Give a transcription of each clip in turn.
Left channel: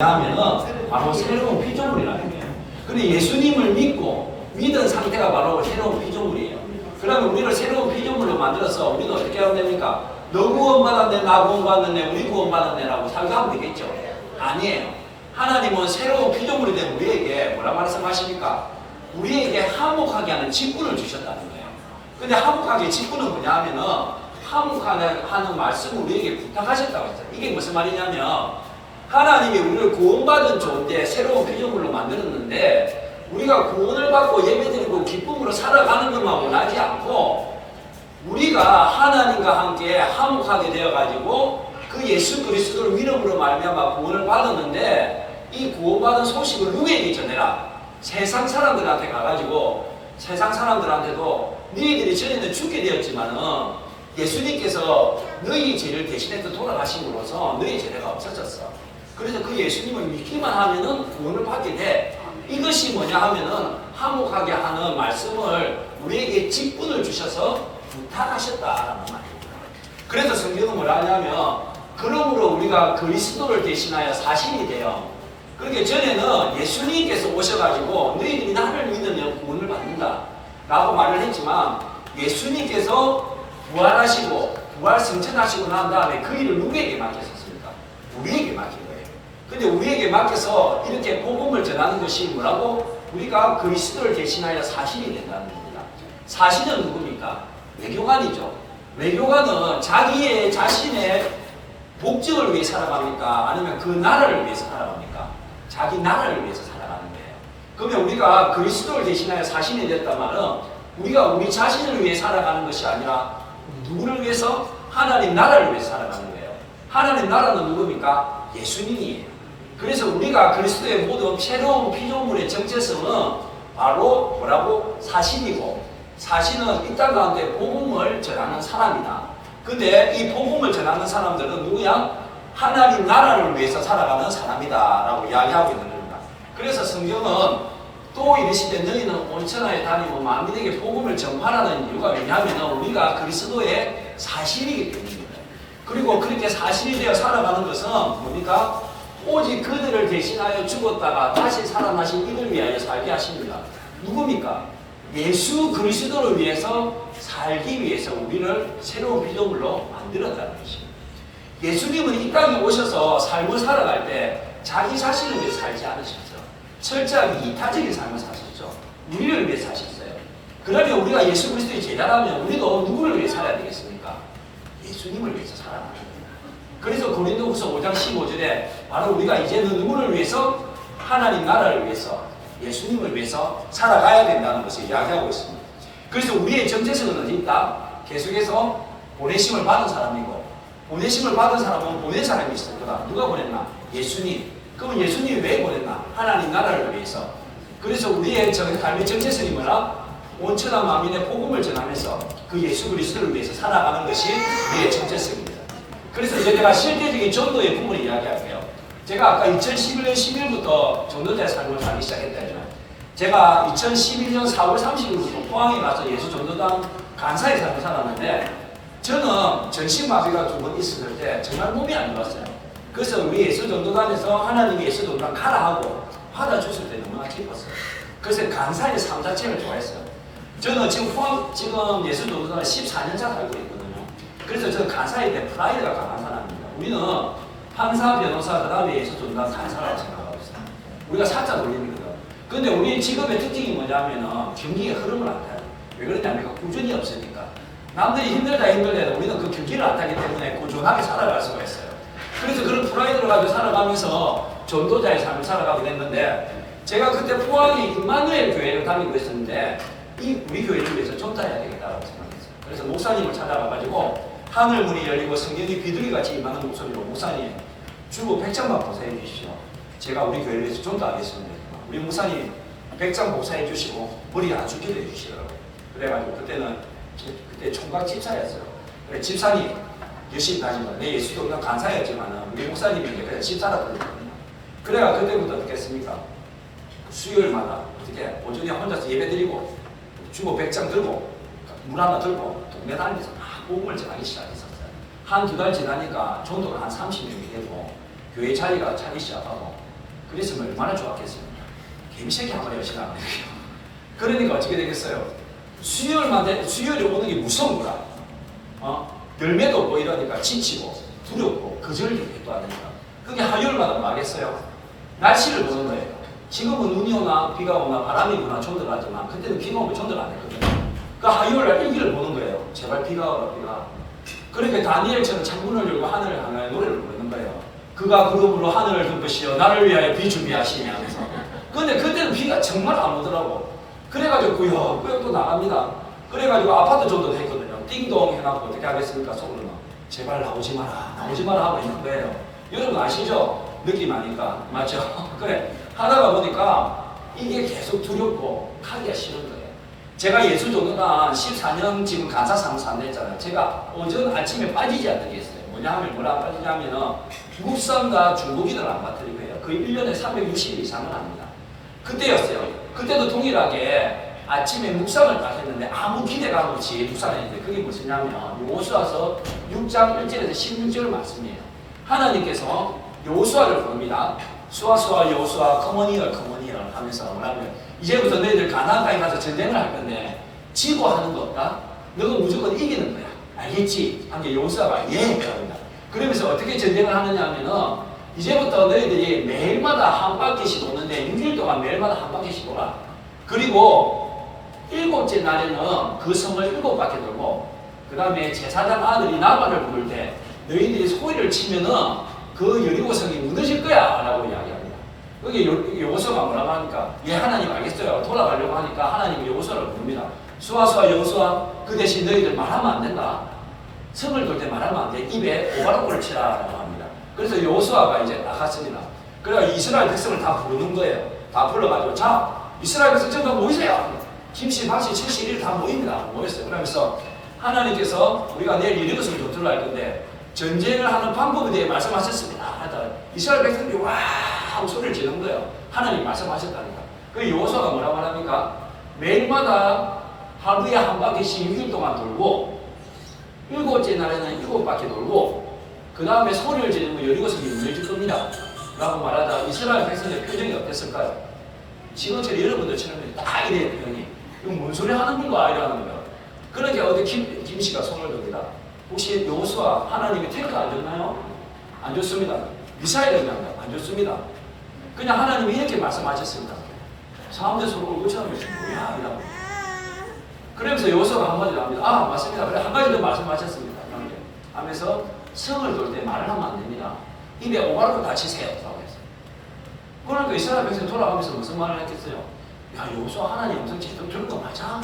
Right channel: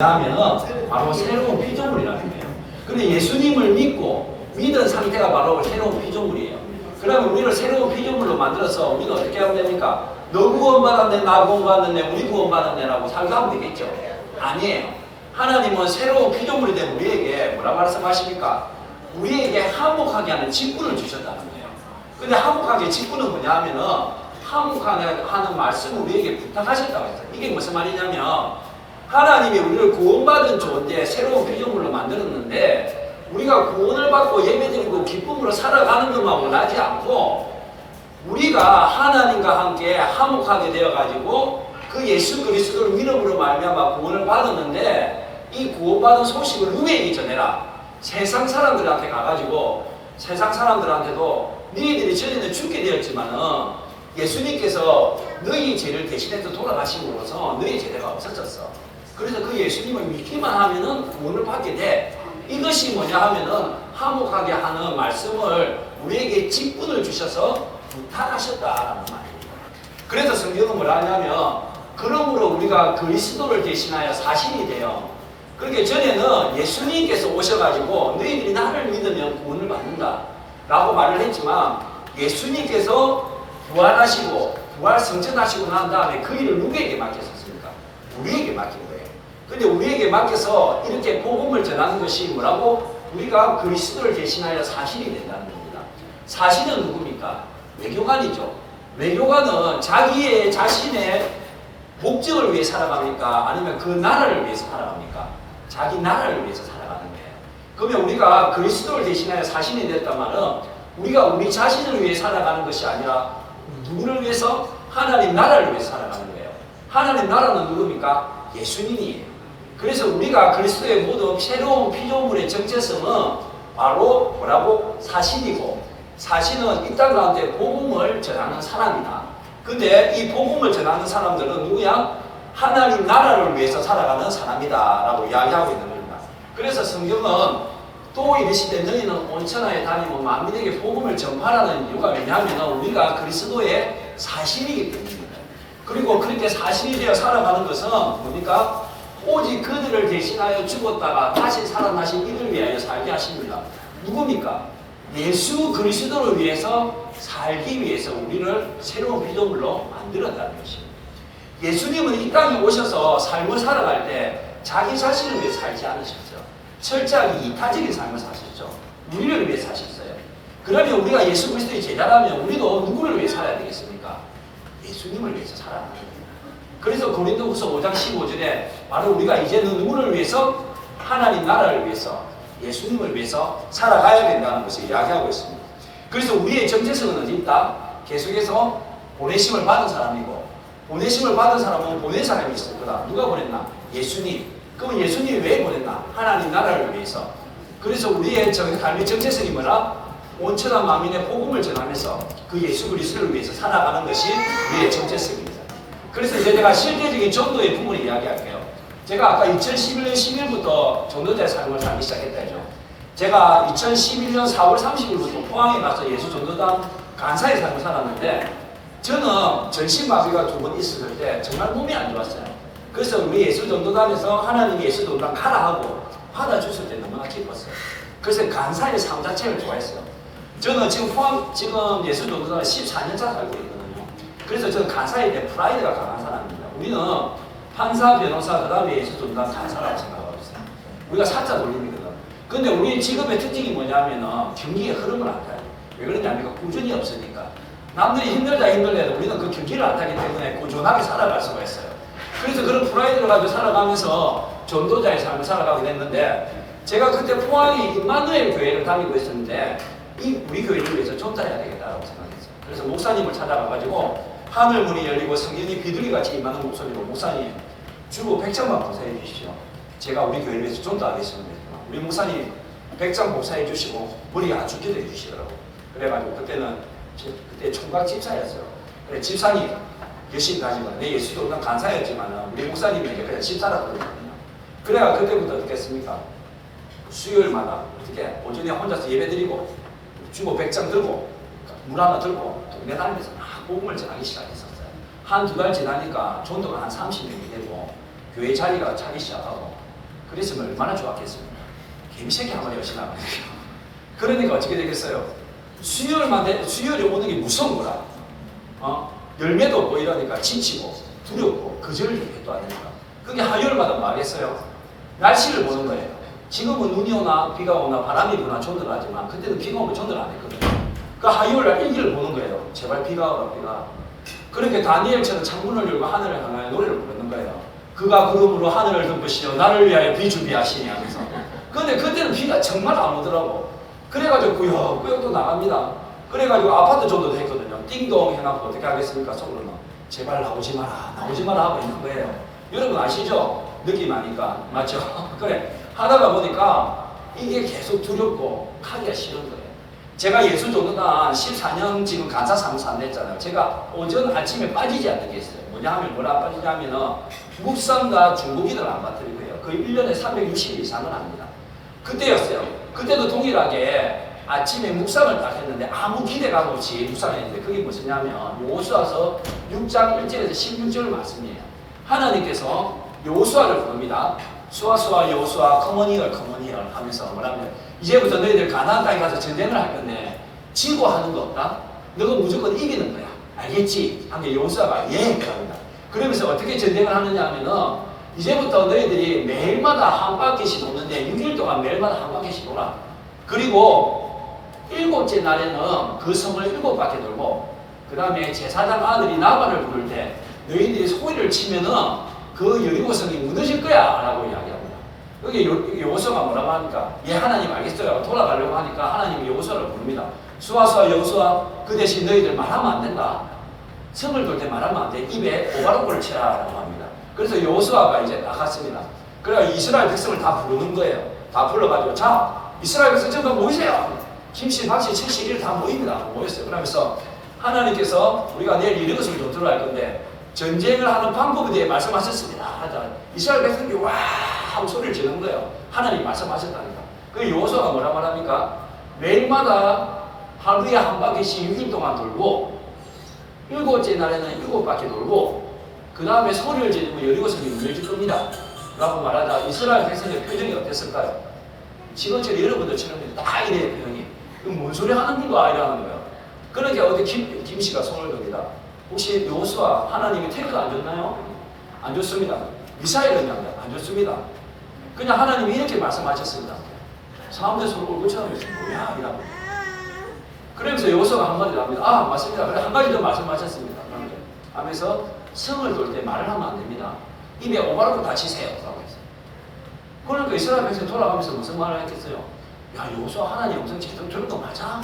하면은 바로 새로운 피조물이라는 거예요. 근데 예수님을 믿은 상태가 바로 새로운 피조물이에요. 그러면 우리를 새로운 피조물로 만들어서 우리는 어떻게 하면 됩니까? 너 구원받았네, 나 구원받았네, 우리 구원받았네라고 살가면 되겠죠? 아니에요. 하나님은 새로운 피조물이 된 우리에게 뭐라 말씀하십니까? 우리에게 화목하게 하는 직분을 주셨다는 거예요. 근데 화목하게 직분은 뭐냐 하면은 화목하게 하는 말씀을 우리에게 부탁하셨다고 했어요. 이게 무슨 말이냐면 하나님이 우리를 구원받은 존재, 새로운 피조물로 만들었는데 우리가 구원을 받고 예배드리고 기쁨으로 살아가는 것만 원하지 않고 우리가 하나님과 함께 화목하게 되어가지고 그 예수 그리스도를 믿음으로 말미암아 구원을 받았는데 이 구원받은 소식을 누구에게 전해라? 세상 사람들한테 가가지고 세상 사람들한테도 너희들이 전에는 죽게 되었지만은 예수님께서 너희 죄를 대신해서 돌아가심으로써 너희 죄가 없어졌어. 그래서 그 예수님을 믿기만 하면은 구원을 받게 돼. 이것이 뭐냐 하면은 화목하게 하는 말씀을 우리에게 직분을 주셔서 부탁하셨다라는 말입니다. 그래서 성경은 뭐라 하냐면 그러므로 우리가 그리스도를 대신하여 사신이 돼요. 그렇게 전에는 예수님께서 오셔가지고 너희들이 나를 믿으면 구원을 받는다 라고 말을 했지만 예수님께서 부활하시고 부활 성천하시고 난 다음에 그 일을 누구에게 맡겼었습니까? 우리에게 맡긴 거예요. 근데 우리에게 맡겨서 이렇게 복음을 전하는 것이 뭐라고? 우리가 그리스도를 대신하여 사신이 된다는 겁니다. 사신은 누굽니까? 외교관이죠. 외교관은 자기의 자신의 목적을 위해 살아갑니까? 아니면 그 나라를 위해서 살아갑니까? 자기 나라를 위해서 살아가는 거예요. 그러면 우리가 그리스도를 대신하여 사신이 됐단 말은 우리가 우리 자신을 위해 살아가는 것이 아니라 누구를 위해서? 하나님 나라를 위해서 살아가는 거예요. 하나님 나라는 누굽니까? 예수님이에요. 그래서 우리가 그리스도의 모든 새로운 피조물의 정체성은 바로 뭐라고? 사신이고 사신은 이 땅 가운데 복음을 전하는 사람이다. 근데 이 복음을 전하는 사람들은 누구야? 하나님 나라를 위해서 살아가는 사람이다 라고 이야기하고 있는 겁니다. 그래서 성경은 또 이르시되 너희는 온 천하에 다니고 만민에게 복음을 전파하는 이유가 뭐냐면 우리가 그리스도의 사신이기 때문입니다. 그리고 그렇게 사신이 되어 살아가는 것은 뭡니까? 오직 그들을 대신하여 죽었다가 다시 살아나신 이들 위하여 살게 하십니다. 누굽니까? 예수 그리스도를 위해서 살기 위해서 우리를 새로운 피조물로 만들었다는 것입니다. 예수님은 이 땅에 오셔서 삶을 살아갈 때 자기 자신을 위해 살지 않으셨죠. 철저하게 이타적인 삶을 사셨죠. 우리를 위해 사셨어요. 그러면 우리가 예수 그리스도의 제자라면 우리도 누구를 위해 살아야 되겠습니까? 예수님을 위해서 살아야 합니다. 그래서 고린도후서 5장 15절에 바로 우리가 이제는 누구를 위해서? 하나님 나라를 위해서 예수님을 위해서 살아가야 된다는 것을 이야기하고 있습니다. 그래서 우리의 정체성은 어디 있다? 계속해서 보내심을 받은 사람이고 보내심을 받은 사람은 보낸 사람이 있을 거다. 누가 보냈나? 예수님. 그럼 예수님이 왜 보냈나? 하나님 나라를 위해서. 그래서 우리의 삶의 정체성이 뭐라? 온 천하 만민의 복음을 전하면서 그 예수 그리스도를 위해서 살아가는 것이 우리의 정체성입니다. 그래서 이제 제가 실제적인 전도의 부분을 이야기할게요. 제가 아까 2011년 10일부터 전도자의 삶을 살기 시작했다죠. 제가 2011년 4월 30일부터 포항에 가서 예수 전도단 간사의 삶을 살았는데 저는 전신마비가 2번 있을 때 정말 몸이 안 좋았어요. 그래서 우리 예수 전도단에서 하나님이 예수 전도단 가라 하고 받아주실 때 너무나 기뻤어요. 그래서 간사의 삶 자체를 좋아했어요. 저는 지금 포항 예수 전도단에 14년차 살고 있거든요. 그래서 저는 간사에 대해 프라이드가 강한 사람입니다. 우리는 판사, 변호사, 그 다음에 예수 전도단 간사라고 생각하고 있어요. 우리가 살짝 돌립니다. 근데 우리 직업의 특징이 뭐냐면은 경기의 흐름을 안 타요. 왜 그러냐면 꾸준히 없으니까. 남들이 힘들다 해도 우리는 그 경기를 안 타기 때문에 꾸준하게 살아갈 수가 있어요. 그래서 그런 프라이드를 가지고 살아가면서 전도자의 삶을 살아가게 됐는데 제가 그때 포항에 임마누엘 교회를 다니고 있었는데 우리 교회를 위해서 전도해야 되겠다고 생각했어요. 그래서 목사님을 찾아가가지고 하늘문이 열리고 성경이 비둘기같이 임하는 목소리로 목사님 주로 100장만 복사해 주시죠. 제가 우리 교회를 위해서 전도하겠습니다. 우리 목사님 100장 복사해 주시고 머리 아주 기도해 주시더라고요. 그래가지고 그때 총각 집사였어요. 그래 집사님 열심히 다니고 내 예수도 그냥 간사였지만 우리 목사님이 그냥 집사라고 그러거든요. 그래가 그때부터 어떻게 했습니까? 수요일마다 어떻게 오전에 혼자서 예배드리고 주보 100장 들고 물 하나 들고 동네 다니면서 막 복음을 전하기 시작했었어요. 한 두 달 지나니까 전도가 한 30명이 되고 교회 자리가 차기 시작하고 그랬으면 얼마나 좋았겠습니까? 개미새끼 한 마리 열심히 하면 그러니까 어떻게 되겠어요? 수혈이 오는 게 무서운 거라. 열매도 없고 이러니까 지치고 두렵고 거절이 또 안 되니까. 그게 하율마다 나겠어요. 날씨를 보는 거예요. 지금은 눈이 오나 비가 오나 바람이 부나 전도하지만 그때는 비가 오면 전도를 안 했거든요. 그러니까 하율날 일기를 보는 거예요. 제발 비가 오라 비가. 그러니까 다니엘처럼 창문을 열고 하늘을 향하여 노래를 부르는 거예요. 그가 구름으로 하늘을 덮으시어 나를 위하여 비 준비하시니 하면서. 근데 그때는 비가 정말 안 오더라고. 그래가지고 꾸역꾸역 나갑니다. 그래가지고 아파트 정도 됐거든요. 띵동 해놨고 어떻게 하겠습니까? 속으로는 제발 나오지 마라 하고 있는 거예요. 여러분 아시죠? 느낌 아니까 맞죠? 그래 하다가 보니까 이게 계속 두렵고 하기가 싫은 거예요. 제가 예수도가 14년 지금 간사사무소 안 냈잖아요. 제가 오전 아침에 빠지지 않는 게 있어요. 뭐냐 하면 뭐라 빠지냐면은 묵상과 중국인을 안 받들고요. 거의 1년에 360일 이상을 합니다. 그때였어요. 그때도 동일하게 아침에 묵상을 딱 했는데 아무 기대감 없이 묵상했는데 그게 무엇이냐면 여호수아서 6장 1절에서 16절 말씀이에요. 하나님께서 여호수아를 부릅니다. 수아 여호수아 커먼히얼 하면서 뭐라면 이제부터 너희들 가나안 땅에 가서 전쟁을 할 건데 지고 하는 거 없다? 너가 무조건 이기는 거야. 알겠지? 한 게 여호수아가 예 그럽니다. 그러면서 어떻게 전쟁을 하느냐 하면은 이제부터 너희들이 매일마다 한 바퀴씩 도는데 6일 동안 매일마다 한 바퀴씩 돌아. 그리고 7째 날에는 그 성을 7바퀴 돌고 그 다음에 제사장 아들이 나만을 부를 때 너희들이 소리를 치면은 그 여리고성이 무너질 거야 라고 이야기합니다. 여기 여호수아가 뭐라고 하니까 예 하나님 알겠어요. 돌아가려고 하니까 하나님이 여호수아를 부릅니다. 수아 여호수아 그 대신 너희들 말하면 안 된다. 성을 돌 때 말하면 안 돼. 입에 오바로코를 치라 라고 합니다. 그래서 여호수아가 이제 나갔습니다. 그래서 이스라엘 백성을 다 부르는 거예요. 다 불러가지고 자 이스라엘 백성 전부 모이세요. 김씨, 박씨, 칠씨 이렇게 다 모입니다. 모였어요. 그러면서 하나님께서 우리가 내일 이런 것을 좀 들어갈 건데 전쟁을 하는 방법에 대해 말씀하셨습니다. 하다 이스라엘 백성들이 와 하고 소리를 지르는 거예요. 하나님 말씀하셨다니까. 그 여호수아가 뭐라고 하니까 매일마다 하루에 한 바퀴씩 6일 동안 돌고 7째 날에는 7바퀴 돌고 그 다음에 소리를 지르면 여리고성이 무너질 겁니다. 라고 말하자 이스라엘 백성의 표정이 어땠을까요? 지금처럼 여러분들처럼 딱 이래요 표정이. 이거 뭔 소리 하는 건가 이러는 거예요. 그러니까 어디 김씨가 손을 듭니다. 혹시 여호수아 하나님이 태클 안 줬나요? 안 줬습니다. 미사일을 안 줬습니다. 그냥 하나님이 이렇게 말씀하셨습니다. 사람들 서로 얼굴처럼 뭐야 이라고. 그러면서 여호수아가 한 가지 나옵니다. 아 맞습니다. 그래 한 가지 더 말씀하셨습니다. 하면서 성을 돌 때 말을 하면 안 됩니다. 입에 오바르고 다치세요. 그러니까 이스라엘 백성이 돌아가면서 무슨 말을 했겠어요? 야 여호수아 하나님 영상 직접 들은 거 맞아?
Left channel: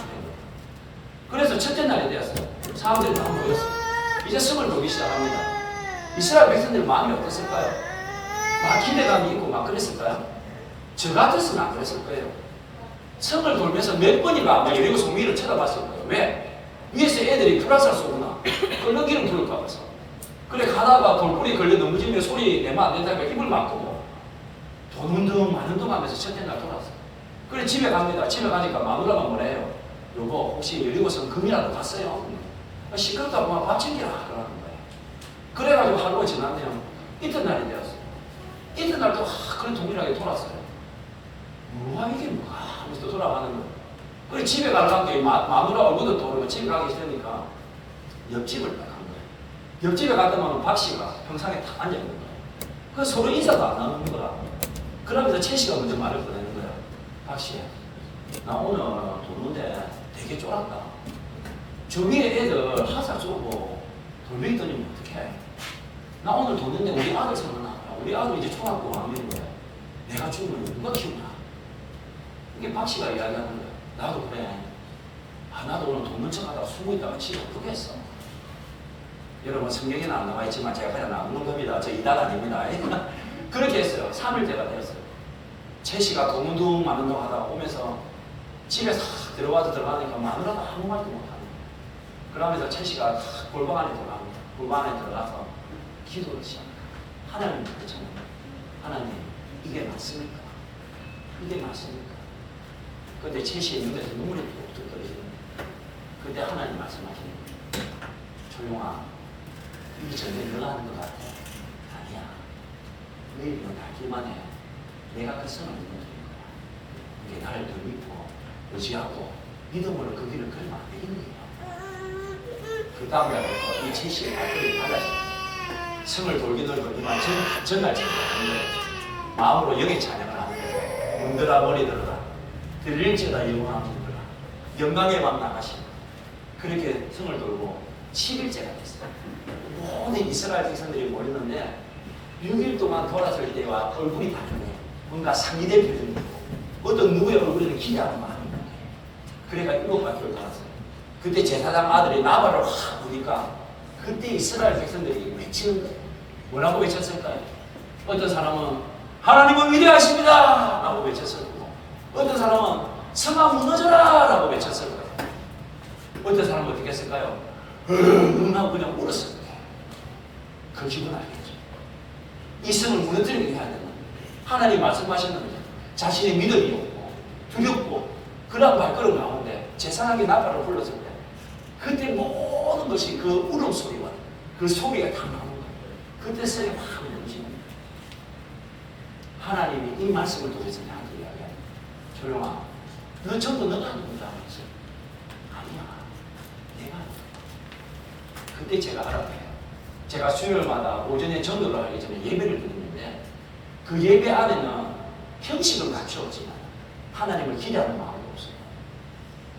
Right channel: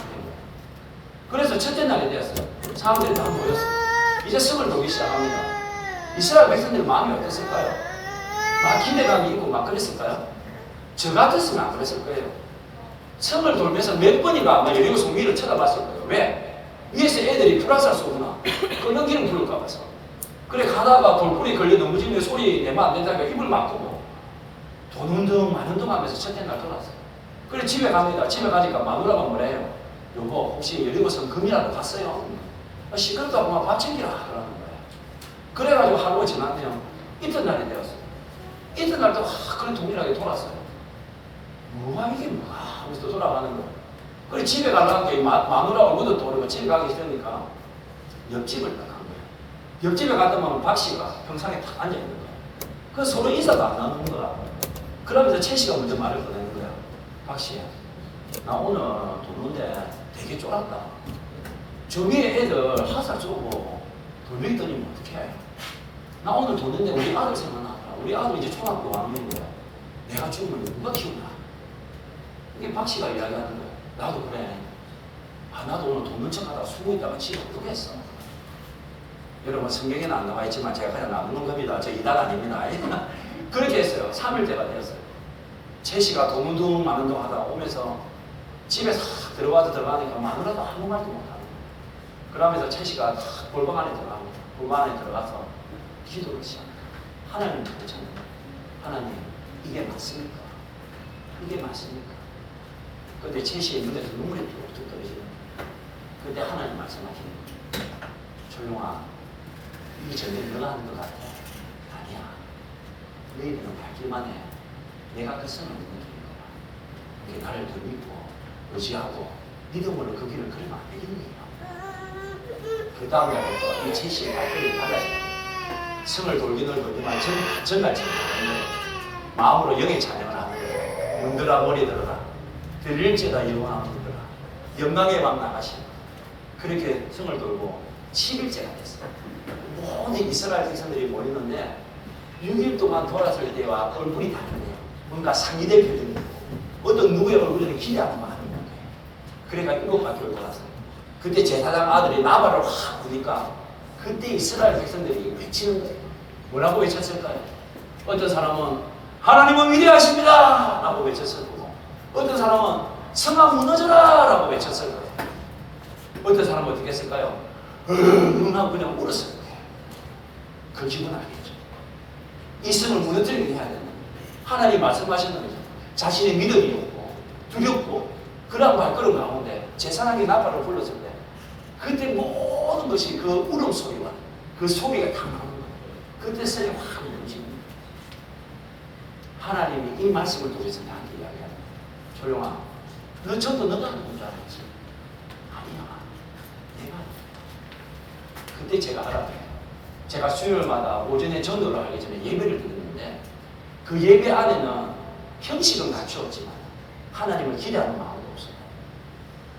그래서 첫째 날이 되었어요. 사람들이 다 모였어요. 이제 성을 돌기 시작합니다. 이스라엘 백성들은 마음이 어땠을까요? 막 기대감이 있고 막 그랬을까요? 저 같았으면 안 그랬을 거예요. 성을 돌면서 몇 번이가 아마 여리고성 위를 쳐다봤을 거예요. 왜? 위에서 애들이 불화살 쏘구나. 끓는 기름 부를까 봐서. 그래 가다가 돌불이 걸려 넘어지면 소리 내면 안 된다니까 힘을 막 끄고 돈운동 만운동 하면서 첫째 날 돌아왔어. 그래 집에 갑니다. 집에 가니까 마누라가 뭐래요? 여보 혹시 여리고성 금이라도 갔어요? 시끄럽다고 막 밥 챙겨라 그러는 거예요. 그래가지고 하루가 지나면 이튿날이 되었어요. 이튿날도 그런 동일하게 돌았어요. 뭐가 이게 뭐가 하면서 돌아가는 거예요. 그래 집에 가려고 마누라 얼굴도 떠오르고 집에 가기 싫으니까 옆집을 딱 간 거예요. 옆집에 갔다 오면 박씨가 평상에 딱 앉아있는 거예요. 그 서로 인사도 안 나누는 거라. 그러면서 채씨가 먼저 말을 꺼내는 거야. 박씨, 나 오늘 돕는데 되게 쫄았다. 저 위에 애들 화살 쏘고 돌리더니 어떡해. 나 오늘 돕는데 우리 아들 생각나. 우리 아들 이제 초등학교 5학년인데 내가 죽으면 누가 키우냐. 이게 박씨가 이야기하는 거야. 나도 그래. 나도 오늘 돕는 척 하다가 숨고 있다가 집에 어떻겠어. 여러분 성경에는 안 나와 있지만 제가 그냥 나누는 겁니다. 저 이단 아닙니다. 그렇게 했어요. 3일째가 되었어요. 채씨가 도문둥 마는둥 하다가 오면서 집에 싹 들어가니까 마누라도 아무 말도 못하는 거예요. 그러면서 채씨가 골방 안에 들어갑니다. 골방 안에 들어가서 기도를 시작합니다. 하나님 그렇잖아요. 하나님 이게 맞습니까? 이게 맞습니까? 그때 채씨의 눈에서 눈물이 뚝뚝 떨어지는 거예요. 그때 하나님 말씀하시는 거예요. 조용아 이게 전에 내가 하는 거 같아. 아니야. 내 입은 밝기만 해. 내가 그 성을 믿는 거야. 이게 나를 더 믿고 의지하고 믿음으로 그 길을 걸으면 안 되겠는 거예요. 그 다음날부터 이 제시의 발걸음이 달라져요. 성을 돌기는 돌지만 정갈 생각을 하는 거예요. 마음으로 영의 찬양을 하는 거예요. 문들아 머리 들어라. 들릴지다 영광 문들아. 영광의 맘 나가시고. 그렇게 성을 돌고 7일째가 됐어요. 모든 이스라엘 백성들이 모였는데 6일 동안 돌았을 때와 얼굴이 다르네. 뭔가 상기된 표정이 있고 어떤 누구의 얼굴에는 기대하는 마음이 있는 거예요. 그러니까 7바퀴를 돌아서 그때 제사장 아들이 나발을 확 부니까 그때 이스라엘 백성들이 외치는 거예요. 뭐라고 외쳤을까요? 어떤 사람은 하나님은 위대하십니다 라고 외쳤을 거고 어떤 사람은 성아 무너져라 라고 외쳤을 거예요. 어떤 사람은 어떻게 했을까요? 하고 그냥 울었을 거예요. 그 기분 알겠죠? 이 성을 무너뜨리게 해야 되는 하나님 말씀하시는 거죠. 자신의 믿음이 없고 두렵고 그런 발걸음 나오는데 제사장이 나팔을 불렀을 때 그때 모든 것이 그 울음소리와 그 소리가 다 나오는 거예요. 그때 성이 확 움직입니다. 하나님이 이 말씀을 통해서 나한테 이야기하는 조용아 너 전도 너가 하는 줄 알았어? 아니야 내가 그때 제가 알아봐요. 제가 수요일마다 오전에 전도를 하기 전에 예배를 드리는데 그 예배 안에는 형식은 갖추었지만 하나님을 기대하는 마음이 없어요.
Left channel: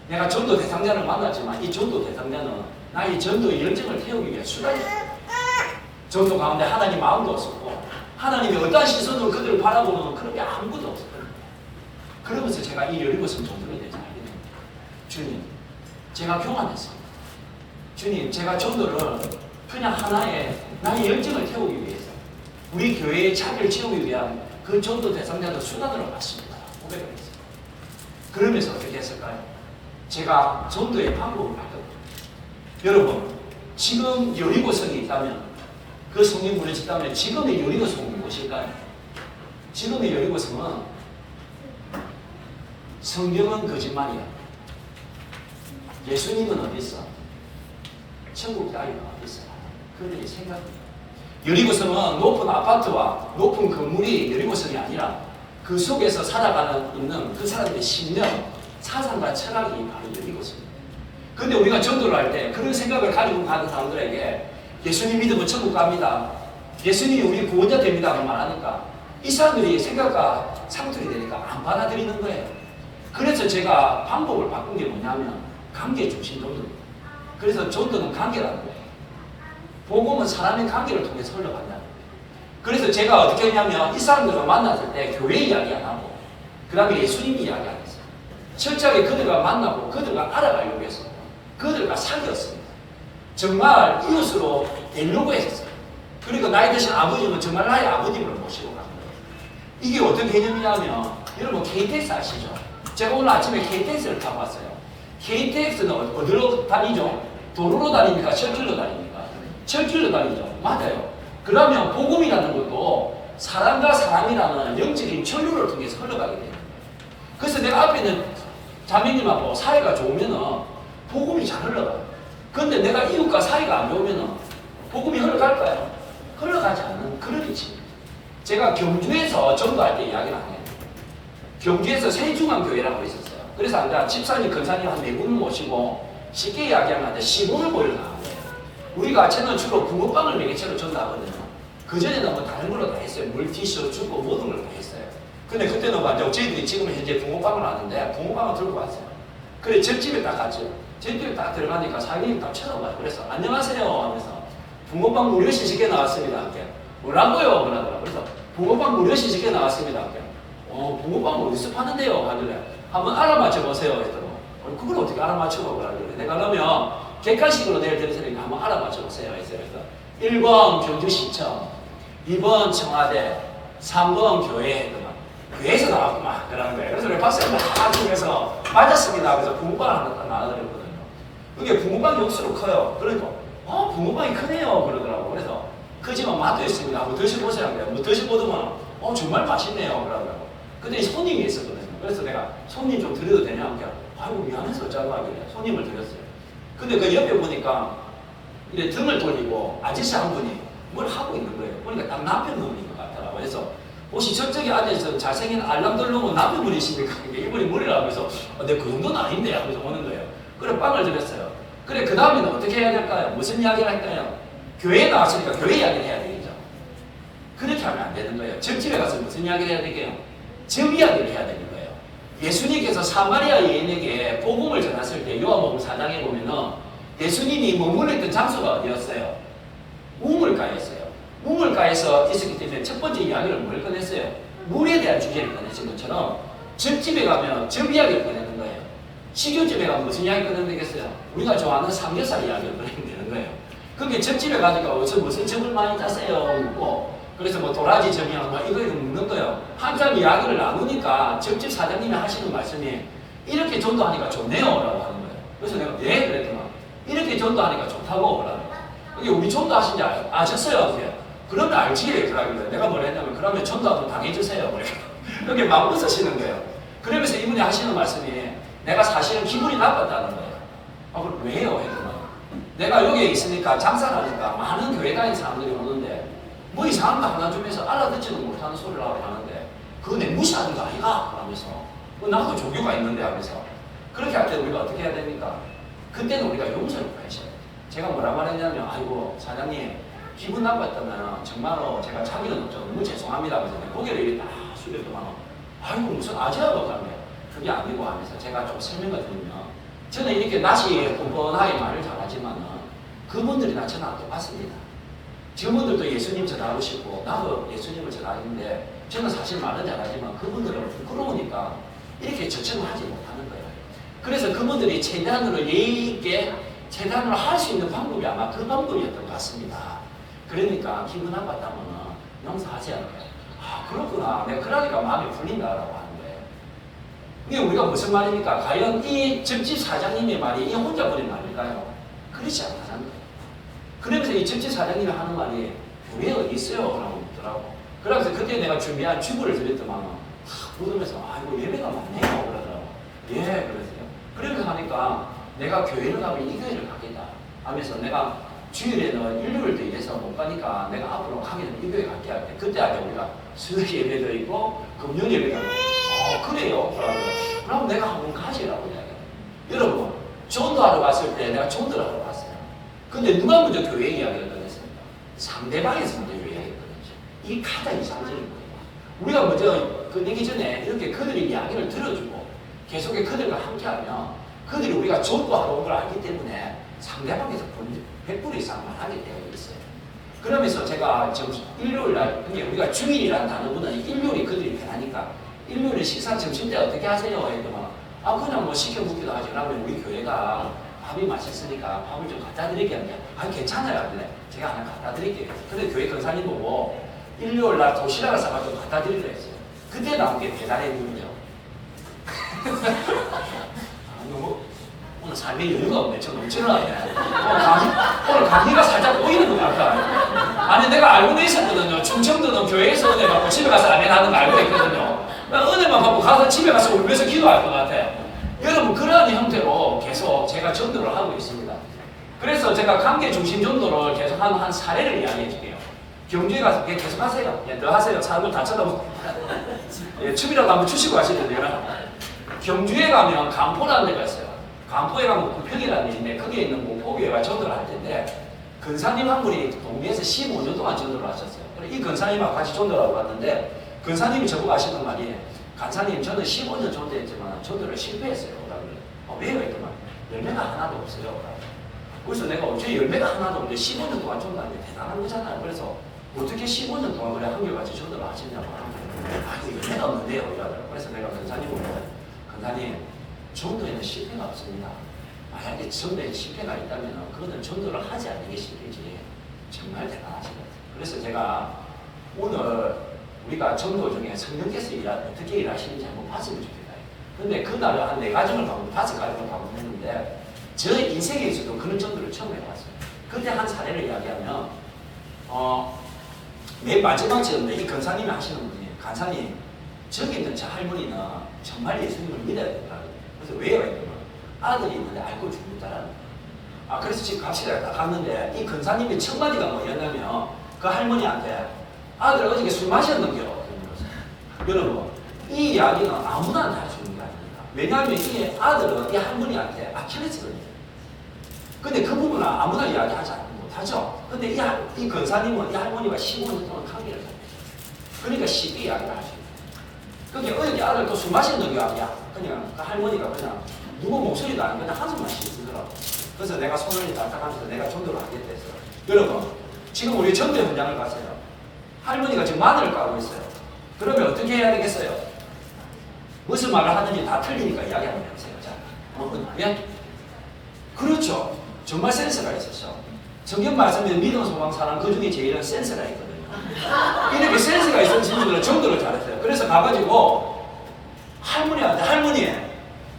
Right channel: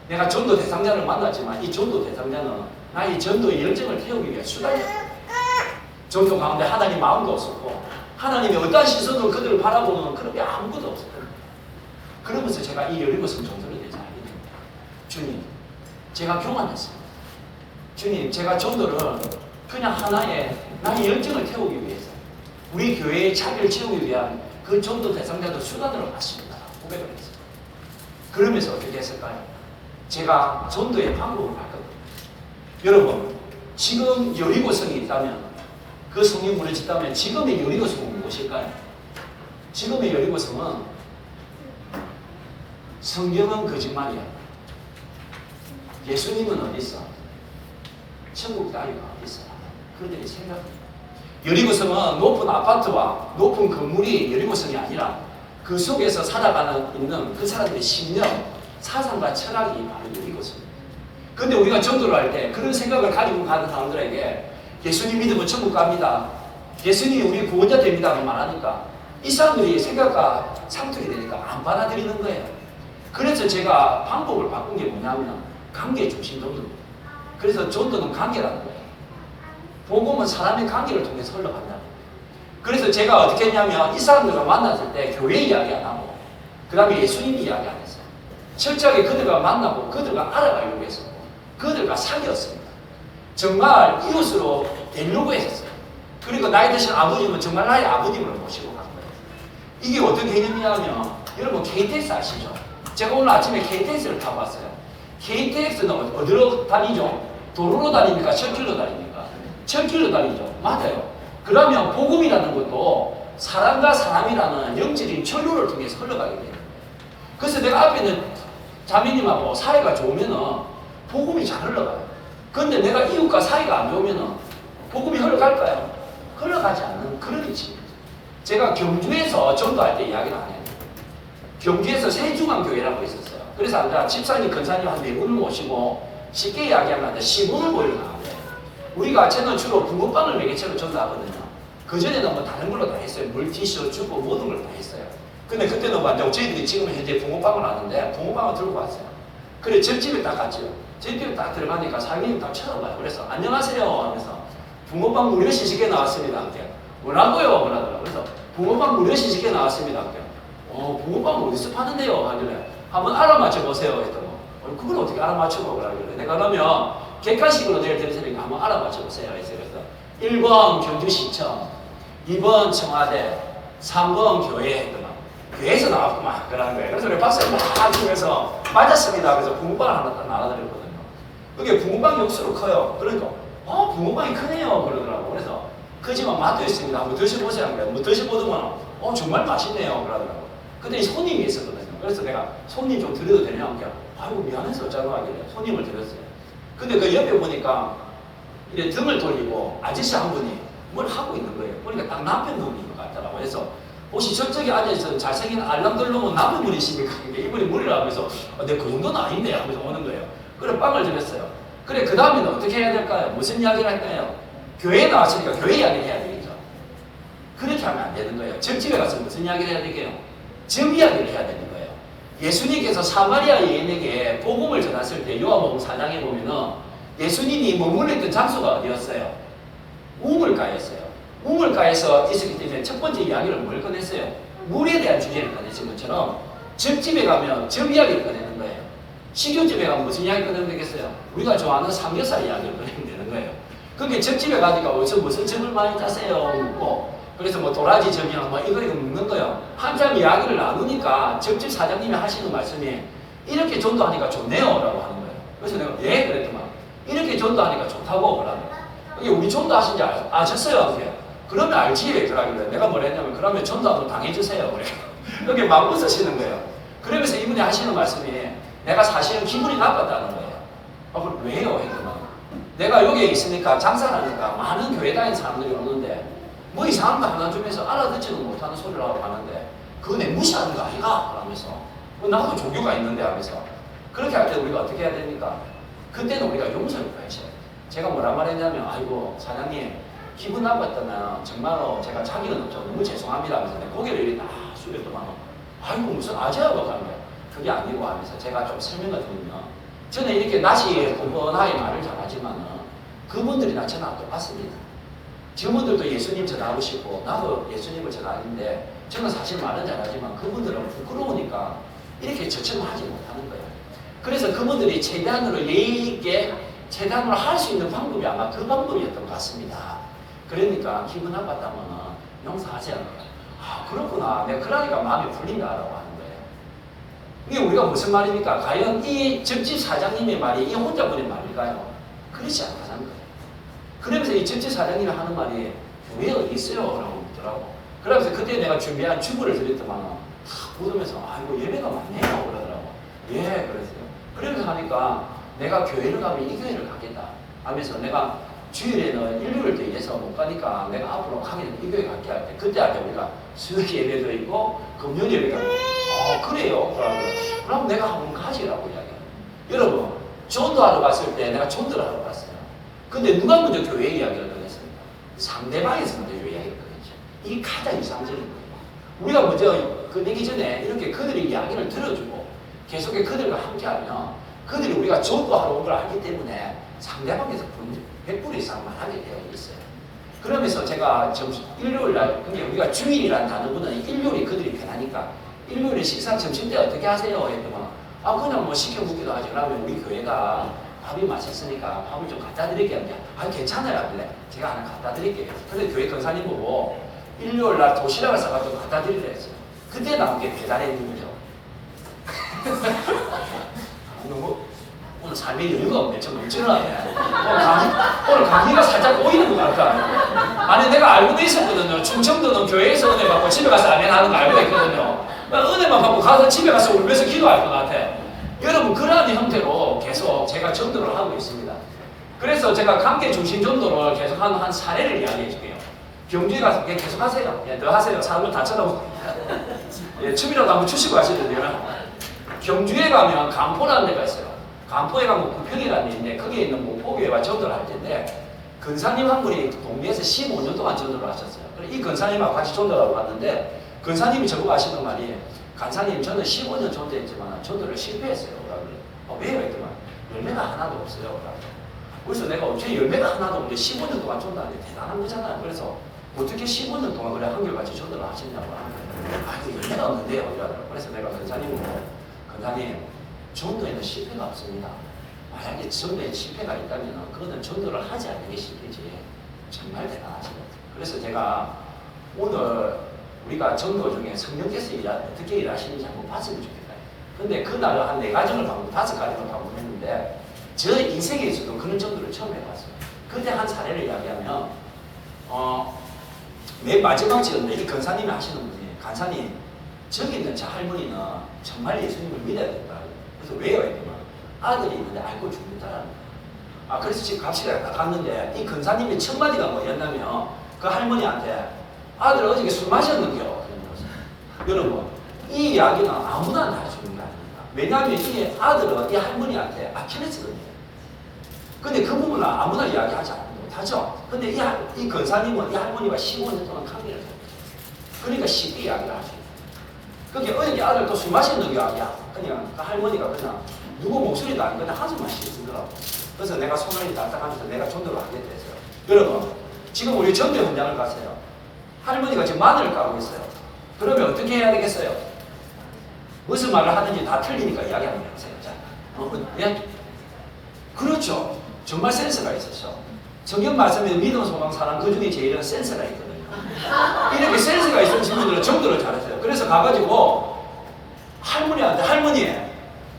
내가 전도 대상자를 만났지만 이 전도 대상자는 나의 전도의 열정을 태우기 위해 수단이었어요. 전도 가운데 하나님 마음도 없었고 하나님이 어떠한 시선으로 그들을 바라보는 그런 게 아무것도 없었거든요. 그러면서 제가 이 여리고성 전도를 되지 않거든요. 주님 제가 교만했습니다. 주님 제가 전도를 그냥 하나의 나의 열정을 태우기 위해서 우리 교회의 자리를 채우기 위한 그 전도 대상자들 수단으로 봤습니다. 고백을 했어요. 그러면서 어떻게 했을까요? 제가 전도의 방법을 봤거든요. 여러분 지금 여리고성이 있다면 그 성령 무너졌다면 지금의 여리고성은 무엇일까요? 지금의 여리고성은 성경은 거짓말이야. 예수님은 어디 있어? 천국 따위가 어디 있어? 그들의 생각입니다. 여리고성은 높은 아파트와 높은 건물이 여리고성이 아니라 그 속에서 살아가는 있는 그 사람들의 신념, 사상과 철학이 바로 여리고성입니다. 그런데 우리가 전도를 할 때 그런 생각을 가지고 가는 사람들에게 예수님 믿으면 천국 갑니다. 예수님이 우리 구원자 됩니다. 라고 말하니까 이 사람들이 생각과 상틀이 되니까 안 받아들이는 거예요. 그래서 제가 방법을 바꾼 게 뭐냐면 관계 중심 전도입니다. 그래서 전도는 관계라는 거예요. 복음은 사람의 관계를 통해서 흘러간다. 그래서 제가 어떻게 했냐면 이 사람들을 만났을 때 교회 이야기 안 하고 그 다음에 예수님 이야기 안 했어요. 철저하게 그들과 만나고 그들과 알아가려고 해서 그들과 사귀었습니다. 정말 이웃으로 되려고 했어요. 그리고 나이 드신 아버님은 정말 나의 아버님을 모시고 간 거예요. 이게 어떤 개념이냐면 여러분 KTX 아시죠? 제가 오늘 아침에 KTX를 타고 왔어요. KTX는 어디로 다니죠? 도로로 다닙니까? 철길로 다닙니까? 철길로 다니죠. 맞아요. 그러면 복음이라는 것도 사람과 사람이라는 영적인 전류를 통해서 흘러가게 돼요. 그래서 내가 앞에 있는 자매님하고 사이가 좋으면은 복음이 잘 흘러가요. 그런데 내가 이웃과 사이가 안 좋으면은 복음이 흘러갈까요? 흘러가지 않는 그런 위치입니다. 제가 경주에서 전도할 때 이야기를 하네요. 경주에서 세중앙교회라고 있었어요. 그래서 아까 집사님, 권사님 한 4분을 모시고 쉽게 이야기하면 10원을 보이러 나온 거예요. 우리가 저는 주로 붕어빵을 매개체로 전도하거든요. 그전에는 뭐 다른 걸로 다 했어요. 물티슈 주고 모든 걸 다 했어요. 근데 그때는 완전 저희들이 지금 현재 붕어빵을 하는데 붕어빵을 들고 왔어요. 그래 집집에 딱 갔죠. 집집에 딱 들어가니까 사장님이 딱 쳐다봐요. 그래서 안녕하세요 하면서 붕어빵 무료 시식에 나왔습니다. 뭐라고요? 그러더라고요. 그래서 붕어빵 무료 시식에 나왔습니다. 붕어빵 어디서 파는데요? 하길래 한번 알아맞혀 보세요. 했더니 그걸 어떻게 알아맞히고 그러길래 내가 그러면 객관식으로 내일 드릴 테니까 한번 알아맞혀 보세요. 했어요. 그래서 1번 경주시청, 2번 청와대, 3번 교회 했더니 교회에서 나왔구만 그러는 거예요. 그래서 박수를 막 치면서 맞았습니다. 그래서 붕어빵을 하나 딱 나와드렸거든요. 그게 붕어빵 육수로 커요. 그러니까 붕어빵이 크네요. 그러더라고요. 그래서 크지만 맛도 있습니다. 한번 드셔보세요. 한 거예요. 뭐 드셔보더만 정말 맛있네요. 그러더라고요. 근데 손님이 있었거든요. 그래서 내가 손님 좀 드려도 되냐? 그러니까 아이고 미안해서 짜증나길래 손님을 드렸어요. 근데 그 옆에 보니까 이제 등을 돌리고 아저씨 한 분이 뭘 하고 있는 거예요. 보니까 딱 남편 분인 것 같더라고요. 그래서 혹시 저쪽에 앉아있는 잘생긴 알랑들롱은 남의 분이십니까? 이분이 물이라 하면서 내 그 정도는 아닌데 하면서 오는 거예요. 그래 빵을 주겠어요. 그래 그 다음에는 어떻게 해야 될까요? 무슨 이야기를 할까요? 교회에 나왔으니까 교회 이야기를 해야 되겠죠. 그렇게 하면 안 되는 거예요. 점집에 가서 무슨 이야기를 해야 되게요? 점 이야기를 해야 되는 거예요. 예수님께서 사마리아 여인에게 복음을 전했을 때 요한복음 4장에 보면은 예수님이 머물렀던 장소가 어디였어요? 우물가였어요. 우물가에서 있었기 때문에 첫 번째 이야기를 뭘 꺼냈어요? 물에 대한 주제를 꺼내신 것처럼 점집에 가면 점 이야기를 꺼내는 거예요. 식용집에 가면 무슨 이야기 꺼내면 되겠어요? 우리가 좋아하는 삼겹살 이야기를 꺼내면 되는 거예요. 그게 점집에 가니까 어디서 무슨 점을 많이 짜세요? 묻고 그래서 뭐 도라지 점이야 뭐 이거 묻는 거예요. 한참 이야기를 나누니까 점집 사장님이 하시는 말씀이 이렇게 전도하니까 좋네요 라고 하는 거예요. 그래서 내가 네? 그랬더만 이렇게 전도하니까 좋다고 그러면 이게 우리 전도하신지 아셨어요? 그러면 알지 그러길래 내가 뭐라 했냐면 그러면 전도 한번 당해주세요 그래. 그게 마음을 쓰시는 거예요. 그러면서 이분이 하시는 말씀이 내가 사실은 기분이 나빴다는 거예요. 그럼 왜요? 했더니 내가 여기에 있으니까 장사를 하니까 많은 교회 다니는 사람들이 오는데 뭐 이상한 거 하나 주면서 알아듣지도 못하는 소리를 하고 가는데 그거 내 무시하는 거 아니가? 하면서 나도 종교가 있는데 하면서 그렇게 할 때 우리가 어떻게 해야 됩니까? 그때는 우리가 용서를 구하셔야 돼요. 제가 뭐라 말했냐면 아이고 사장님 기분 나빴다면 정말로 제가 자기는 없죠. 너무 죄송합니다 하면서 고개를 이렇게 딱 숙였더만 아이고 무슨 아재라고 하면 그게 아니고 하면서 제가 좀 설명을 드리면 저는 이렇게 낯이 뻔뻔하게 말을 잘하지만 그분들이 나 저는 안 똑같습니다. 저분들도 예수님 전하고 싶고 나도 예수님을 전하는데 저는 사실 말은 잘하지만 그분들은 부끄러우니까 이렇게 저처럼 하지 못하는 거예요. 그래서 그분들이 최대한으로 예의 있게 최대한으로 할 수 있는 방법이 아마 그 방법이었던 것 같습니다. 그러니까 기분 나빴다면 용서하세요. 아 그렇구나. 내가 그러니까 마음이 풀린다라고 하는 거예요. 이게 우리가 무슨 말입니까? 과연 이 점집 사장님의 말이 이 혼자분의 말일까요? 그렇지 않다는 거예요. 그러면서 이 점집 사장님이 하는 말이 교회 어디 있어요? 라고 묻더라고. 그래서 그때 내가 준비한 주부를 드렸더만 묻으면서 이거 예배가 많네요. 그러더라고. 예, 그랬어요. 그러면서 하니까 내가 교회를 가면 이 교회를 가겠다 하면서 내가 주일에는 일요일 대회에서 못 가니까 내가 앞으로 가면 이 교회 갈게 할때 그때 아까 우리가 수요일 예배도 있고 금요일 예배가 있고 그래요? 그럼 내가 한번 가지라고 이야기해요. 여러분 전도하러 갔을 때 내가 전도를 하러 갔어요. 근데 누가 먼저 교회 이야기를 꺼냈습니까? 상대방에서 먼저 이야기를 꺼냈죠. 이게 가장 이상적인 거예요. 우리가 먼저 꺼내기 전에 이렇게 그들의 이야기를 들어주고 계속 그들과 함께하면 그들이 우리가 전도하러 온 걸 알기 때문에 상대방에서 100% 이상 말하게 되어 있어요. 그러면서 제가 일요일날 우리가 주일이라는 단어보다는 일요일이 그들이 편하니까 일요일에 식사 점심때 어떻게 하세요? 했더니 그냥 뭐 시켜 먹기도 하지. 그러면 우리 교회가 밥이 맛있으니까 밥을 좀 갖다 드릴게요. 괜찮아요. 하길래 제가 하나 갖다 드릴게요. 근데 교회 권사님 보고 일요일날 도시락을 사가지고 갖다 드리려 했어요. 그때 나온 게 배달의 민이죠. 오늘 삶에 여유가 없네. 저 넘치나요. 오늘 감기가 살짝 보이는 것 같다. 아니 내가 알고 있었거든요. 충청도는 교회에서 은혜 받고 집에 가서 아멘 하는 거 알고 있거든요. 은혜만 받고 가서 집에 가서 울면서 기도할 것 같아요. 여러분 그러한 형태로 계속 제가 전도를 하고 있습니다. 그래서 제가 관계 중심 전도를 계속 한 사례를 이야기해 줄게요. 경주에 가서 계속 하세요. 더 하세요. 사람들 다 쳐다보고. 춤이라도 한번 추시고 하시는데요. 경주에 가면 간포라는 데가 있어요. 간포에 가면 구평이라는 데 있는데 거기에 있는 목포교회와 전도를 할 텐데 근사님 한 분이 동네에서 15년 동안 전도를 하셨어요. 이 근사님하고 같이 전도를 하고 갔는데 근사님이 저보고 하시는 말이 간사님 저는 15년 전도했지만 전도를 실패했어요. 왜요? 했더니 열매가 하나도 없어요. 그래서 내가 어떻게 열매가 하나도 없는데 15년 동안 전도하는데 대단한 거잖아요. 그래서 어떻게 15년 동안 그래 한결같이 전도를 하시냐고 하는데 열매가 없는데요. 그래서 내가 근사님을 근사님 전도에는 실패가 없습니다. 만약에 전도에 실패가 있다면 그거는 전도를 하지 않는 게 실패지. 정말 대단하시거든요. 그래서 제가 오늘 우리가 전도 중에 성령께서 어떻게 일하시는지 한번 봤으면 좋겠다. 근데 그날 한 4가정을 방문, 5가정을 방문했는데 저 인생에서도 그런 전도를 처음 해봤어요. 그때 한 사례를 이야기하면 맨 마지막 지었는데 이 권사님이 하시는 분이 간사님 저기 있는 저 할머니는 정말 예수님을 믿어야 된다고. 그래서 왜요? 했더니 아들이 있는데 알고 죽는다라는 거예요. 그래서 지금 갑시다 갔는데 이 권사님이 첫 마디가 뭐였냐면 그 할머니한테 아들 어저께 술 마셨는데요. 여러분, 이 이야기는 아무나 다 할 수 있는 게 아닙니다. 왜냐하면 이 아들은 이 할머니한테 아킬레스건이에요. 근데 그 부분은 아무나 이야기하지 못하죠. 근데 이 권사님은 이 할머니가 15년 동안 관계를 해요. 그러니까 쉽게 이야기를 하죠. 그게 어디 아들 또 술 마시는 게 아니야. 그냥 그 할머니가 그냥 누구 목소리도 아니고 그냥 한숨만 쉬더라고. 그래서 내가 손을 딱딱하면서 내가 전도를 하겠다 했어요. 여러분, 지금 우리 전도 현장을 갔어요. 할머니가 지금 마늘을 까고 있어요. 그러면 어떻게 해야 되겠어요? 무슨 말을 하든지 다 틀리니까 이야기하는 거예요. 예? 그렇죠. 정말 센스가 있었죠. 성경 말씀에 믿음, 소망, 사랑 그 중에 제일은 센스가 있거든요. 이렇게 센스가 있는 친구들은 정도를 잘했어요. 그래서 가가지고 할머니한테 할머니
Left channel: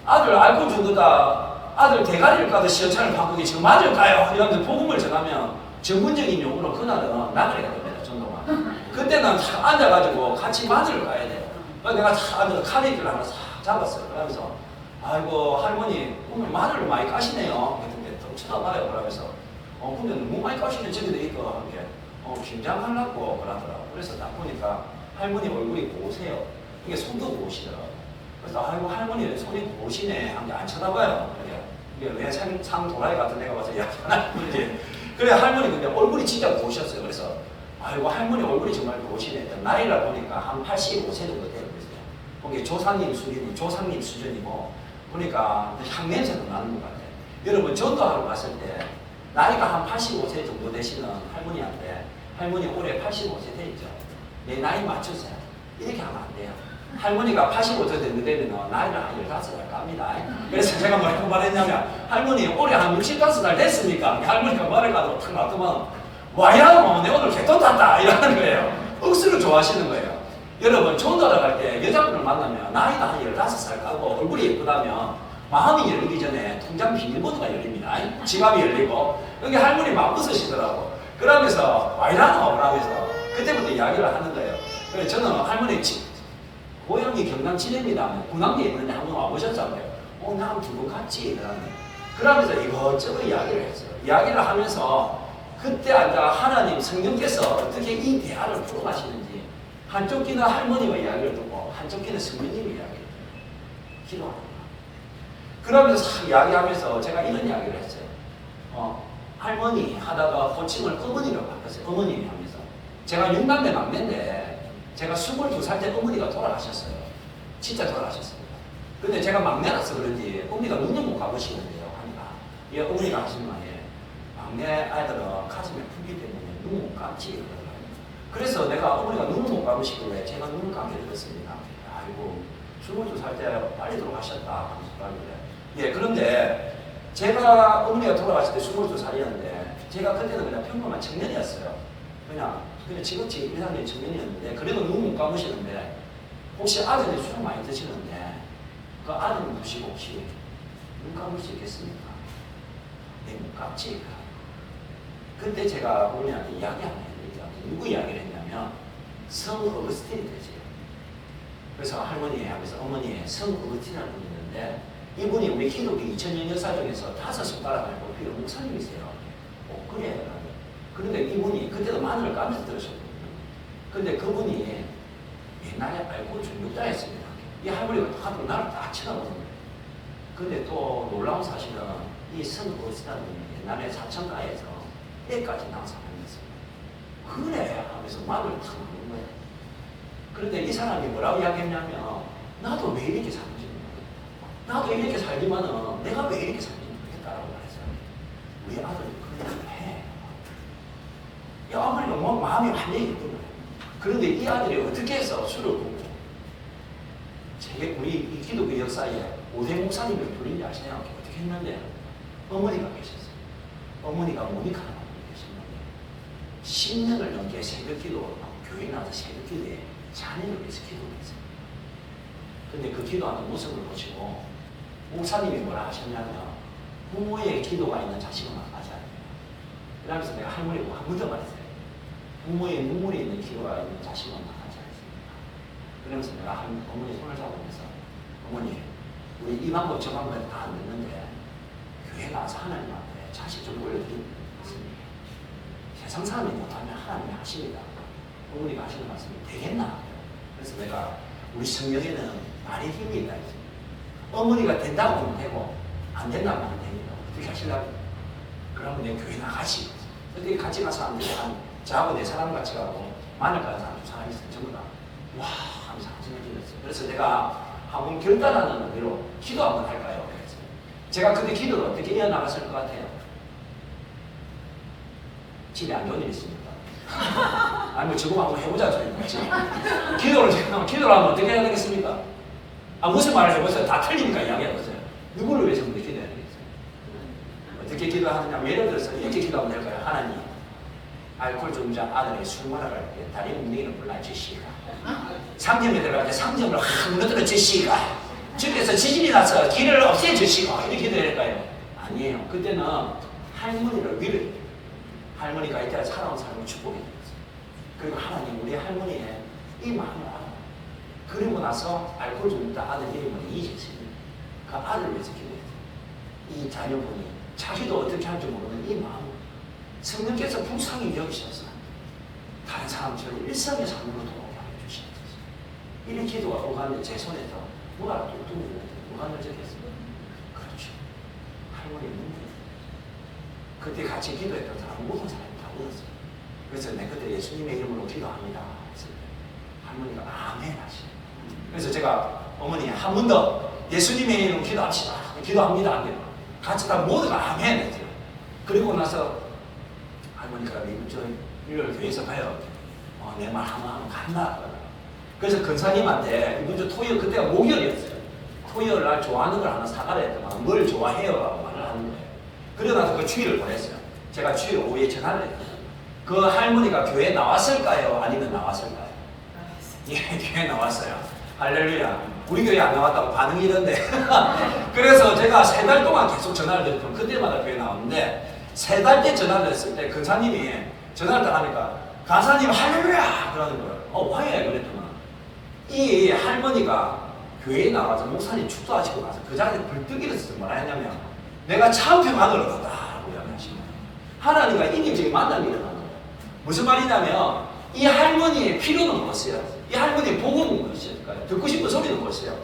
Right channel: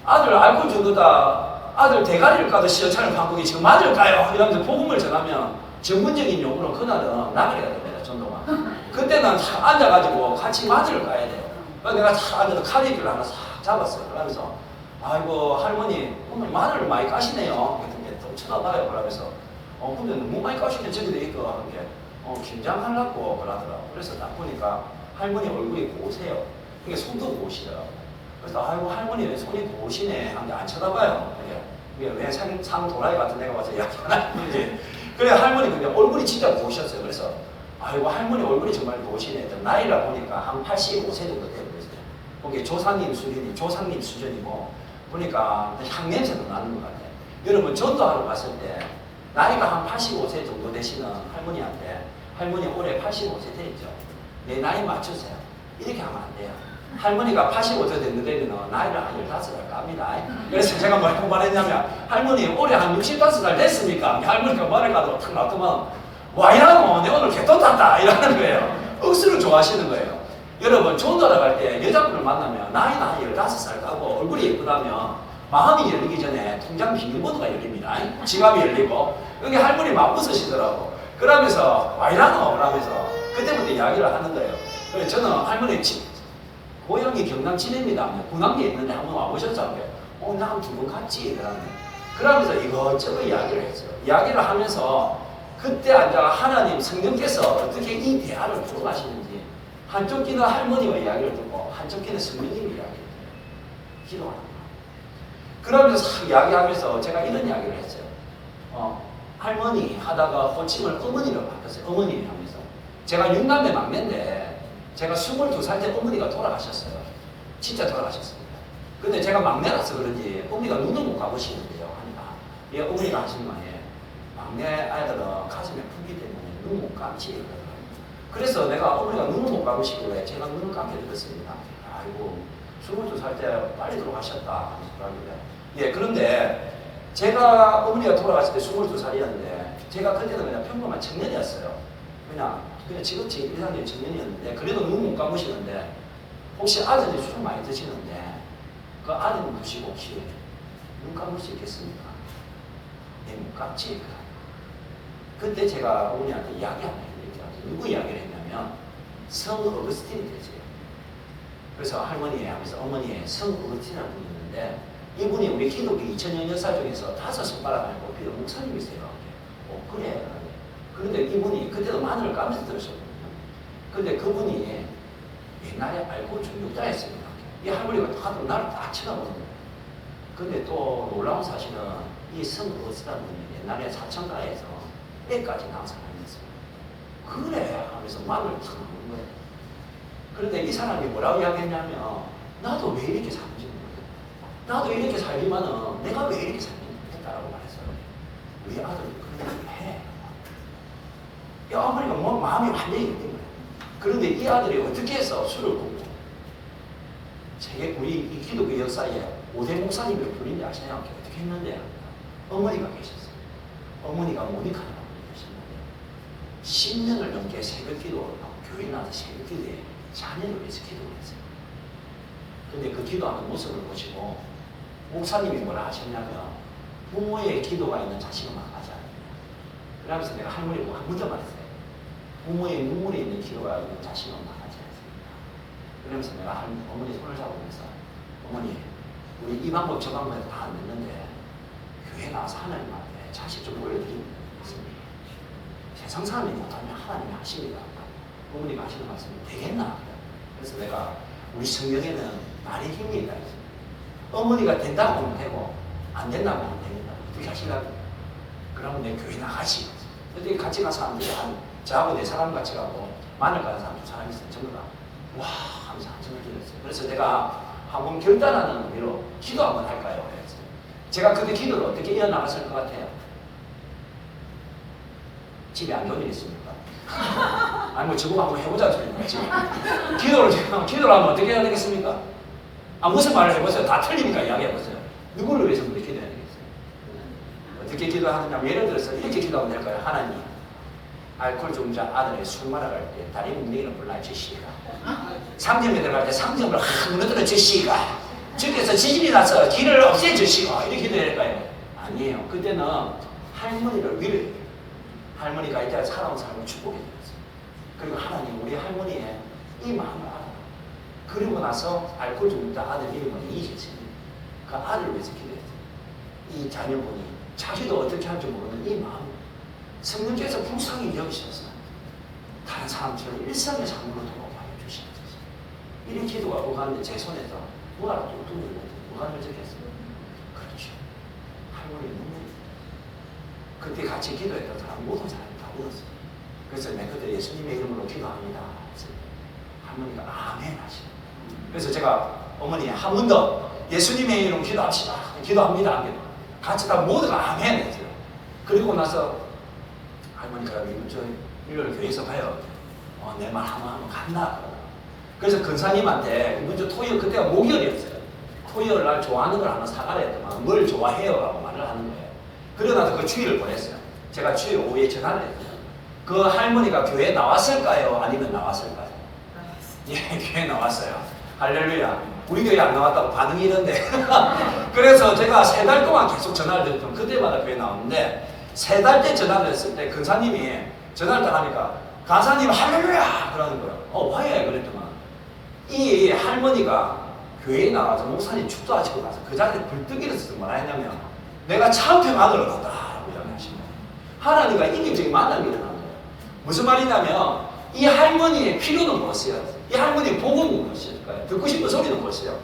아들 알코올 중도다 아들 대가리를 까듯이 여차를 바꾸니 지금 맞을까요? 이러면서 복음을 전하면 전문적인 용어로 그날은 나가야 됩니다. 전도가. 그때는 탁 앉아가지고 같이 맞을 가야 돼요. 그래서 내가 탁 앉아서 카드를 하나 싹 잡았어요. 그러면서 아이고 할머니 오늘 마늘을 많이 까시네요. 그랬더니 또 쳐다봐요. 그러면서 근데 너무 많이 까시면 저기도 있고 이렇게 긴장하려고 그러더라고요. 그래서 딱 보니까 할머니 얼굴이 고우세요. 이게 손도 고우시더라고요. 그래서 아이고 할머니 왜 손이 고우시네 하는데 안 쳐다봐요. 이게 왜 상 도라이 같은 애가 와서 이야기하나? 그래 할머니 근데 얼굴이 진짜 고우셨어요. 그래서 아이고 할머니 얼굴이 정말 고우시네. 나이라 보니까 한 85세 정도 돼요. 그래서 거기 조상님 수준이고 보니까 향냄새도 나는 것 같아요. 여러분 전도하러 갔을 때 나이가 한 85세 정도 되시는 할머니한테 할머니 올해 85세 되죠. 내 나이 맞추세요. 이렇게 하면 안 돼요. 할머니가 85세 됐는데 나이를 한 15살 깝니다. 그래서 제가 뭐라고 말했냐면 할머니 올해 한 65살 됐습니까? 할머니가 말을 가도 탁 놔두면 와이라고 내 오늘 개똥 탔다 이러는 거예요. 억수로 좋아하시는 거예요. 여러분 전도하러 갈 때 여자분을 만나면 나이가 한 15살 까고 얼굴이 예쁘다면 마음이 열리기 전에 통장 비밀번호가 열립니다. 지갑이 열리고 여기 할머니 마음 웃으시더라고. 그러면서 와이라노 그러면서 그때부터 이야기를 하는 거예요. 그래서 저는 할머니 고향이 경남 진해입니다. 군함리에 있는데 한번 와보셨잖아요. 나 두 번 갔지. 그러면서 이것저것 이야기를 했어요. 이야기를 하면서 그때 앉아 하나님 성령께서 어떻게 이 대화를 풀어가시는지 한쪽 귀는 할머니와 이야기를 듣고 한쪽 귀는 성령님의 이야기를 기도하는 거예요. 그러면서 이야기하면서 제가 이런 이야기를 했어요. 할머니 하다가 호칭을 어머니로 바꿨어요. 어머니 하면서. 제가 6남매 막내인데 제가 22살 때 어머니가 돌아가셨어요. 진짜 돌아가셨습니다. 근데 제가 막내라서 그런지 어머니가 눈을 못 감으시는데요. 하니까. 예, 어머니가 하시는 말에 막내 아이들은 가슴에 품기 때문에 눈을 못 감지. 그러더라고요. 그래서 내가 어머니가 눈을 못 감으시길래 제가 눈을 감게 들었습니다. 아이고 22살 때 빨리 돌아가셨다 하는 소리를. 예, 그런데 제가 어머니가 돌아갔을 때 22살이었는데 제가 그때는 그냥 평범한 청년이었어요. 그냥 지극히 일상적인 청년이었는데 그래도 눈 못 감으시는데 혹시 아들이 술 많이 드시는데 그 아들님 보시고 혹시 눈 감을 수 있겠습니까? 네, 못 감지. 그때 제가 어머니한테 이야기한 게 있죠. 누구 이야기를 했냐면 성 어거스틴이 되지. 그래서 할머니 하면서 어머니의 성 어거스틴이라는 분이 있는데 이분이 우리 기독교 2000년 역사 중에서 5손가락 안에 꼽히는 목사님이세요. 그래. 그런데 이분이 그때도 마늘을 까면서 들으셨거든요. 근데 그분이 옛날에 알고 중독자였습니다. 이 할머니가 하도 나를 딱 쳐다보는 거예요. 근데 또 놀라운 사실은 이 성어스라는 분이 옛날에 사천가에서 때까지 낭사하였습니다. 그래 하면서 마늘을 탁 먹는 거예요. 그런데 이 사람이 뭐라고 이야기했냐면 나도 왜 이렇게 살지 모르겠다. 나도 이렇게 살지만은 내가 왜 이렇게 살지 모르겠다라고 말했어요. 우리 아들이 그런 얘기를 해. 야, 어머니가 뭐 마음이 완전히 예쁜 거예요. 그런데 이 아들이 어떻게 해서 술을 붓고 우리 이 기독교 역사에 5대 목사님을 부린지 아시나요? 어떻게 했는데 어머니가 계셨어요. 어머니가 모니카 계셨는데 10년을 넘게 새벽기도 교회 나서 새벽기도에 자녀를 위해서 기도했어요. 근데 그 기도하는 모습을 보시고 목사님이 뭐라 하셨냐면 부모의 기도가 있는 자식은 막하자. 그러면서 내가 할머니가 한 문제 말했어요. 부모의 눈물이 있는 기도가 있는 자식은 막하지 않습니다. 그러면서 내가 어머니 손을 잡으면서 어머니 우리 이 방법 저 방법에 다 안 됐는데 교회 나와서 하나님 앞에 자식 좀 올려드리면 되겠습니다. 세상 사람이 하면 하나님이 하십니다. 어머니가 하시는 말씀이 되겠나? 그래서 내가 우리 성경에는 말의 힘이 있다. 어머니가 된다고 하면 되고 안 된다고 하면 됩니다. 어떻게 하시려고? 그러면 내 교회 나가지. 근데 같이 간 사람들이 저하고 네 사람 같이 가고 마늘 가는 사람이 있어요. 전부 다 와 하면서 한숨을 들렸어요. 그래서 내가 한번 결단하는 의미로 기도 한번 할까요? 그랬어요. 제가 그때 기도를 어떻게 이어나갔을 것 같아요? 집에 안 좋은 일 있습니까? 아니 뭐 저거 한번 해보자 저희가 기도를 하면 어떻게 해야 되겠습니까? 무슨 말을 해보세요. 다 틀리니까 이야기해보세요. 누구를 위해서 우리 기도해야 되겠어요? 어떻게 기도하느냐? 예를 들어서 이렇게 기도하면 될까요? 하나님, 알코올 중자 아들의 술 마라갈 때 다리 움직이는 불날 주시가, 상점에 들어갈 때 상점을 확 무너뜨려 주시가, 집에서 지진이 나서 길을 없애 주시고, 이렇게 기도해야 될까요? 아니에요. 그때는 할머니를 위로해요. 할머니가 이제 살아온 삶을 축복해 줬어요. 그리고 하나님 우리 할머니의 이 마음을 알아. 그리고 나서 알코올 중자 아들 이름은 이재진입니다. 그 아들을 위해서 기도했어요. 이 자녀분이 자기도 어떻게 할지 모르는 이 마음, 성령께서 불쌍히 여기셔서 다른 사람처럼 일상의 삶으로 돌아가게 주시옵소서. 이런 기도가 오가는데 제 손에서 뭐라고 뚝뚝 있는데 뭐가 문제겠어요? 그렇죠. 할머니 눈물이. 그때 같이 기도했던 사람 모든 사람이 다 울었어요. 그래서 내가 그때 예수님의 이름으로 기도합니다. 할머니가 아멘 하시죠. 그래서 제가 어머니 한 번 더 예수님의 이름으로 기도합시다. 기도합니다. 같이 다 모두가 아멘 했어요. 그리고 나서 할머니가 저 일요일 교회에서 봐요. 내 말 하면 간다. 그래서 근사님한테 이번 토요일 그때가 목요일이었어요. 토요일 날 좋아하는 걸 하나 사가라 했더만 뭘 좋아해요? 라고 말을 하는 거예요. 그러고 그 주일을 보냈어요. 제가 주일 오후에 전화를 했어요. 그 할머니가 교회에 나왔을까요? 아니면 나왔을까요? 예, 교회에 나왔어요. 할렐루야. 우리 교회 안 나왔다고 반응이 이런데. 그래서 제가 3달 동안 계속 전화를 드렸던 그때마다 교회에 나왔는데 3달째 전화를 했을 때 근사님이 전화를 딱 하니까 간사님 할렐루야! 그러는 거예요. 화해 그랬더만 이 할머니가 교회에 나와서 목사님 축도하시고 나서 그 자리에 불뜨기를 써서 뭐라 했냐면 내가 참 평안을 얻었다 라고 이야기하시는 거예요. 하나님과 인격적인 만남이 일어나는 거예요. 무슨 말이냐면 이 할머니의 필요는 무엇이에요? 이 할머니의 복음은 무엇일까요? 듣고 싶은 소리는 무엇이에요?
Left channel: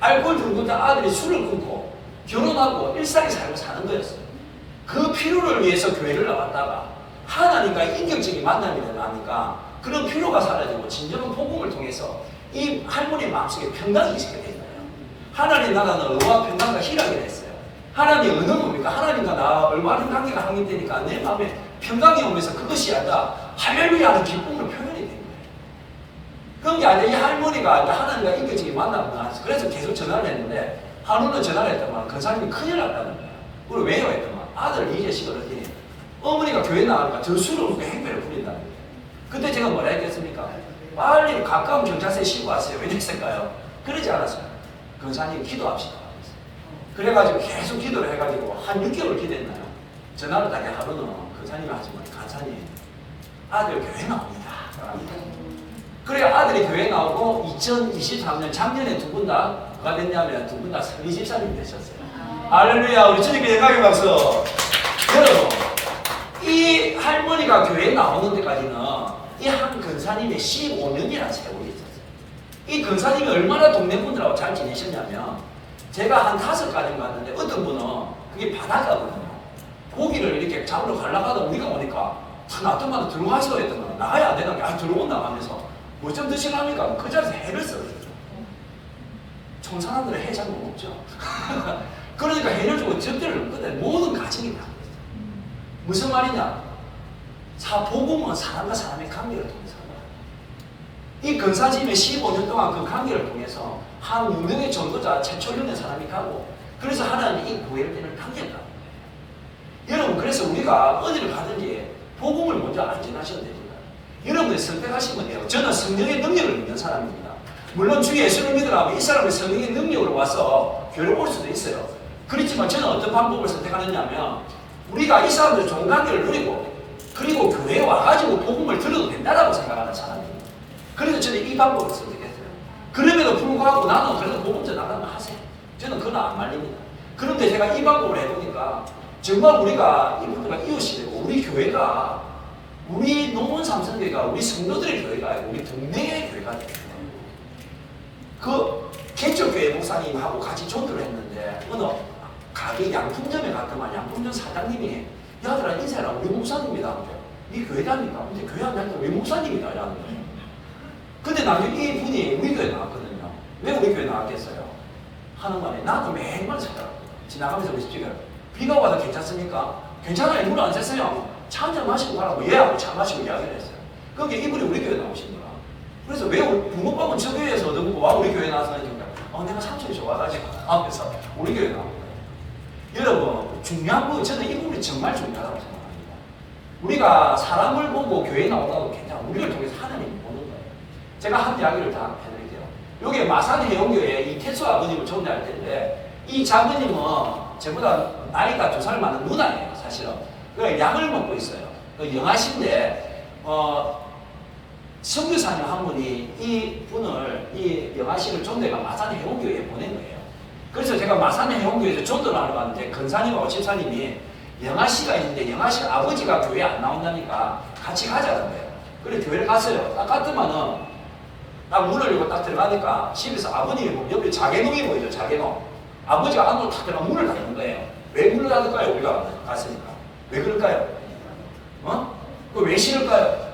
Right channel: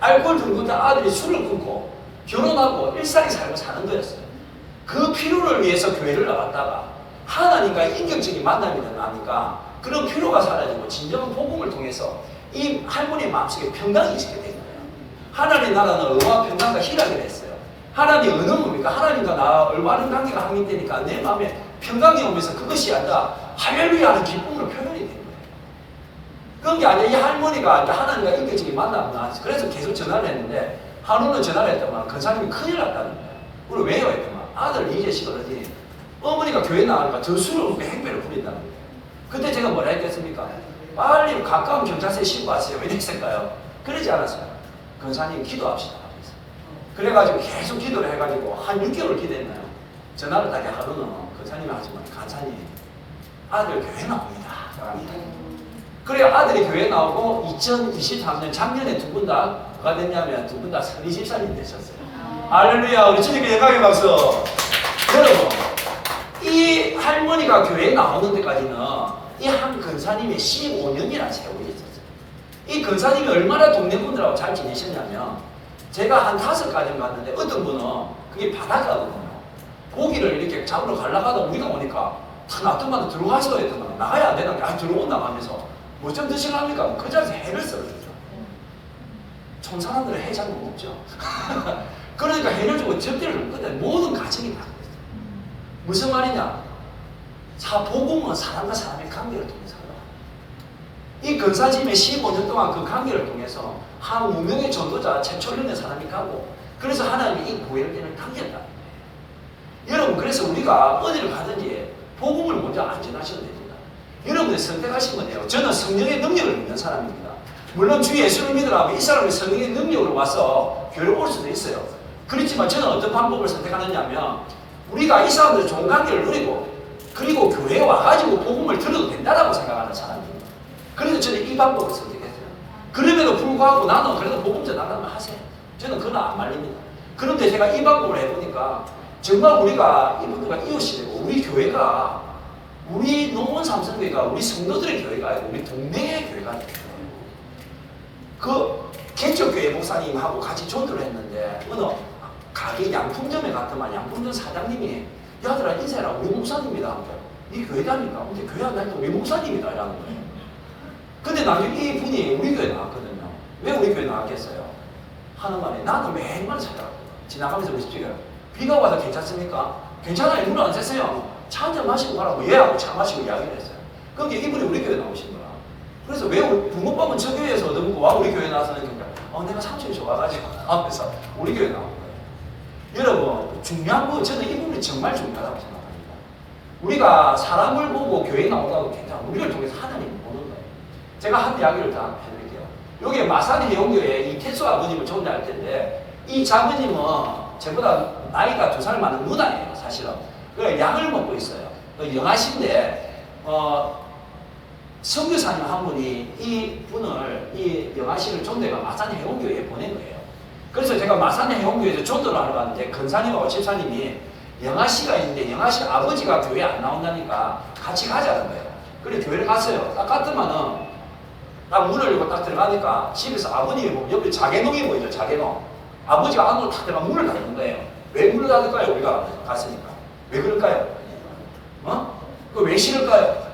알코올 중독자 아들이 술을 끊고 결혼하고 일상의 삶을 사는 거였어요. 그 필요를 위해서 교회를 나왔다가 하나님과 인격적인 만남이 일어나니까 그런 필요가 사라지고 진정한 복음을 통해서 이 할머니의 마음속에 평강이 있게 된 거예요. 하나님 나라는 의와 평강과 희락이 됐어요. 하나님 어느 뭡니까? 하나님과 나 얼마나 관계가 확립되니까 내 마음에 평강이 오면서 그것이 아니라 할렐루야 하는 기쁨으로 표현이 된 거예요. 그런 게 아니라 이 할머니가 하나님과 인격적인 만남을 나왔어요. 그래서 계속 전화를 했는데 하루는 전화를 했더만 그 사람이 큰일 났다는 거예요. 그걸 왜요? 했더만 아들 이재식을 어디 어머니가 교회 나가니까 저 술을 먹고 행패를 부린다는 거예요. 그때 제가 뭐라 했겠습니까? 빨리 가까운 경찰서에 신고하세요. 왜 이랬을까요? 그러지 않았어요. 근사님 기도합시다. 그래가지고 계속 기도를 해가지고 한 6개월 기도했나요? 전화를 다시 하루는 근사님이 하지만 간사님 아들 교회 나옵니다. 그래 아들이 교회 나오고 2023년 작년에 두 분 다가 됐냐면 두 분 다 20살이 되셨어요. 할렐루야. 우리 주님께 영광의 박수. 여러분 이 할머니가 교회에 나오는 데까지는 이 한 근사님의 15년이나 세월이 있었어요. 이 근사님이 얼마나 동네 분들하고 잘 지내셨냐면 제가 한 5가정 갔는데 어떤 분은 그게 바닷가거든요. 고기를 이렇게 잡으러 가려고 하다 우리가 오니까 다 놔두마다 들어가시고 했더만 나가야 안 되나? 아 들어온다 하면서 뭐 좀 드시랍니까? 그 자리에서 해를 썰어주죠. 청산하들은 해 잘 못 먹죠. 그러니까 해를 주고 접대를 끝에 모든 가정이 다 무슨 말이냐? 복음은 사람과 사람의 관계를 통해서 이 근사짐의 15년 동안 그 관계를 통해서 한 무명의 전도자 최초련의 사람이 가고 그래서 하나님이 이 구별되는 당겼다. 여러분 그래서 우리가 어디를 가든지 복음을 먼저 안전하셔야 됩니다. 여러분이 선택하시면 돼요. 저는 성령의 능력을 믿는 사람입니다. 물론 주 예수를 믿으라면 이 사람이 성령의 능력으로 와서 교회를 올 수도 있어요. 그렇지만 저는 어떤 방법을 선택하느냐 하면 우리가 이 사람들 좋은 관계를 누리고 그리고 교회에 와가지고 복음을 들어도 된다고 생각하는 사람입니다. 그래서 저는 이 방법을 선택했어요. 그럼에도 불구하고 나는 그래도 복음 전하면 하세요. 저는 그건 안 말립니다. 그런데 제가 이 방법을 해보니까 정말 우리가 이분들과 이웃이 되고 우리 교회가 우리 농원 삼성교회가 우리 성도들의 교회가 아니고 우리 동네의 교회가 되는 거예요. 그 개척교회 목사님하고 같이 전도를 했는데 어느 가게 양품점에 갔더만 양품점 사장님이 야들아 인사해라 우리 목사님이다. 네 교회 다니까? 근데 교회 안 다니까 왜 목사님이다? 라는 거예요. 근데 나중에 이 분이 우리 교회 나왔거든요. 왜 우리 교회 나왔겠어요? 하는 말에 나도 매일만 찾아가고 지나가면서 그러십시오. 비가 와서 괜찮습니까? 괜찮아요. 물 안 샜어요. 차 한잔 마시고 가라고 얘하고 차 마시고 이야기를 했어요. 그게 이분이 우리 교회 나오신 거야. 그래서 왜 붕어빵은 저 교회에서 얻어먹고 와 우리 교회 나와서 하는 거야. 내가 삼촌이 좋아가지고 하면서 우리 교회 나온 거예요. 여러분 중요한 건 저는 이 부분이 정말 중요하다고 생각합니다. 우리가 사람을 보고 교회에 나오다고 괜찮아. 우리를 통해서 하나님을 보는 거예요. 제가 한 이야기를 다 해드릴게요. 여기 마사지 영교에 이 태수 아버님을 존대할 텐데 이 자매님은 저보다 나이가 2살 많은 누나예요. 사실은. 그 약을 먹고 있어요. 그 영아신데 선교사님 한 분이 이 분을 이 영아씨를 존대가 마산 해운교회에 보낸 거예요. 그래서 제가 마산 해운교회에서 존도를 하러 갔는데 근사님하고 집사님이 영아씨가 있는데 영아씨 아버지가 교회에 안 나온다니까 같이 가자는 거예요. 그래 교회를 갔어요. 딱 갔더만은 딱 문을 열고 딱 들어가니까 집에서 아버님이 보면 옆에 자개농이 보이죠. 자개농. 아버지가 안으로 탁 들어가 문을 닫는 거예요. 왜 문을 닫을까요? 우리가 갔으니까. 왜 그럴까요? 왜 싫을까요?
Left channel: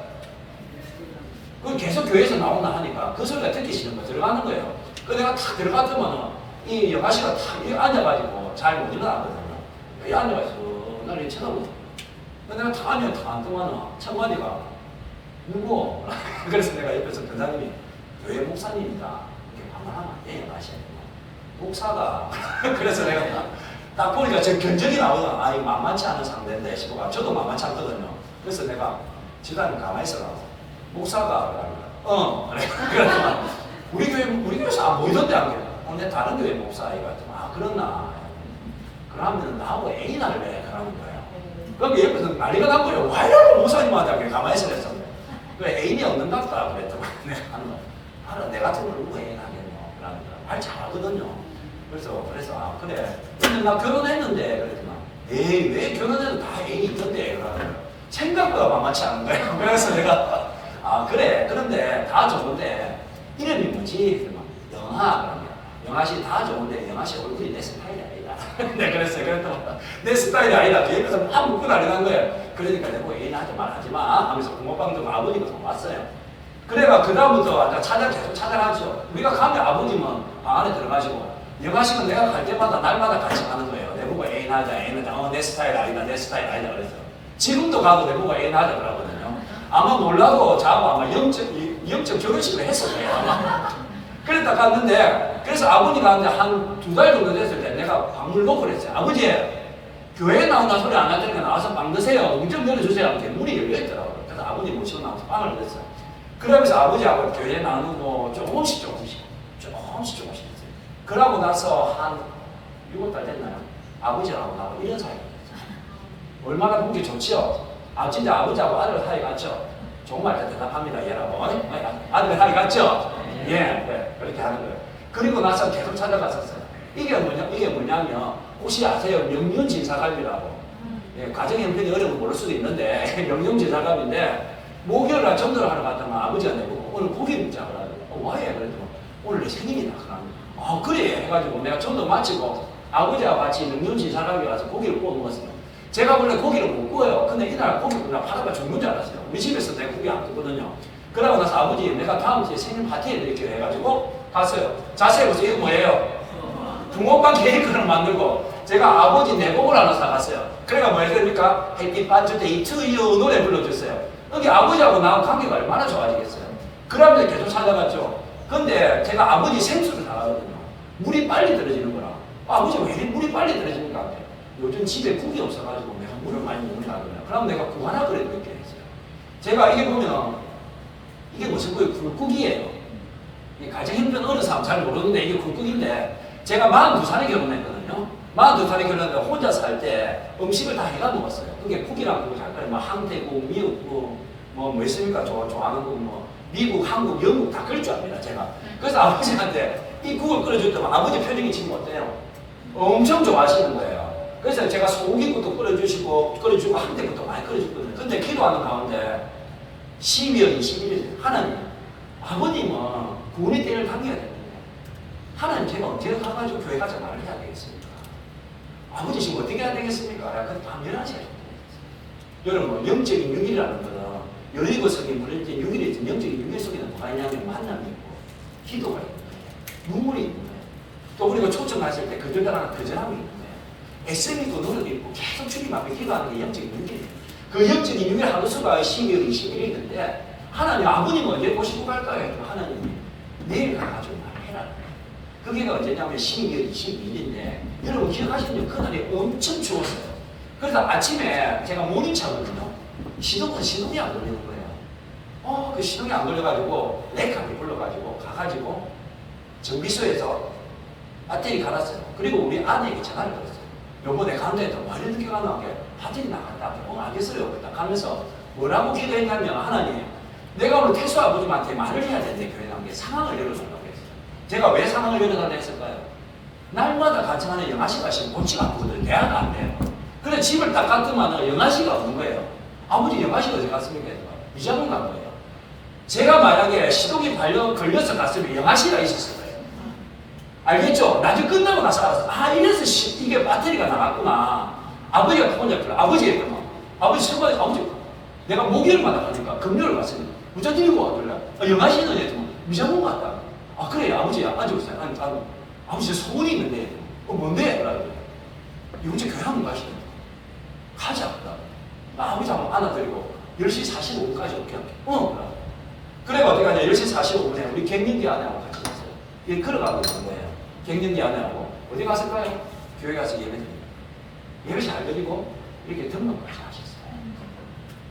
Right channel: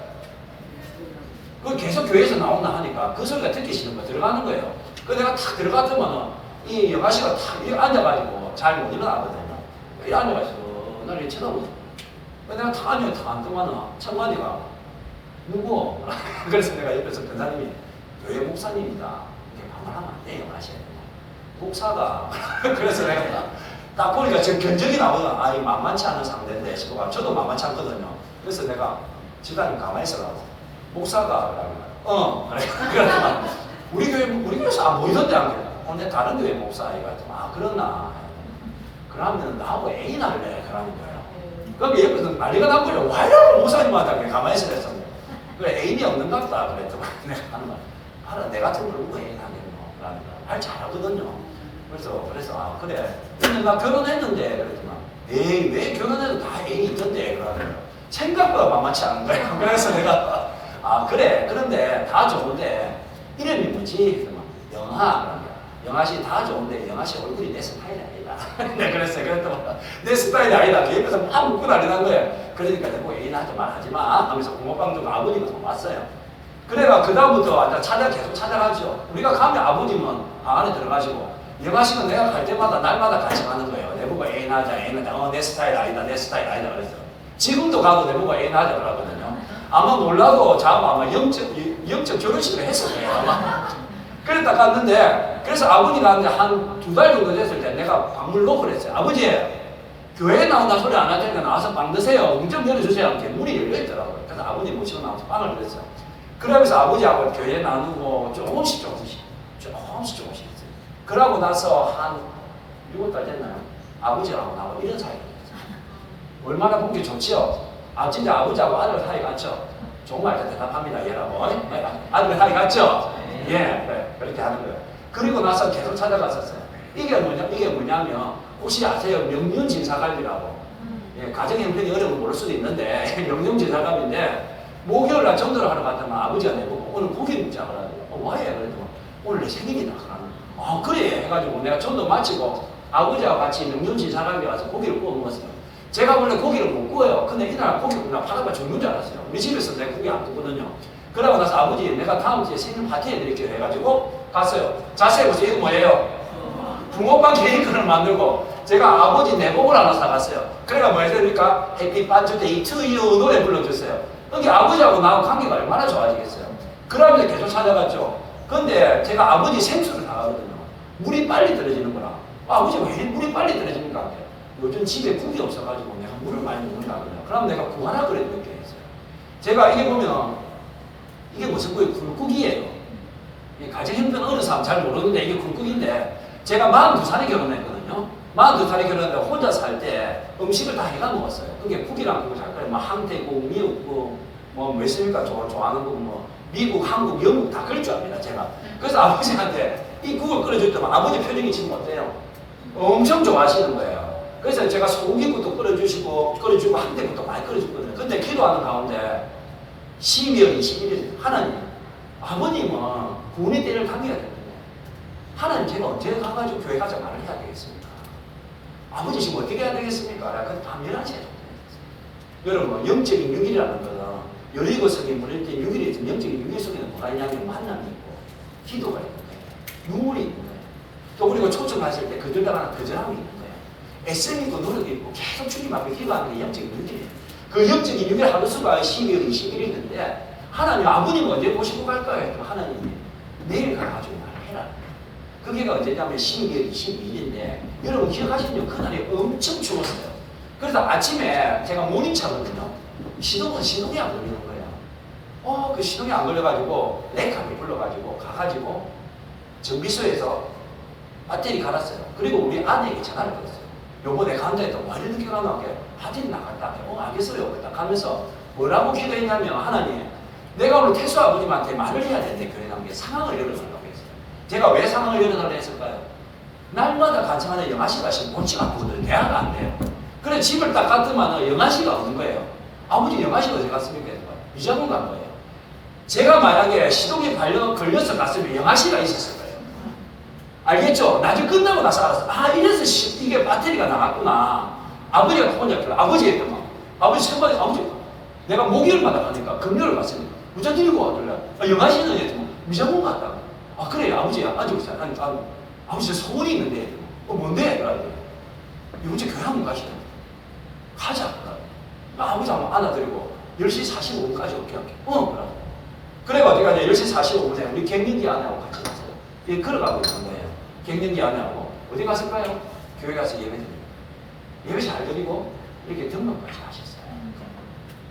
그 계속 교회에서 나온다 하니까 그 소리가 듣기 싫은 거 들어가는 거예요. 그 내가 탁 들어갔더만은 이 영아씨가 탁 앉아가지고 잘 못 일어나거든요. 이 앉아가지고 나를 쳐다보죠. 내가 탁 앉으면은 청만이가 누구? 그래서 내가 옆에서 근사님이 교회 목사님이다. 이렇게 반말하면 안 돼, 영아씨. 목사가. 그래서 내가 딱 보니까 제 견적이 나오잖아. 아, 이거 만만치 않은 상대인데 싶어가 저도 만만치 않거든요. 그래서 내가 지단님 가만히 있어라고. 목사가 그래. 그러니까 우리 교회에서 안 보이던데 안 그래. 근데 다른 교회 목사이가 그러나 그러면 나하고 애인 할래 그러면 그럼 옆에서 난리가 난 거예요. 와 이러고 목사님한테 가만히 있으랬어. 그래 애인이 없는 것 같다 그랬더니 내가 하는 거야. 알아 내 같은 걸 누구 애인 하겠노 그러니까 말 잘하거든요. 그래서 그래. 근데 나 결혼했는데 그랬더니 에이 왜 결혼해도 다 애인이 있던데 그러면 생각보다 만만치 않은 거야. 그래서 내가 그래. 그런데 다 좋은데 이름이 뭐지? 영아씨 다 좋은데 영아씨 얼굴이 내 스타일이 아니다. 네, 그랬더니 내 스타일이 아니다. 뒤에서 막 묻고 난리 난 거예요. 그러니까 내가 애인한테 말하지 마 하면서 붕어빵 좀 아버지가 좀 왔어요. 그래가 그 다음부터 계속 찾아가죠. 우리가 가면 아버님은 안에 들어가시고 영아씨는 내가 갈 때마다 날마다 같이 가는 거예요. 내보고 애인하자 내 스타일 아니다 그랬어. 지금도 가도 내보고 애인하자 그러거든요. 아마 몰라도 자고 아마 영적 결혼식을 했었대요. 그랬다 갔는데, 그래서 아버지가 한 2달 정도 됐을 때 내가 방문을 놓고 그랬어요. 아버지, 교회에 나온다 소리 안 하니까 나와서 빵 드세요. 문 좀 열어주세요. 하면서 문이 열려있더라고요. 그래서 아버지 모시고 나와서 빵을 드렸어요. 그러면서 아버지하고 교회에 나오는 거 조금씩 했어요. 그러고 나서 한 6월달 됐나요? 아버지하고 나하고 이런 사이가 됐어요. 얼마나 보기 좋지요? 진짜 아버지하고 아들 사이 같죠? 정말 대답합니다, 얘라고. 아들 사이 같죠? 예, 네, 그렇게 하는 거예요. 그리고 나서 계속 찾아갔었어요. 이게 뭐냐면, 혹시 아세요? 명륜진사갈비라고. 예, 가정의 형편이 어려운 거 모를 수도 있는데, 명륜진사갈비인데, 목요일날 전도를 하러 갔더니 아버지가 내보고, 오늘 고기 먹자. 그래가지고, 왜? 그랬더니, 오늘 내 생일이다. 그래. 해가지고 내가 전도 마치고, 아버지와 같이 명륜진사갈비 가서 고기를 구워 먹었어요. 제가 원래 고기를 못 구워요. 근데 이날 고기를 그냥 파다가 죽는 줄 알았어요. 우리 집에서 내가 고기 안 구거든요. 그러고 나서 아버지 내가 다음 주에 생일 파티 해드릴게요 해가지고 갔어요. 자세히 보세요. 이거 뭐예요? 붕어빵 케이크를 만들고 제가 아버지 내복을 하나 사갔어요. 그러니까 뭐 해야 됩니까? 해피 버스데이 투 유 노래 불러줬어요. 여기 아버지하고 나하고 관계가 얼마나 좋아지겠어요. 그러면서 계속 찾아갔죠. 근데 제가 아버지 생수를 사가거든요. 물이 빨리 떨어지는 거라. 아버지 왜 물이 빨리 떨어지는 것 같아요. 요즘 집에 국이 없어가지고 내가 물을 많이 먹는다 그러면 그럼 내가 국 하나 끓여 먹게 했어요. 제가 이게 보면 이게 무슨 거예요? 굴국이에요. 가정 형편 어느 사람 잘 모르는데 이게 굴국인데 제가 42살에 결혼했거든요. 42살에 결혼했는데 혼자 살 때 음식을 다 해가 먹었어요. 그게 국이랑 국을 잘 끓여 항태국, 미역국, 뭐 있습니까? 좋아하는 국, 뭐 미국, 한국, 영국 다 끓일 줄 압니다. 제가. 그래서 아버지한테 이 국을 끓여줄 때만 아버지 표정이 지금 어때요? 엄청 좋아하시는 거예요. 그래서 제가 소고기국도 끓여주고 한대국도 많이 끓여줬거든요. 근데 기도하는 가운데 12월 21일 하나님 아버님은 구원의 때를 당겨야 됩니다. 하나님 제가 언제 가가지고 교회 가서 말을 해야 되겠습니까? 아버지 지금 어떻게 해야 되겠습니까? 그건 당연하세요. 여러분, 뭐 영적인 6일이라는 거는 17석이 물릴 때 6일이 있던 영적인 6일 속에는 뭐가 있냐면 만남이 있고 기도가 있는 거예요. 눈물이 있는 거예요. 또 우리가 초청했을 때 그들 따라 거절함이 있는 거예요. 애쓰고 있고 노력이 있고 계속 주님 앞에 기도하는 게 영적인 6일이에요. 그 영적인 6일 하루 수가 12월 21일인데 하나님 아버님은 언제 보시고 갈까요? 하나님 내일 가가지고 말해라. 그게 언제냐면 12월 22일인데 여러분 기억하시죠? 그날이 엄청 추웠어요. 그래서 아침에 제가 모닝차거든요. 시동이 안 걸리는 거예요. 그 시동이 안 걸려가지고 레이카를 불러가지고 가가지고 정비소에서 배터리 갈았어요. 그리고 우리 아내에게 전화를 걸었어요. 여보 내가 간다했다. 와 이렇게 늦게 가면 배터리 나갔다. 알겠어요. 가면서 뭐라고 기도했냐면 하나님 내가 오늘 태수 아버님한테 말을 해야 되는데 교회 가는 게 상황을 열어달라고 했어요. 제가 왜 상황을 열어달라고 했을까요? 날마다 같이 하는 영아씨가 지금 못지가 않거든요. 대화가 안 돼요. 그래 집을 딱 갔더만 영아씨가 없는 거예요. 아버지 영아씨가 어디 갔습니까? 미자동 간 거예요. 제가 만약에 시동이 걸려서 갔으면 영아씨가 있었을 거예요. 알겠죠? 나중에 끝나고 나서 알았어. 이래서 이게 배터리가 나갔구나. 아버지가 혼자 들어. 아버지 했더만. 아버지 생각에 아버지 내가 목요일마다 가니까 금요일 갔습니다. 문자 들고 와더래. 영아씨는 했더만. 미자동 갔다. 그래 아버지야 앉아보세요. 아버지 저 소문이 있는데 뭔데? 그러더니 요새 교회 한번 가시죠. 가자. 아버지 한번 안아드리고 10시 45분까지 올게 할게. 그래가지고 10시 45분에 우리 갱년기 아내하고 같이 갔어요. 걸어가고 있는 거예요. 갱년기 아내하고 어디 갔을까요? 교회 가서 예배 잘 드리고 이렇게 등록까지 하셨어요.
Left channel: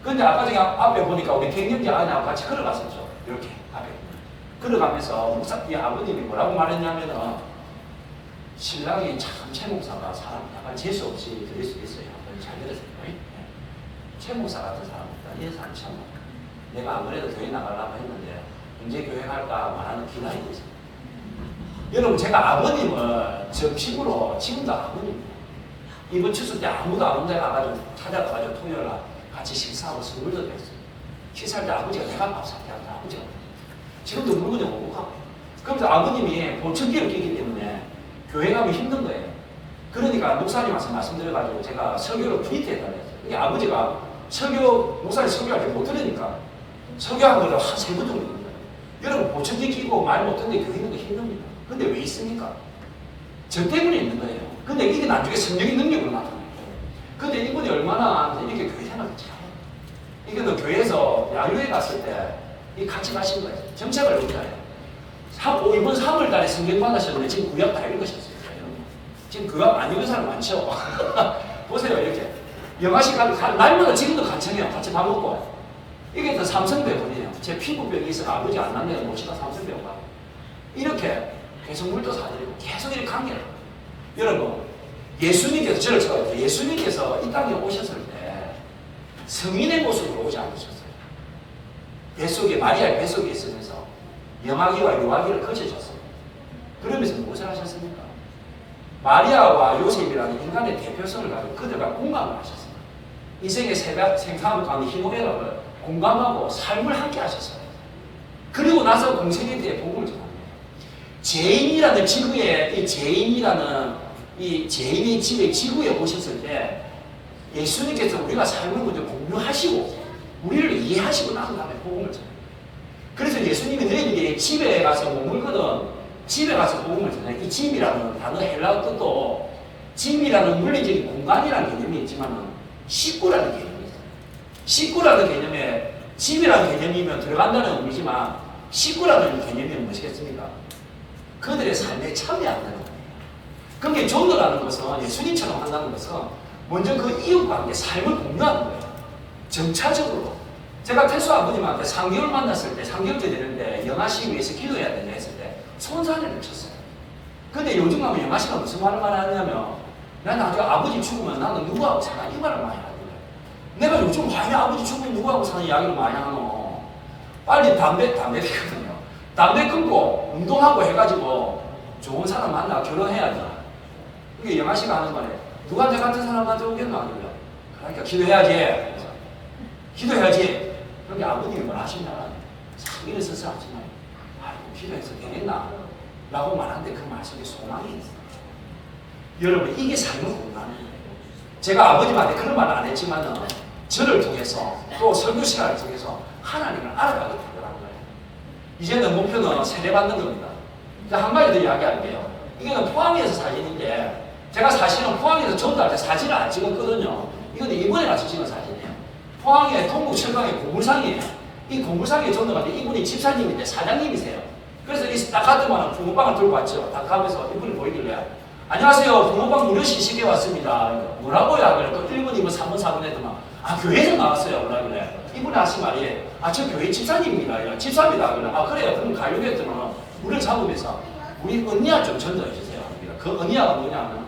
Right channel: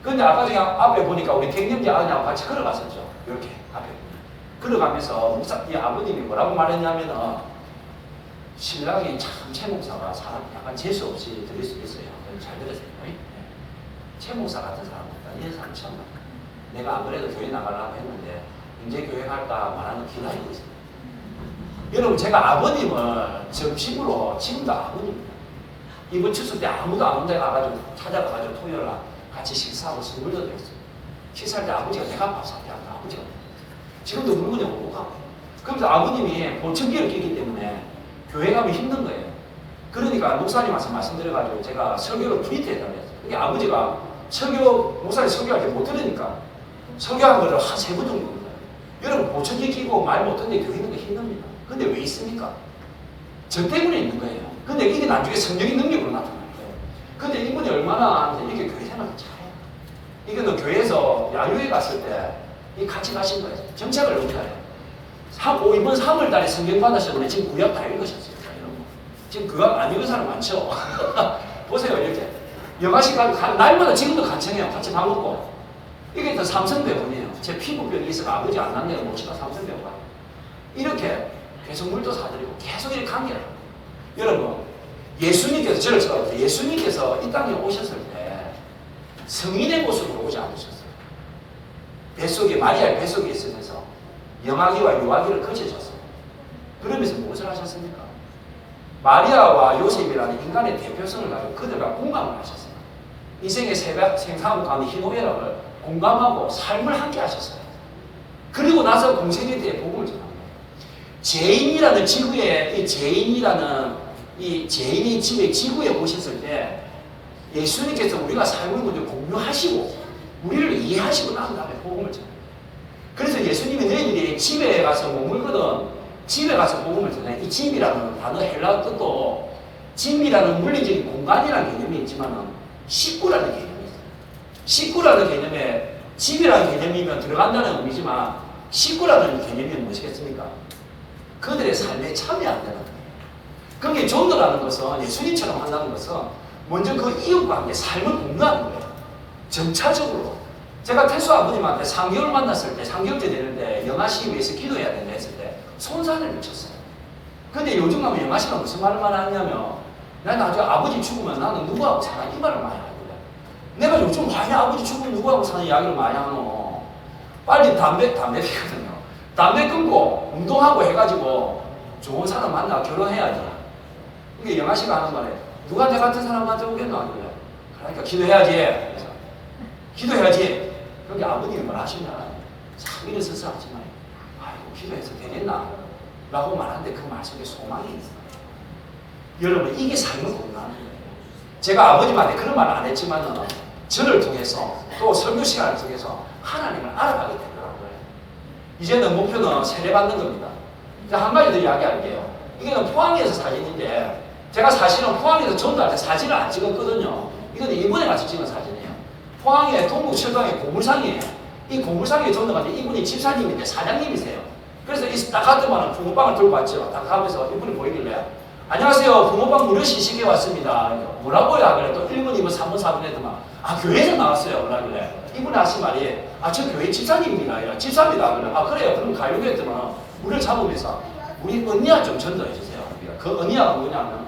근데 아까 제가 앞에 보니까 우리 갱년기 아내하고 같이 걸어갔었죠. 이렇게 앞에 걸어가면서 이 아버님이 뭐라고 말했냐면은 신랑이 참 최 목사가 사람 약간 재수 없이 들을 수 있어요. 잘 들었어요. 최 목사 같은 사람입니다. 이런 사람 처음 봤어요. 내가 안 그래도 교회 나가려고 했는데 언제 교회 갈까 말하는 기다리고 있어요. 여러분 제가 아버님을 점심으로 지금도 아버님입니다. 이번 추석 때 아무도 안 온다고 와가지고 찾아가가지고 토요일 날 같이 식사하고 선물도 드렸어요. 식사할 때 아버지가 내가 밥 사게 한다. 아버지가 지금도 물건이 오고 가고. 그러면서 아버님이 보청기를 끼기 때문에 교회 가면 힘든 거예요. 그러니까 목사님한테 말씀드려가지고 제가 설교를 프린트했다고 했어요. 이게 아버지가 목사님 설교할 때 못 들으니까 설교한 거를 한 3번 정도 입니다. 여러분 보청기 끼고 말 못하는데 교회 있는 거 힘듭니다. 근데 왜 있습니까? 저 때문에 있는 거예요. 근데 이게 나중에 성령의 능력으로 나타나는 거예요. 근데 이분이 얼마나 이렇게 교회 생활을 잘해요. 이거는 교회에서 야유회 갔을 때 같이 가신 거예요. 정착을 어떻게 해요? 이번 3월 달에 성경 받으셨는데 지금 구약 다 읽으셨어요. 지금 구약 안 읽은 사람 많죠? 보세요, 이렇게. 영아식 가면 날마다 지금도 간청해요. 같이 밥 먹고. 이게 또 삼성병원이에요. 제 피부병이 있어서 아버지 안 났네요. 모시다 삼성병원 가고. 이렇게 계속 물도 사드리고 계속 이렇게 관계를. 여러분, 예수님께서 이 땅에 오셨을 때 성인의 모습으로 오지 않으셨어요. 마리아의 뱃속에 있으면서 영아기와 요아기를 거쳐줬어요. 그러면서 무엇을 하셨습니까? 마리아와 요셉이라는 인간의 대표성을 가지고 그들과 공감을 하셨어요. 인생의 생사하고 가는 희노애락을 공감하고 삶을 함께 하셨어요. 그리고 나서 공생에 대해 복음을 전합니다. 죄인이라는 죄인의 집에 지구에 오셨을 때 예수님께서 우리가 삶을 먼저 공유하시고 우리를 이해하시고 난 다음에 복음을 전합니다. 그래서 예수님이 너희들이 집에 가서 머물거든 집에 가서 복음을 전해. 이 집이라는 단어 헬라어 뜻도 집이라는 물리적인 공간이라는 개념이 있지만 식구라는 개념이 있어요. 식구라는 개념에 집이라는 개념이면 들어간다는 의미지만 식구라는 개념이 무엇이겠습니까? 그들의 삶에 참여한다는 거예요. 그렇게 전도라는 것은 예수님처럼 한다는 것은 먼저 그 이웃과 함께 삶을 공유하는 거예요. 점차적으로. 제가 태수 아버님한테 3개월 만났을 때 3개월째 되는데 영아씨를 위해서 기도해야 된다 했을 때 손산을 쳤어요. 근데 요즘 가면 영아씨가 무슨 말을 하냐면 나 나중에 아버지 죽으면 나는 누구하고 살아? 이 말을 많이 하거든. 내가 요즘 많이 아버지 죽으면 누구하고 사는 이야기를 많이 하노. 빨리 담배 피거든요. 담배 끊고 운동하고 해가지고 좋은 사람 만나 결혼해야지. 그게 영아씨가 하는 말에 누가 내 같은 사람한테 오겠나? 그러니까 기도해야지. 기도해야지. 그런데 아버님이 뭘 하시냐? 자기는 스스로 하지만, 아이고, 기도해서 되겠나? 라고 말하는데 그 말 속에 소망이 있어요. 여러분, 이게 삶의 공간이에요. 제가 아버님한테 그런 말 안 했지만은 저를 통해서 또 설교 시간을 통해서 하나님을 알아가게 되더라고요. 이제는 목표는 세례받는 겁니다. 한 가지 더 이야기할게요. 이거는 포항에서 사진인데 제가 사실은 포항에서 전도할 때 사진을 안 찍었거든요. 이건 이번에 가서 찍은 사진이에요. 포항의 동북철강의 고물상이에요. 이 고물상에 전도할 때 이분이 집사님인데 사장님이세요. 그래서 이 딱 갔더만 붕어빵을 들고 왔죠. 딱 가면서 이분이 보이길래 안녕하세요. 붕어빵 무료 시식에 왔습니다. 뭐라고요? 하길래 또 1번, 2번, 3번, 4번 했더만 교회에서 나왔어요. 그러길래 이분이 하신 말이 저 교회 집사님입니다. 집사입니다. 그래. 그래요. 그럼 가려고 했더만 우리를 잡으면서 우리 언니야 좀 전도해 주세요. 그 언니야가 뭐냐면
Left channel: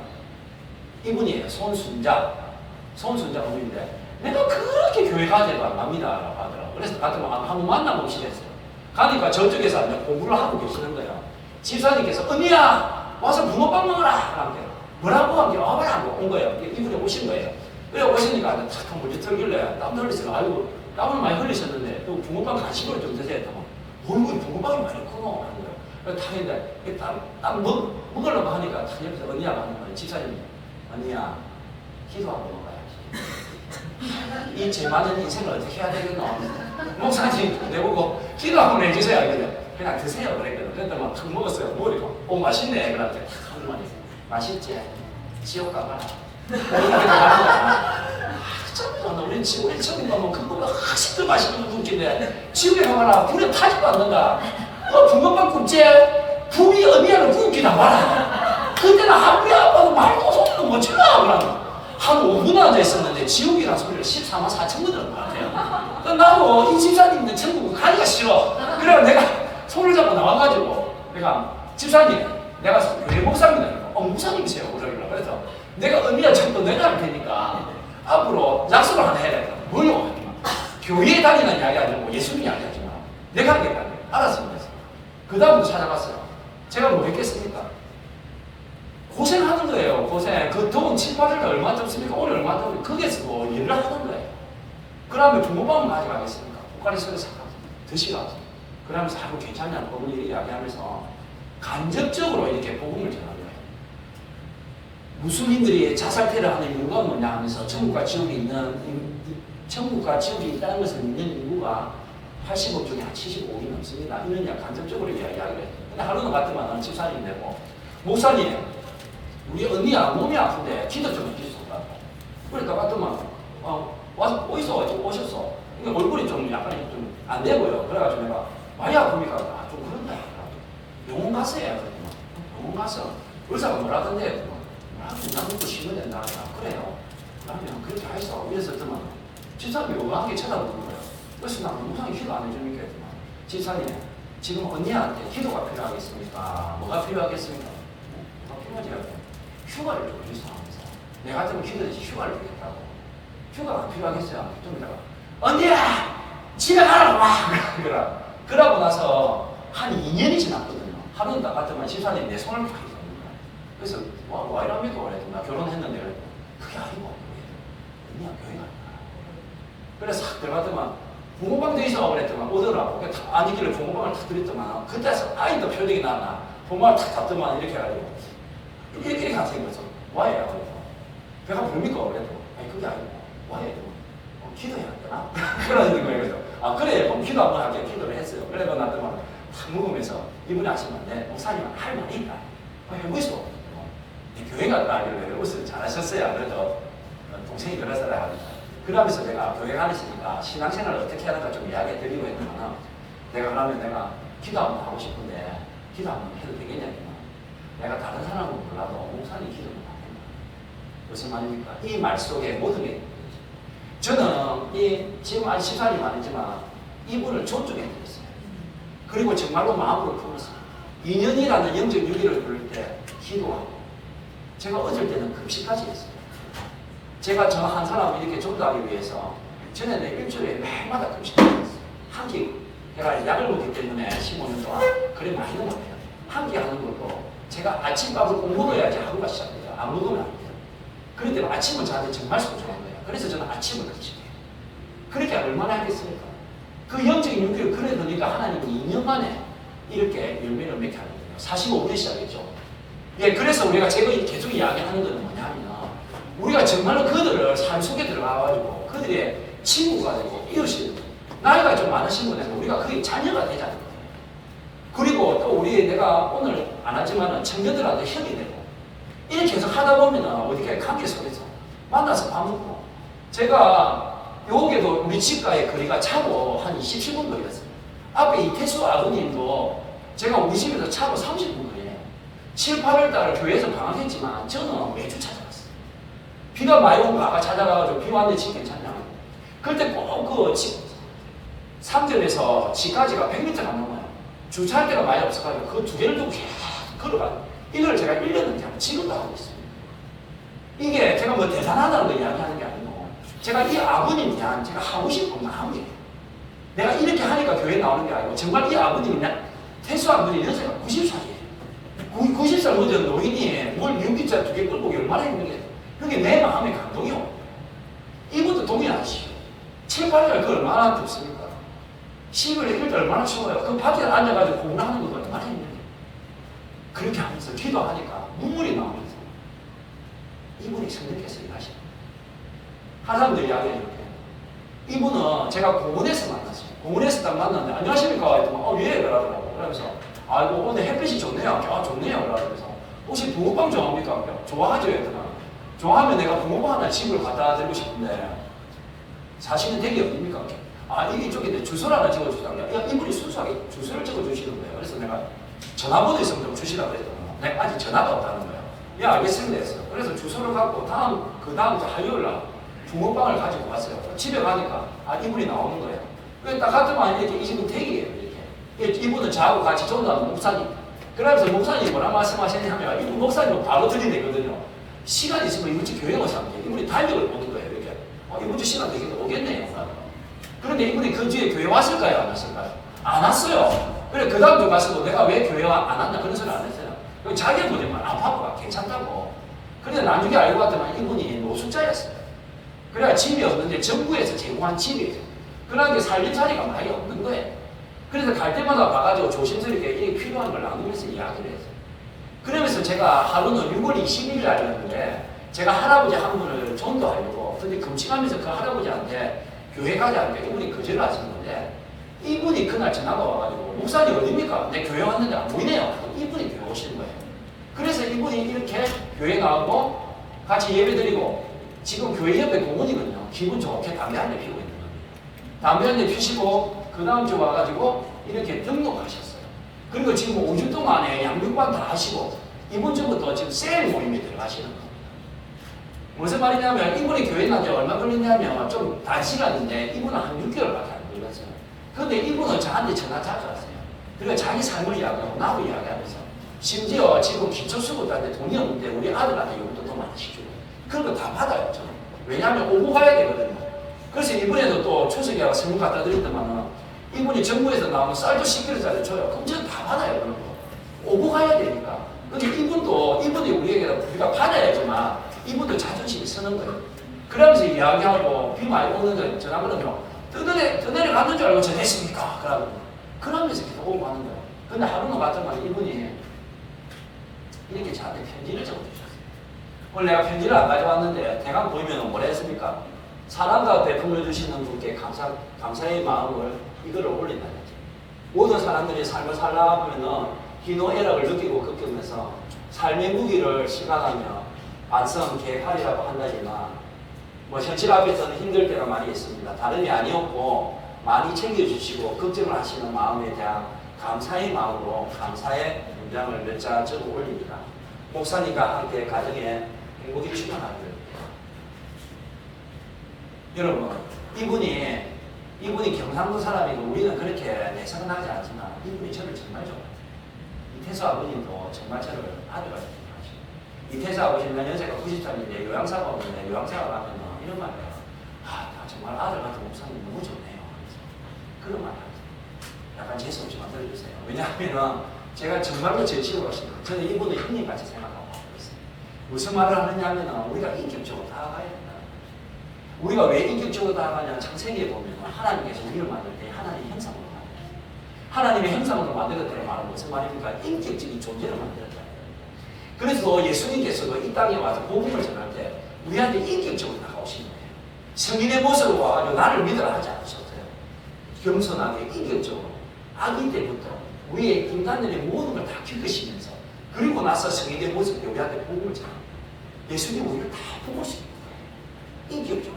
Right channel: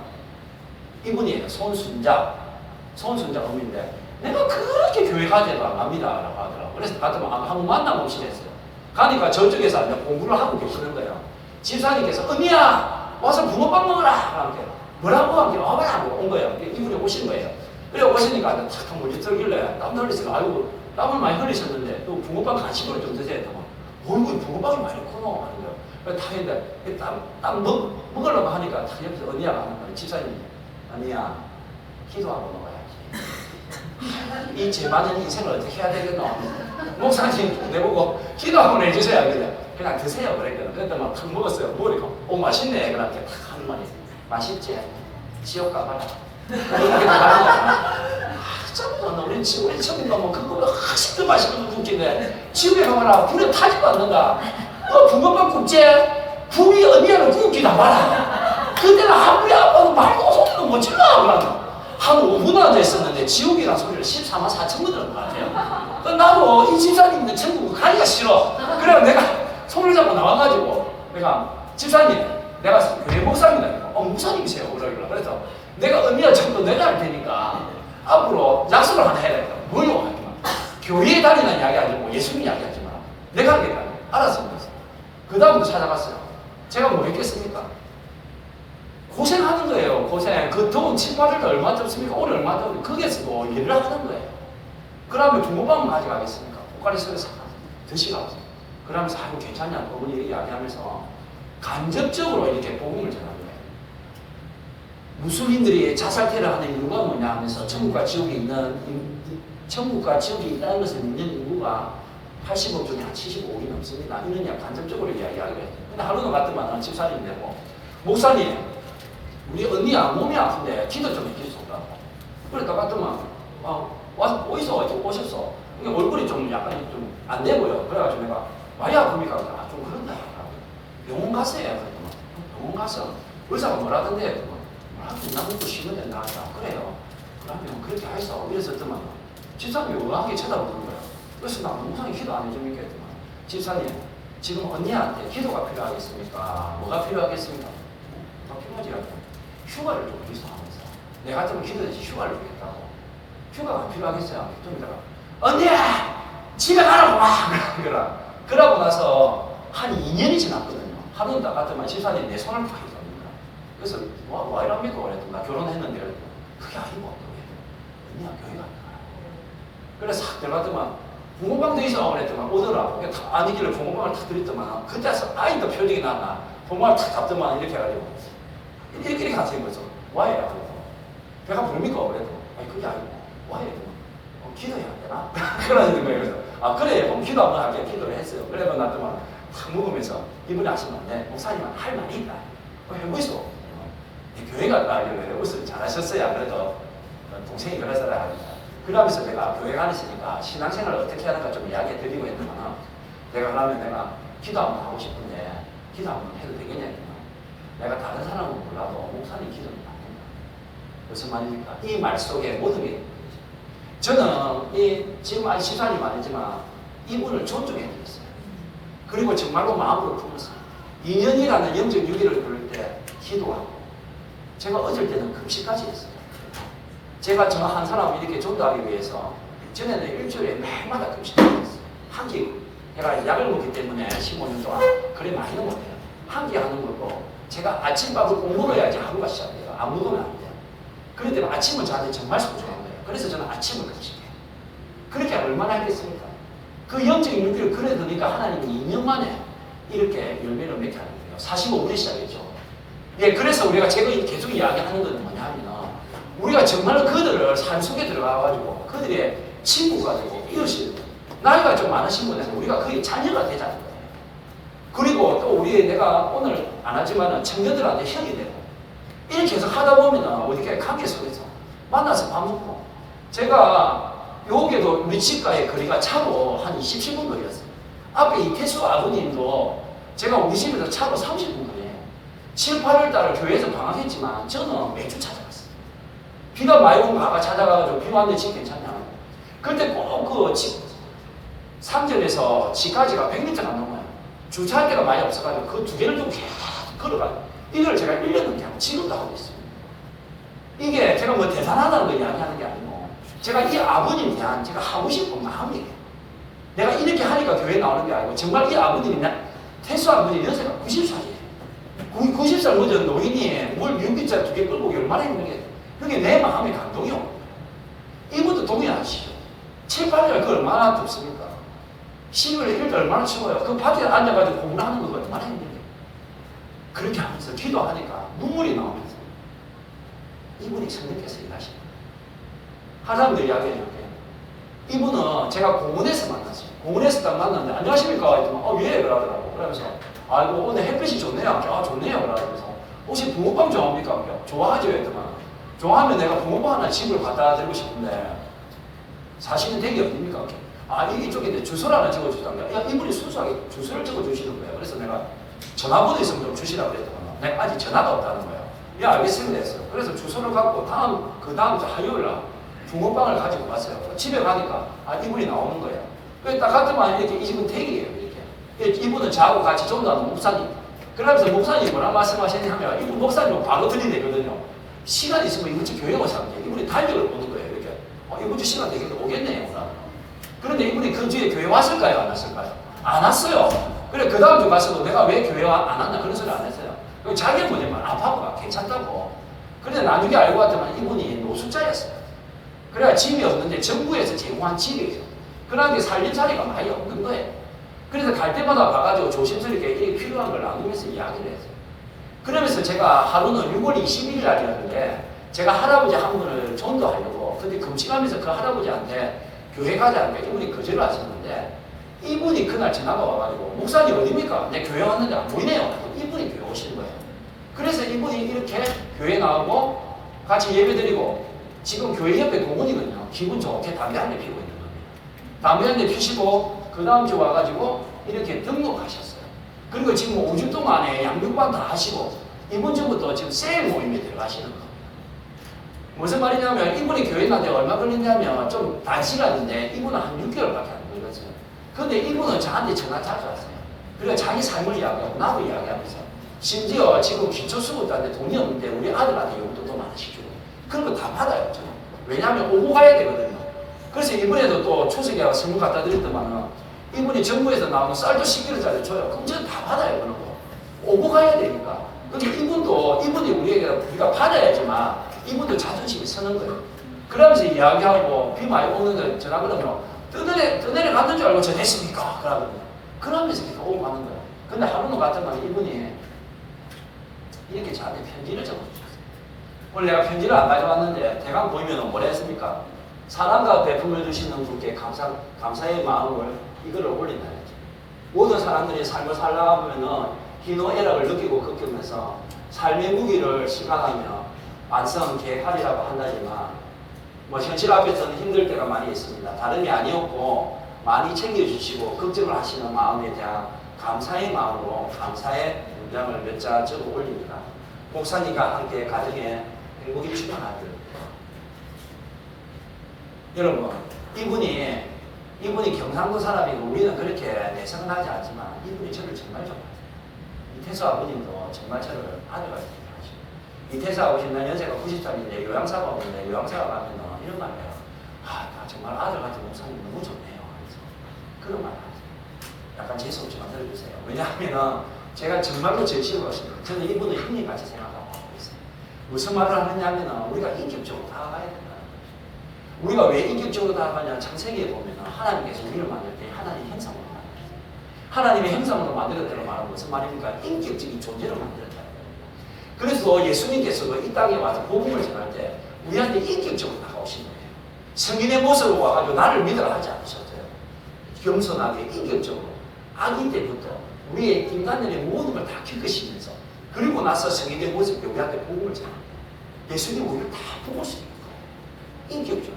이분이 손순자 어머니인데 내가 그렇게 교회 가지도 안 갑니다. 라고 하더라고요. 그래서 갔더니 한번 만나보고 싶었어요. 가니까 저쪽에서 공부를 하고 계시는 거예요. 집사님께서 언니야 와서 붕어빵 먹어라. 하는데 뭐라고 하는 게 와봐라고 온 거예요. 이분이 오신 거예요. 그래 오시니까 탁 멀리 들길래 땀 흘리세요. 아이고 땀을 많이 흘리셨는데 또 붕어빵 간식으로 좀 드세요. 얼굴 붕어빵이 많이 크노. 다 했는데 땀 먹으려고 하니까 다 옆에서 언니가 하는 거예요. 집사님 언니야 기도하고 먹어야지. 이 제 많은 인생을 어떻게 해야 되겠노? 목사님 내보고 기도 한번 해주세요. 그냥 드세요. 그랬거든. 그때 막 탁 먹었어요. 먹으니까 맛있네. 그런데 탁 하는 말이 맛있지? 지옥 가봐라. 참 우리 지옥에 처음 가면 그거보다 훨씬 맛있는 국기인데 지옥에 가봐라. 불에 타지도 않는다. 붕어빵 국제 불이 언니하는 국기 나와라. 그때는 아무리 아빠도 말도 소리도 못 질러. 한 5분이나 됐었는데 지옥이라는 소리를 14만 4천 번 들은 것 같아요. 나도 이 집사님인데 천국 가기가 싫어. 그래서 내가 손을 잡고 나와가지고 내가 집사님 내가 교회 목사입니다. 목사님이세요. 그래서 내가 언니가 전부 내가 할 테니까 앞으로 약속을 하나 해야겠다. 뭐요? 교회에 다니는 이야기 아니고 예수님 이야기 하지 마. 내가 하겠다. 알았습니다. 그 다음부터 찾아갔어요. 제가 뭐 했겠습니까? 고생하는 거예요. 고생. 그 더운 7, 8일도 얼마 덥습니까? 오늘 얼마 덥습니까? 거기에서 뭐 일을 하는 거예요. 그 다음에 붕어빵을 가져가겠습니까? 고가리서를 사 드시라고. 그러면서 아이고 괜찮냐 그분이 이야기하면서 간접적으로 이렇게 복음을 전하는 거예요. 무슬림들이 자살태를 하는 이유가 뭐냐 하면서 천국과 지옥이 있다는 것을 믿는 인구가 80억 중에 한 75억이 넘습니다. 이런 간접적으로 이야기하기로 했어요. 근데 하루는 갔더만 집사님 되고 목사님 우리 언니야 몸이 아픈데 기도 좀 해주실까? 그래 나갔더만 어디서 오셨어? 그러니까 얼굴이 좀 약간 좀 안 돼 보여. 그래가지고 내가 많이 아픕니까? 좀 그런다. 병원 가서 해야 돼. 병원 가서 의사가 뭐라던데? 약 먹고 쉬면 된다. 그래요. 그러면 그렇게 해서 이랬었더만 집사님이 의아하게 쳐다보는 거야. 그래서 나 목사님 기도 안 해줍니까? 집사님 지금 언니한테 기도가 필요하겠습니까? 뭐가 필요하겠습니까? 필요하지 않아요. 휴가를 좀 어디서 하면서 내가 같으면 기도해서 휴가를 주겠다고. 휴가가 안 필요하겠어요. 좀 이따가 언니야 집에 가라고 와. 그러고 나서 한 2년이 지났거든요. 하루는 나 같으면 집사님 내 손을 다 잡는 거야. 그래서 와 이랍니까? 그랬더니 나 결혼했는데 그게 아니고 언니야 교회 간다. 그래서 싹 들어가더만 붕어빵 드시라고 그랬더만 오더라. 아니길래 붕어빵을 탁 드렸더만 그때서 아이도 표정이 나나 붕어빵을 탁 잡더만 이렇게 해가지고 이렇게 가서 이거죠. 와야 하고 배가 부릅니까? 그래도 아니 그게 아니고 와야 기도해야 되나? 그러는 거예요. 그래서 그래 그럼 기도 한번 할게. 기도를 했어요. 그래서 나더만 탁 먹으면서 이분이 하시는데 목사님은 할 말이 있다. 해보이소. 교회 갔다 하길래 웃음 잘하셨어요. 안 그래도 동생이 그래서라 하니까 그러면서 내가 교회 가시니까 신앙생활을 어떻게 하는가 좀 이야기 드리고 했더만 내가 그러면 내가 기도 한번 하고 싶은데 기도 한번 해도 되겠냐 했더만 내가 다른 사람은 몰라도 목사님 기도는 안 된다. 무슨 말입니까? 이 말 속에 모든 게 저는 지금 아직 집사님 아니지만 이분을 존중해 드렸어요. 그리고 정말로 마음으로 품었어요. 2년이라는 영적 유기를 부를 때 기도하고 제가 어쩔 때는 금식까지 했어요. 제가 저 한 사람 이렇게 존도하기 위해서 전에는 일주일에 매일마다 금식을 했어요. 한 끼, 제가 약을 먹기 때문에 15년 동안 그래 많이 먹어요. 한 끼 하는 걸고 제가 아침밥을 꼭 먹어야지 하루가 시작돼요. 안 먹으면 안 돼요. 그런데 아침은 저한테 정말 소중한 거예요. 그래서 저는 아침을 금식해요. 그렇게 얼마나 했겠습니까? 그 영적인 윤기를 그려두니까 하나님은 2년 만에 이렇게 열매를 맺게 하는 거예요. 45분에 시작했죠. 예, 그래서 우리가 제가 계속 이야기하는 건 뭐냐면 우리가 정말로 그들을 삶 속에 들어가가지고 그들의 친구가 되고 이웃이 되고 나이가 좀 많으신 분들은 우리가 그게 자녀가 되자는 거예요. 그리고 또 우리 내가 오늘 안 하지만 청년들한테 형이 되고 이렇게 해서 하다 보면 어디까지 관계 속에서 만나서 밥 먹고 제가 여기도 우리 집과의 거리가 차로 한 27분 거리였어요. 앞에 이태수 아버님도 제가 우리 집에서 차로 30분 거리에요. 7, 8월 달에 교회에서 방학했지만 저는 매주 찾아갔어요. 비가 많이 오면 가가 찾아가가지고 비 왔는데 집 괜찮냐. 그때 꼭 그 집 상점에서 집까지가 100m가 넘어요. 주차할 데가 많이 없어가지고 그 두 개를 좀 계속 걸어가요. 이걸 제가 1년 넘게 하고 지금도 하고 있어요. 이게 제가 뭐 대단하다는 걸 이야기하는 게 아니고 제가 이 아버님에 대한 제가 하고 싶은 마음이에요. 내가 이렇게 하니까 교회에 나오는 게 아니고 정말 이 아버님이 태수 아버님 연세가 90살이에요. 90살 넘은 노인이 물 윤기자 2개 끌고 얼마나 힘들게 그게 내 마음의 감동이요. 이분도 동의하시죠. 7, 8년 그 얼마나 덥습니까? 10월 1일 얼마나 추워요. 그 밭에 앉아가지고 공부하는 거 얼마나 힘들어요. 그렇게 하면서 기도하니까 눈물이 나오면서 이분이 성령께서 일하십니다. 하자분들 이야기해요. 이분은 제가 공원에서 만났어요. 공원에서 딱 만났는데 안녕하십니까? 했더니 예 그러더라고. 그러면서 아이고 오늘 햇빛이 좋네요. 좋네요. 그러면서 혹시 붕어빵 좋아합니까? 좋아하죠. 했더만 좋아하면 내가 붕어빵 하나 집을 갖다 드리고 싶은데 사실은 댁이 어딥니까? 이쪽에 주소를 하나 적어주시다는 거야. 이분이 순수하게 주소를 적어주시는 거예요. 그래서 내가 전화번호 있으면 좀 주시라고 그랬더니 내가 아직 전화가 없다는 거야. 야 알겠습니다 했어. 그래서 주소를 갖고 그 다음 주 화요일 날 붕어빵을 가지고 왔어요. 집에 가니까 이분이 나오는 거예요. 그래서 딱 갔더만 이렇게 이 집은 댁이에요. 이렇게. 이분은 저하고 같이 전도하는 목사님. 그러면서 목사님이 뭐라 말씀하셨냐면 이분 목사님은 바로 들이대거든요. 시간 있으면 이분 집 교회 오셔야 돼. 이분이 달력을 보는 거예요. 이렇게. 이분 집 시간 되겠다. 오겠네요. 그런데 이분이 그 주에 교회 왔을까요? 안 왔을까요? 안 왔어요. 그래 그 다음 주 가서도 내가 왜 교회 안 왔나 그런 소리 안 했어요. 자기 보지만 아파가 괜찮다고. 그런데 나중에 알고 봤더니 이분이 노숙자였어요. 그래야 집이 없는데 정부에서 제공한 집이에요. 그러니까 살림살이가 많이 없는 거예요. 그래서 갈 때마다 가가지고 조심스럽게 이게 필요한 걸 나누면서 이야기를 했어요. 그러면서 제가 하루는 6월 20일 날이었는데 제가 할아버지 한 분을 전도하려고 근데 금식하면서 그 할아버지한테 교회 가자는데 이분이 거절을 하셨는데 이분이 그날 전화가 와가지고 목사님 어딥니까? 내 교회 왔는데 안 보이네요. 이분이 교회 오신 거예요. 그래서 이분이 이렇게 교회 나오고 같이 예배드리고 지금 교회 옆에 공원이거든요. 기분 좋게 담배 한 대 피우고 있는 겁니다. 담배 한 대 피시고 그 다음 주 와가지고 이렇게 등록하셨어요. 그리고 지금 5주 동안에 양육반 다 하시고 이번 주부터 지금 셀 모임에 들어가시는 거예요. 무슨 말이냐면 이분이 교회 나한테 얼마 걸리냐면 좀 단시간인데 이분은 한 6개월밖에 안 걸렸어요. 근데 이분은 저한테 전화 자주 왔어요. 그러니까 자기 삶을 이야기하고 나도 이야기하면서 심지어 지금 기초수급자한테 돈이 없는데 우리 아들한테 용돈도 많으시죠. 그런 거 다 받아요. 저는. 왜냐하면 오고 가야 되거든요. 그래서 이번에도 또 추석에 선물 갖다 드렸더만은 이분이 정부에서 나오는 쌀도 10kg짜리 줘요. 그럼 저는 다 받아요. 그런 거. 오고 가야 되니까. 근데 이분이 우리가 받아야지만 이분도 자존심이 서는 거예요. 그러면서 이야기하고 비 많이 오는 거 전화 그러면 떠내려 갔는 줄 알고 저 됐습니까? 그러면서 계속 오고 가는 거예요. 근데 하루는 같으면 이분이 이렇게 저한테 편지를 적어주셨어요. 오늘 내가 편지를 안 가져왔는데 대강 보이면 뭐라 했습니까? 사랑과 베풀어 주시는 분께 감사의 마음을 이걸 올린다는 거죠. 모든 사람들이 삶을 살아가면은 희노애락을 느끼고 겪으면서 삶의 무기를 시간하며 완성 계획하리라고 한다지만 현실 앞에서는 힘들 때가 많이 있습니다. 다름이 아니었고 많이 챙겨주시고 걱정을 하시는 마음에 대한 감사의 마음으로 감사의 문장을 몇 자 적어 올립니다. 목사님과 함께 가정에 행복이 충만하길. 여러분 이분이 경상도 사람이고 우리는 그렇게 내성은 하지 않지만 이분이 저를 정말 좋아해요. 이태수 아버님도 정말 저를 아들과 이태수 아버지는 연세가 90살인데 요양사가 오는데 요양사가 가면 이런 말 해요. 나 정말 아들 같은 목사님 너무 좋네요. 그런 말 하세요. 약간 재수 없지만 들어주세요. 왜냐하면 제가 정말로 진심으로 하십니다. 저는 이분을 형님같이 생각하고 있어요. 무슨 말을 하느냐 하면 우리가 인격적으로 다가가야 된다. 우리가 왜 인격적으로 다가가냐 창세기에 보면 하나님께서 우리를 만들 때 하나님 형상으로 만들어요. 하나님의 형상으로 만들었다고 말하는 무슨 말입니까? 인격적인 존재를 만들었다. 그래서 예수님께서도 이 땅에 와서 복음을 전할 때 우리한테 인격적으로 다가오신 거예요. 성인의 모습으로 와가지고 나를 믿으라 하지 않으셨어요. 겸손하게 인격적으로 아기 때부터 우리의 인간들의 모든 걸 다 겪으시면서 그리고 나서 성인의 모습으로 우리한테 복음을 전합니다. 예수님 우리를 다 보고 있습니다. 인격적이다.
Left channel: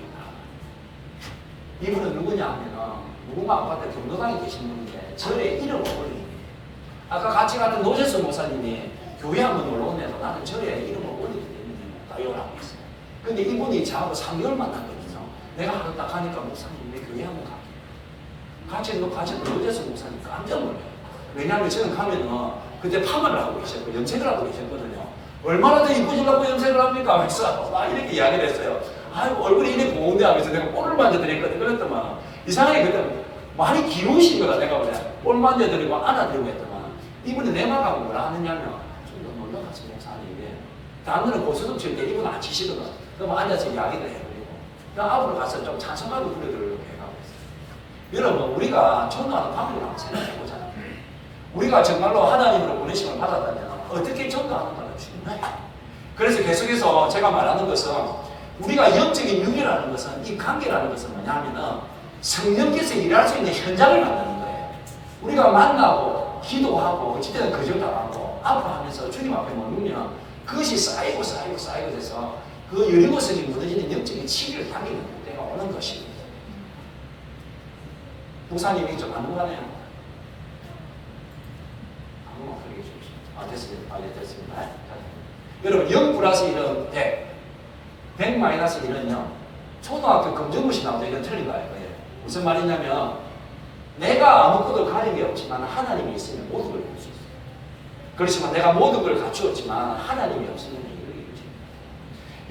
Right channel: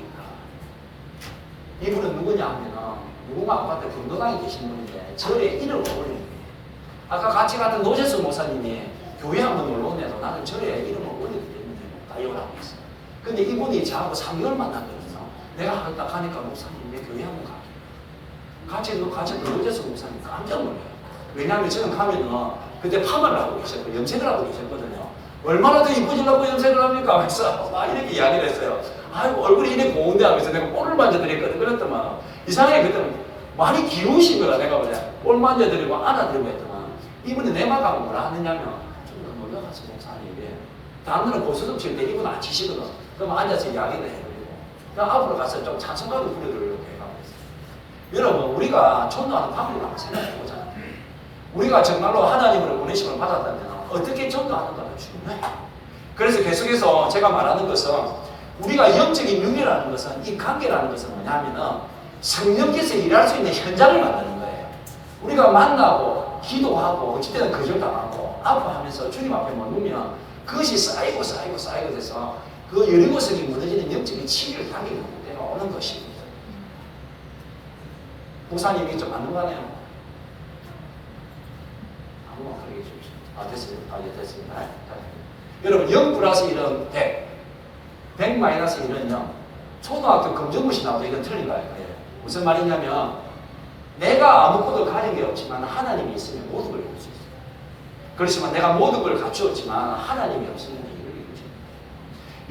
이분은 누구냐 하면 누군가 아까 경로당에 계신 분인데 절에 이름을 올리는 거예요. 아까 같이 갔던 노재수 목사님이 교회 한번 놀러 오면서 나는 절에 이름을 올리기 때문에 따역을 하고 있어요. 근데 이분이 저하고 3개월 만났거든요. 내가 딱 하니까 목사님 내 교회 한번 같이 노재수 목사님 깜짝 놀라요. 왜냐하면 저는 가면은 그때 파마를 하고 계셨고 염색을 하고 계셨거든요. 얼마나 더 이쁘시려고 염색을 합니까? 하면서 막 이렇게 이야기를 했어요. 아유 얼굴이 이래 고운데 하면서 내가 볼을 만져드렸거든. 그랬더만 이상하게 그때는 많이 귀여우신 거야. 내가 뭐냐 볼 만져드리고 안아드리고 했더만 이분이 내 말하고 뭐라 하느냐면 좀 놀라갔어 목사님이 다음날은 고수좀 칠 때 이분 안 치시거든. 그럼 앉아서 이야기를 해드리고 그럼 앞으로 가서 좀 찬송가를 부르도록 해가고 있어요. 여러분 우리가 전도하는 방법을 한번 생각해보잖아요. 우리가 정말로 하나님으로 보내심을 받았다면 어떻게 전도하는가가 중요해요. 그래서 계속해서 제가 말하는 것은 우리가 영적인 윤회라는 것은 이 관계라는 것은 뭐냐면은 성령께서 일할 수 있는 현장을 만드는 거예요. 우리가 만나고 기도하고 어찌되든 거절당하고 아파하면서 주님 앞에 머무면 그것이 쌓이고 돼서 그 여리고성이 무너지는 영적인 치유를 당기는 때가 오는 것입니다. 목사님이 좀 안 넘어가네요. 됐습니다. 됐습니다. 여러분 0 플러스 1은 100 마이너스 1은 0 초등학교 검정고시 나와도 이건 틀린 거예요. 무슨 말이냐면 내가 아무것도 가진 게 없지만 하나님이 있으면 모든 걸 이룰 수 있어요. 그렇지만 내가 모든 걸 갖추었지만 하나님이 없으면 이룰 수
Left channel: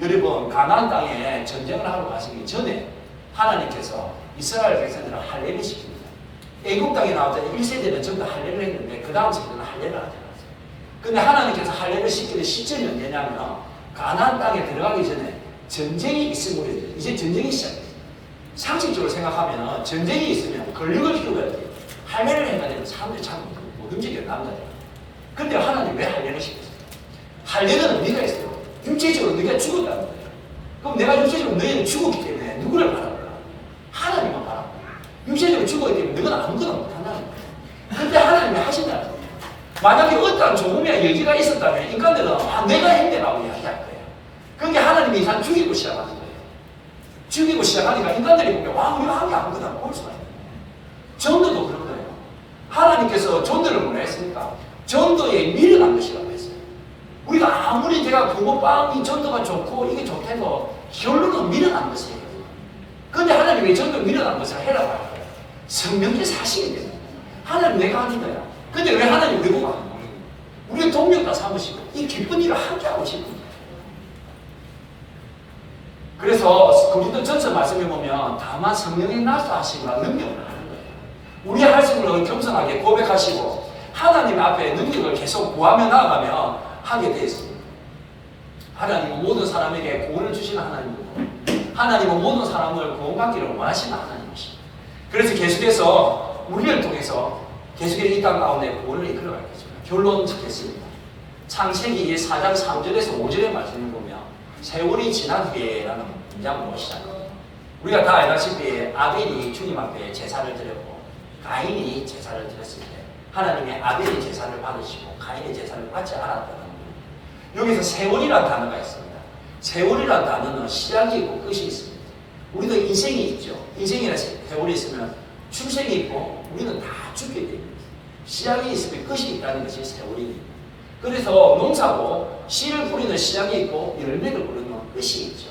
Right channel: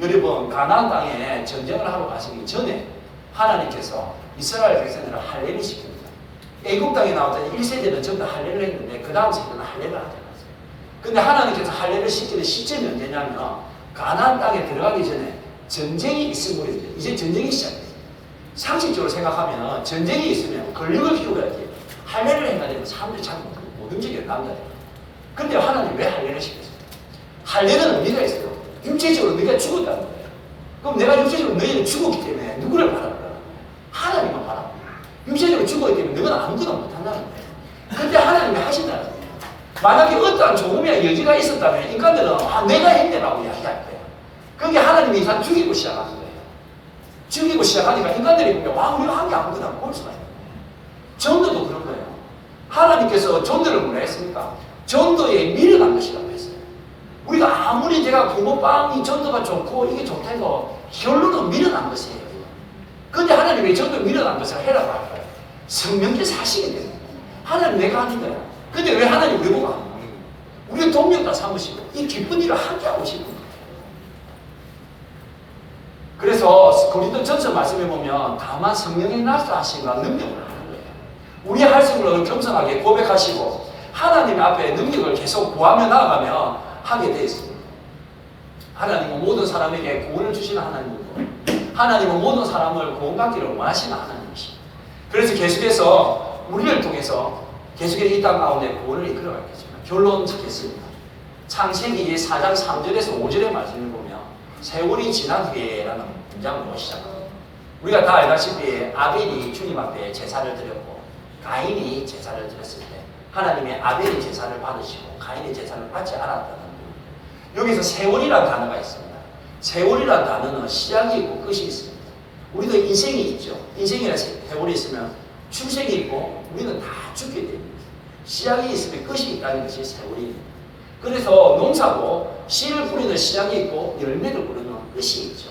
있어요. 여러분 가나안 땅에 전쟁을 하러 가시기 전에 하나님께서 이스라엘 백성들을 할례를 시킵니다. 애국 땅에 나왔던 1세대는 전부 다 할례를 했는데 그 다음 세대는 할례를 하지 않았어요. 근데 하나님께서 할례를 시키는 시점이 언제냐면 가나안 땅에 들어가기 전에 전쟁이 있음으로 이제 전쟁이 시작돼요. 상식적으로 생각하면 전쟁이 있으면 권력을 키워야지 할례를 해야 되는 사람들이 잘 못 움직여요. 남자들. 근데 하나님 왜 할례를 시켰어요? 할례는 의미가 있어요. 육체적으로 네가 죽었다는 거예요. 그럼 내가 육체적으로 너희는 죽었기 때문에 누구를 바랄까? 하나님만 바라고. 육체적으로 죽었기 때문에 너는 아무거나 못한다는 거예요. 근데 하나님이 하신다는 거예요. 만약에 어떠한 조금의 여지가 있었다면 인간들은 내가 했네라고 이야기할 거예요. 그게 하나님이 인간 죽이고 시작하는 거예요. 죽이고 시작하니까 인간들이 보면 와 우리가 한 게 아무거나 볼 수가 있어요. 전도도 그런 거예요. 하나님께서 전도를 뭐라 했습니까? 전도에 미련한 것이라고 했어요. 우리가 아무리 제가 붕어빵이 전도가 좋고 이게 좋다해도 결론은 미련한 것이에요. 그런데 하나님이 전도에 미련한 것을 해라고 할 거예요. 성령께 사시게 됩니다. 하나님 내가 하는 거야. 근데 왜 하나님 왜 보고 하는 거예요? 우리 동력 다 삼으시고 이 기쁜 일을 함께 하고 싶은 거예요. 그래서 고린도전서 말씀에 보면 다만 성령의 나타나심과 능력을 하는 거예요. 우리 할 수 있는 걸 겸손하게 고백하시고 하나님 앞에 능력을 계속 구하며 나아가면 하게 되어 있습니다. 하나님은 모든 사람에게 구원을 주시는 하나님이고 하나님은 모든 사람을 구원받기를 원하시는 하나님이십니다. 그래서 계속해서 우리를 통해서 계속해서 이 땅 가운데 구원을 이끌어가겠습니다. 결론 짓겠습니다. 창세기 4장 3절에서 5절의 말씀을 보면 세월이 지난 후에라는 문장으로 시작합니다. 우리가 다 알다시피 아벨이 주님 앞에 제사를 드렸고 가인이 제사를 드렸을 때 하나님의 아벨이 제사를 받으시고 가인이 제사를 받지 않았다는 것. 여기서 세월이라는 단어가 있습니다. 세월이라는 단어는 시작이 있고 끝이 있습니다. 우리도 인생이 있죠. 인생이라는 세월이 있으면 출생이 있고 우리는 다 죽게 됩니다. 시작이 있으면 끝이 있다는 것이 세월입니다. 그래서 농사도 씨를 뿌리는 시작이 있고 열매를 뿌리는 끝이 있죠.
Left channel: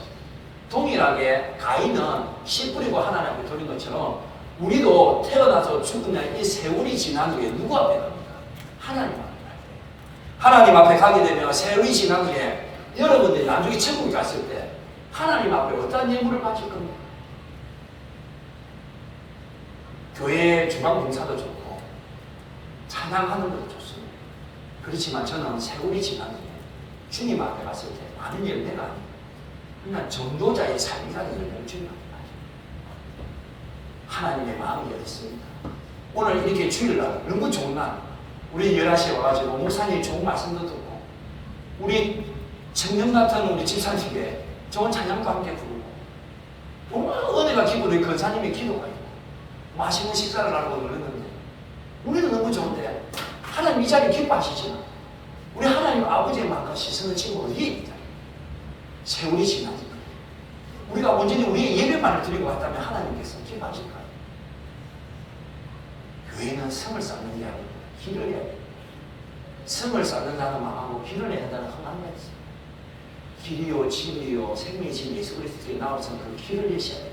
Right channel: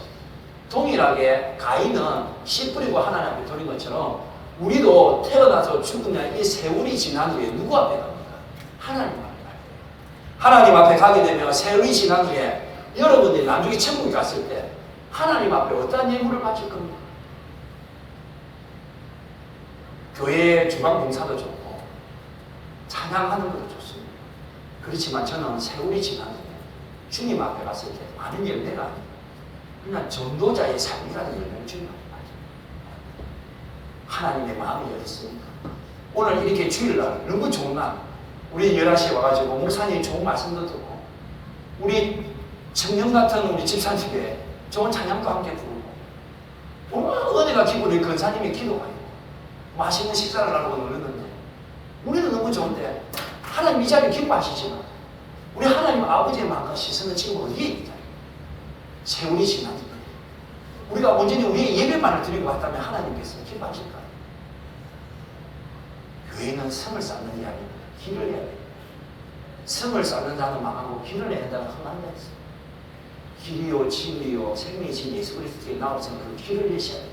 동일하게 가인은 씨 뿌리고 하나님 앞에 돌린 것처럼 우리도 태어나서 죽는 이 세월이 지난 후에 누구 앞에 갑니까? 하나님 앞에. 하나님 앞에 가게 되면 세월이 지난 후에 여러분들이 나중에 천국에 갔을 때 하나님 앞에 어떤 예물을 바칠 겁니까? 교회 주방 봉사도 좋고 찬양하는 것도 좋습니다. 그렇지만 저는 세월이 지난 후에 주님 앞에 갔을 때 많은 열매가 아닙니다. 그냥 전도자의 삶이라는 열매를 주님 앞에 가죠. 하나님의 마음이 어디 있습니까? 오늘 이렇게 주일날 너무 좋은 날 우리 11시에 와가지고 목사님이 좋은 말씀도 듣고 우리 청년 같은 우리 집사님께 좋은 찬양도 함께 부르고 얼마나 은혜가 기분이 근사님의 기도가 있고 맛있는 식사를 하려고 그러는데 우리도 너무 좋은데 하나님 이 자리에 기뻐하시지만 우리 하나님 아버지의 마음과 시선을 친구가 어디에 있다. 세월이 지나니까 우리가 온전히 우리의 예배만을 드리고 왔다면 하나님께서 기뻐하실까요? 교회는 성을 쌓는 게 아닙니다. 길을 내야 돼요. 성을 쌓는다는 말하고 길을 내야 된다는 큰 말이 있어요. 길이요 진리요 생명이신 예수 그리스도의 나와서 그 길을 내셔야 돼요.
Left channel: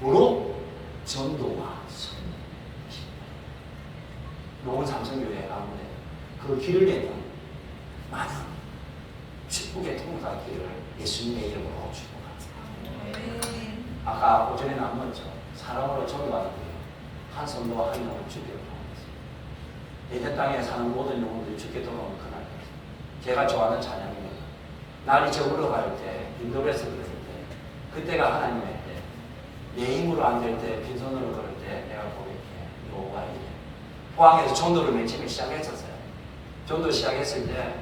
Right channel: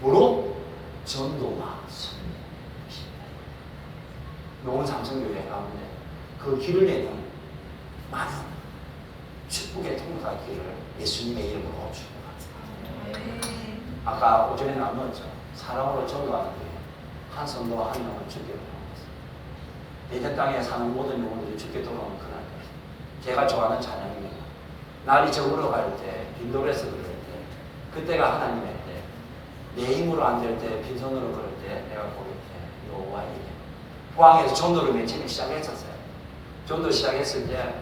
뭐로? 전도와 선교. 노원 삼성교회 가운데 그 길을 내는 많은 축복의 통과기를 예수님의 이름으로 축복합니다. 아까 오전에 나왔죠. 사람으로 전도하는데 한 성도와 한 영혼 죽게 돌아옵니다. 예전 땅에 사는 모든 영혼들이 죽게 돌아오는 그날 제가 좋아하는 찬양입니다. 날이 저물어 갈 때, 빈돌에서 그럴 때, 그때가 하나님의 때, 내 힘으로 안 될 때, 빈손으로 그럴 때, 내가 고백해, 여호와의 이름. 포항에서 전도를 맨 처음에 시작했었어요. 전도 시작했을 때,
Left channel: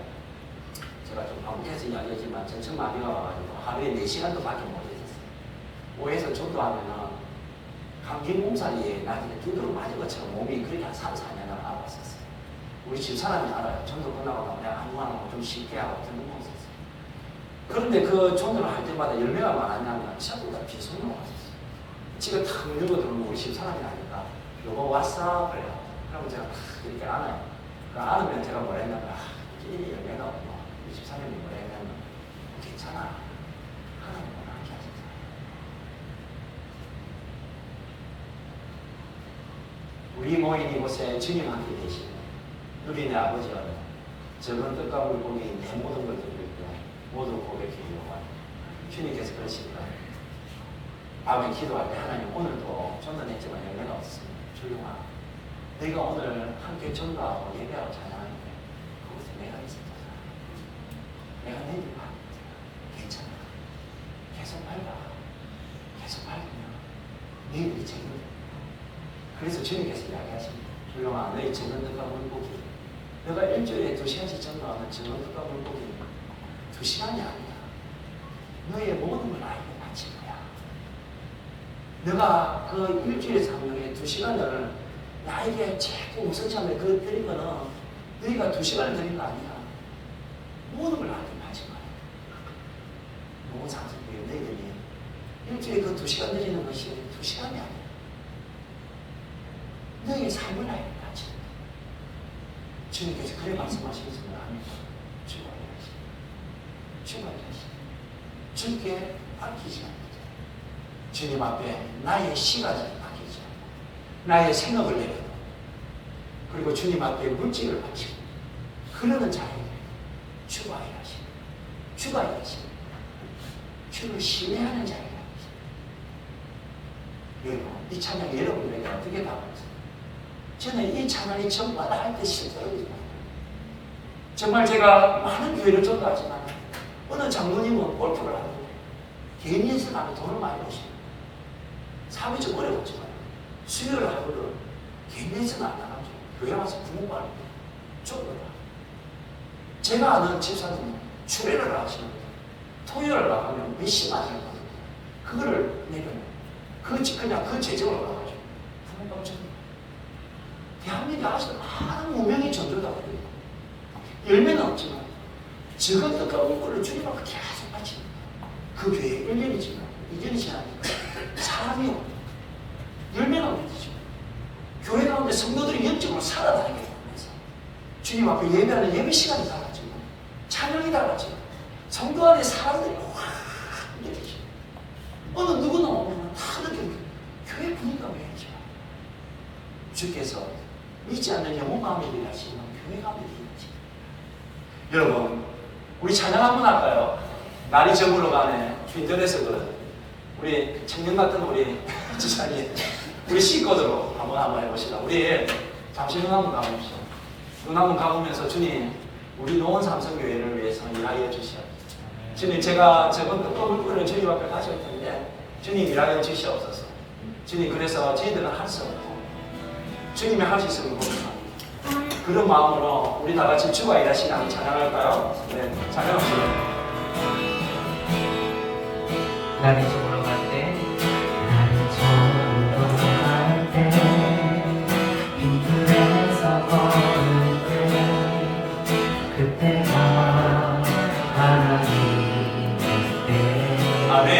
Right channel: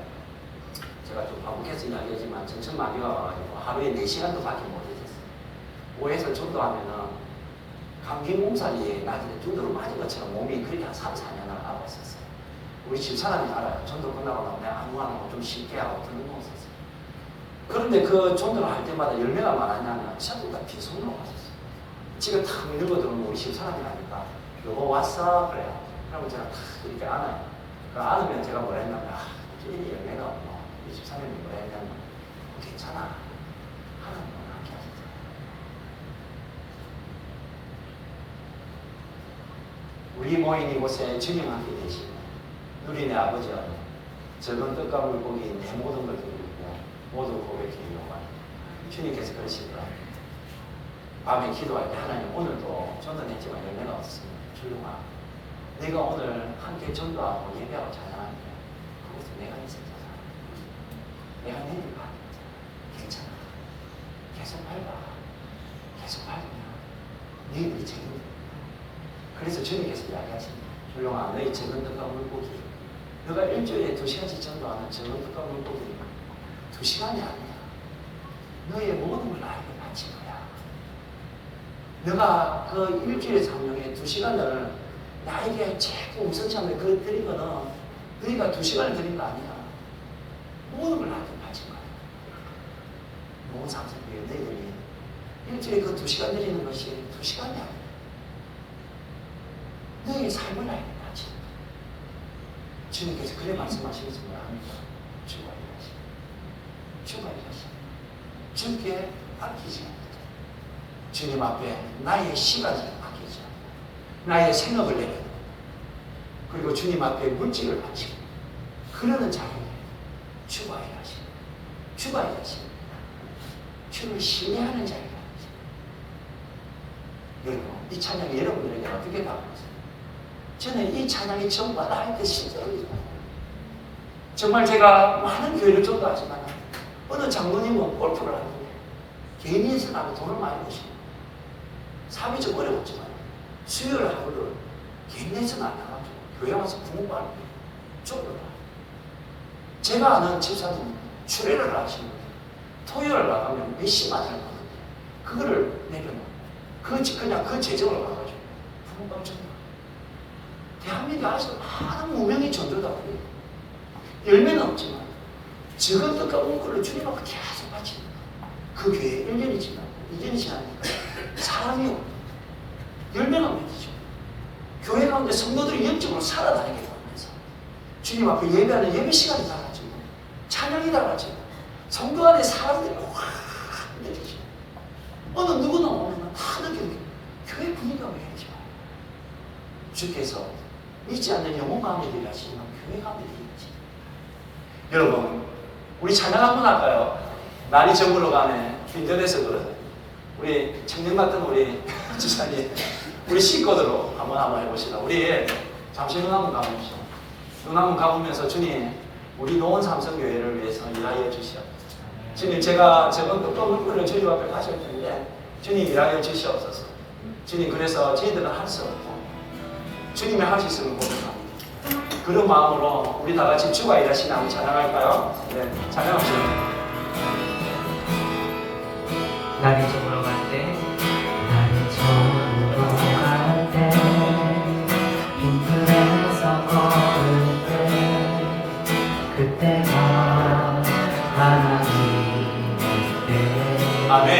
제가 좀 반복해서 이야기하지만, 전천마비가 와가지고 하루에 4시간도 밖에 못 있었어요. 오해에서 전도하면은, 감기몸살이 나한테 두드러 맞은 것처럼 몸이 그렇게 한 3, 4년을 알아봤었어요. 우리 집사람이 알아요. 전도 끝나고 나면 내가 아무 말 하고 좀 쉽게 하고 좀 먹었었어요. 그런데 그 전도를 할 때마다 열매가 많았냐면 전부 다 빈손으로 왔었어요. 집에 탁 밀고 들어오면 우리 집사람이 하니까 여보 왔어? 그래요. 그러면 제가 탁 이렇게 안아요. 안으면 제가 뭐라 했냐면 이게 열매가 없노. 우리 집사람이 뭐라 했냐면 괜찮아. 하나님 함께 하시더라. 우리 모인 이곳에 주님 함께 계시고 누리네 아버지여 적은 떡과 물고기 내 모든 걸 드리고 모두 고백해요. 주님께서 그러시더라. 밤에 기도할 때 하나님 오늘도 전도했지만 열매가 없었습니다. 주영아 내가 오늘 함께 전도하고 예배하고 찬양하는데 그것은 내가 있었잖아. 내가 내일 봐. 괜찮아. 계속 밟아. 계속 밟으면 너희들이 책임져. 그래서 주님께서 이야기하십니다. 주영아 너희 적은 떡과 물고기 너가 일주일에 2시간씩 전도하면 적은 떡과 물고기는 2시간이 아니야. 너의 모든 걸 알고 바칠 거야. 너가 그 일주일의 상명에 2시간을 나에게 최고 우선참을 그걸 드리면은 너희가 2시간을 드린 거 아니야. 모든 걸 알고 바칠 거야. 너무 상승돼요. 너희들이 일주일에 그 2시간 드리는 것이 2시간이 아니야. 너희의 삶을 알고 바칠 거야. 주님께서 그래 말씀하시겠습니다. 주께 아끼지 않는다. 주님 앞에 나의 시간을 아끼지 않는다. 나의 생업을 내려놓고 그리고 주님 앞에 물질을 바치고 그러는 자리에 주가 일하시고 주가 일하시고 주를 신뢰하는 자리에 여러분 이 찬양이 여러분들에게 어떻게 다가오세요? 저는 이 찬양이 정말 나한테 실제로 정말 제가 많은 교회를 전도하지만 어느 장로님은 골프를 하고 개인 연습하고 돈을 많이 버시고 삶이 좀 어려웠지만 수요일 하루를 개인 연습을 안 나가지고 교회 와서 부모가 쫓더라. 제가 아는 집사님은 주례를 하시는 토요일 나가면 몇십만 원 받는데 그거를 내면 그냥 그 재정을 나가지고 부모가 쫓는 거야. 대한민국에 아주 많은 무명의 전도다 그래요. 열매는 없지만 적은 떡과 물고기를 주님 앞에 계속 바치는 그 교회 1년이 지나고 2년이 지나니까 사람이 없고 열매가 없죠. 교회 가운데 성도들이 영적으로 살아다니게 됩니다. 주님 앞에 예배하는 예배 시간이 달라지고 찬양이 달라지고 성도 안에 사람들이 확 느껴지고 어느 누구나 오면 다 느껴요. 교회 분위기가 왜 이러지 마요. 주께서 믿지 않는 영혼 가운데 일하시면 교회 가운데 일하시면 여러분 우리 찬양 한번 할까요? 날이 저물어 가네. 인터넷에도 우리 청년 같은 우리 지사님 우리 식구들로 한번 해봅시다. 우리 잠시 눈 한번 감으십시오. 눈 한번 감으면서 주님 우리 노원 삼성교회를 위해서 일하여 주시옵소서. 주님 제가 저번 떡과 물고기를 저희 앞에 가실 텐데 주님 일하여 주시옵소서. 주님 그래서 저희들은 할 수 없고 주님이 하실 것을 봅니다. 그런 마음으로 우리 다 같이 주가 일하시는 한번 찬양할까요? 네, 찬양합시다. 나를 정으로 갈 때, 나를 정으로 갈 때, 빈들에서 걸을 때, 그때가 하나님의 때. 아멘.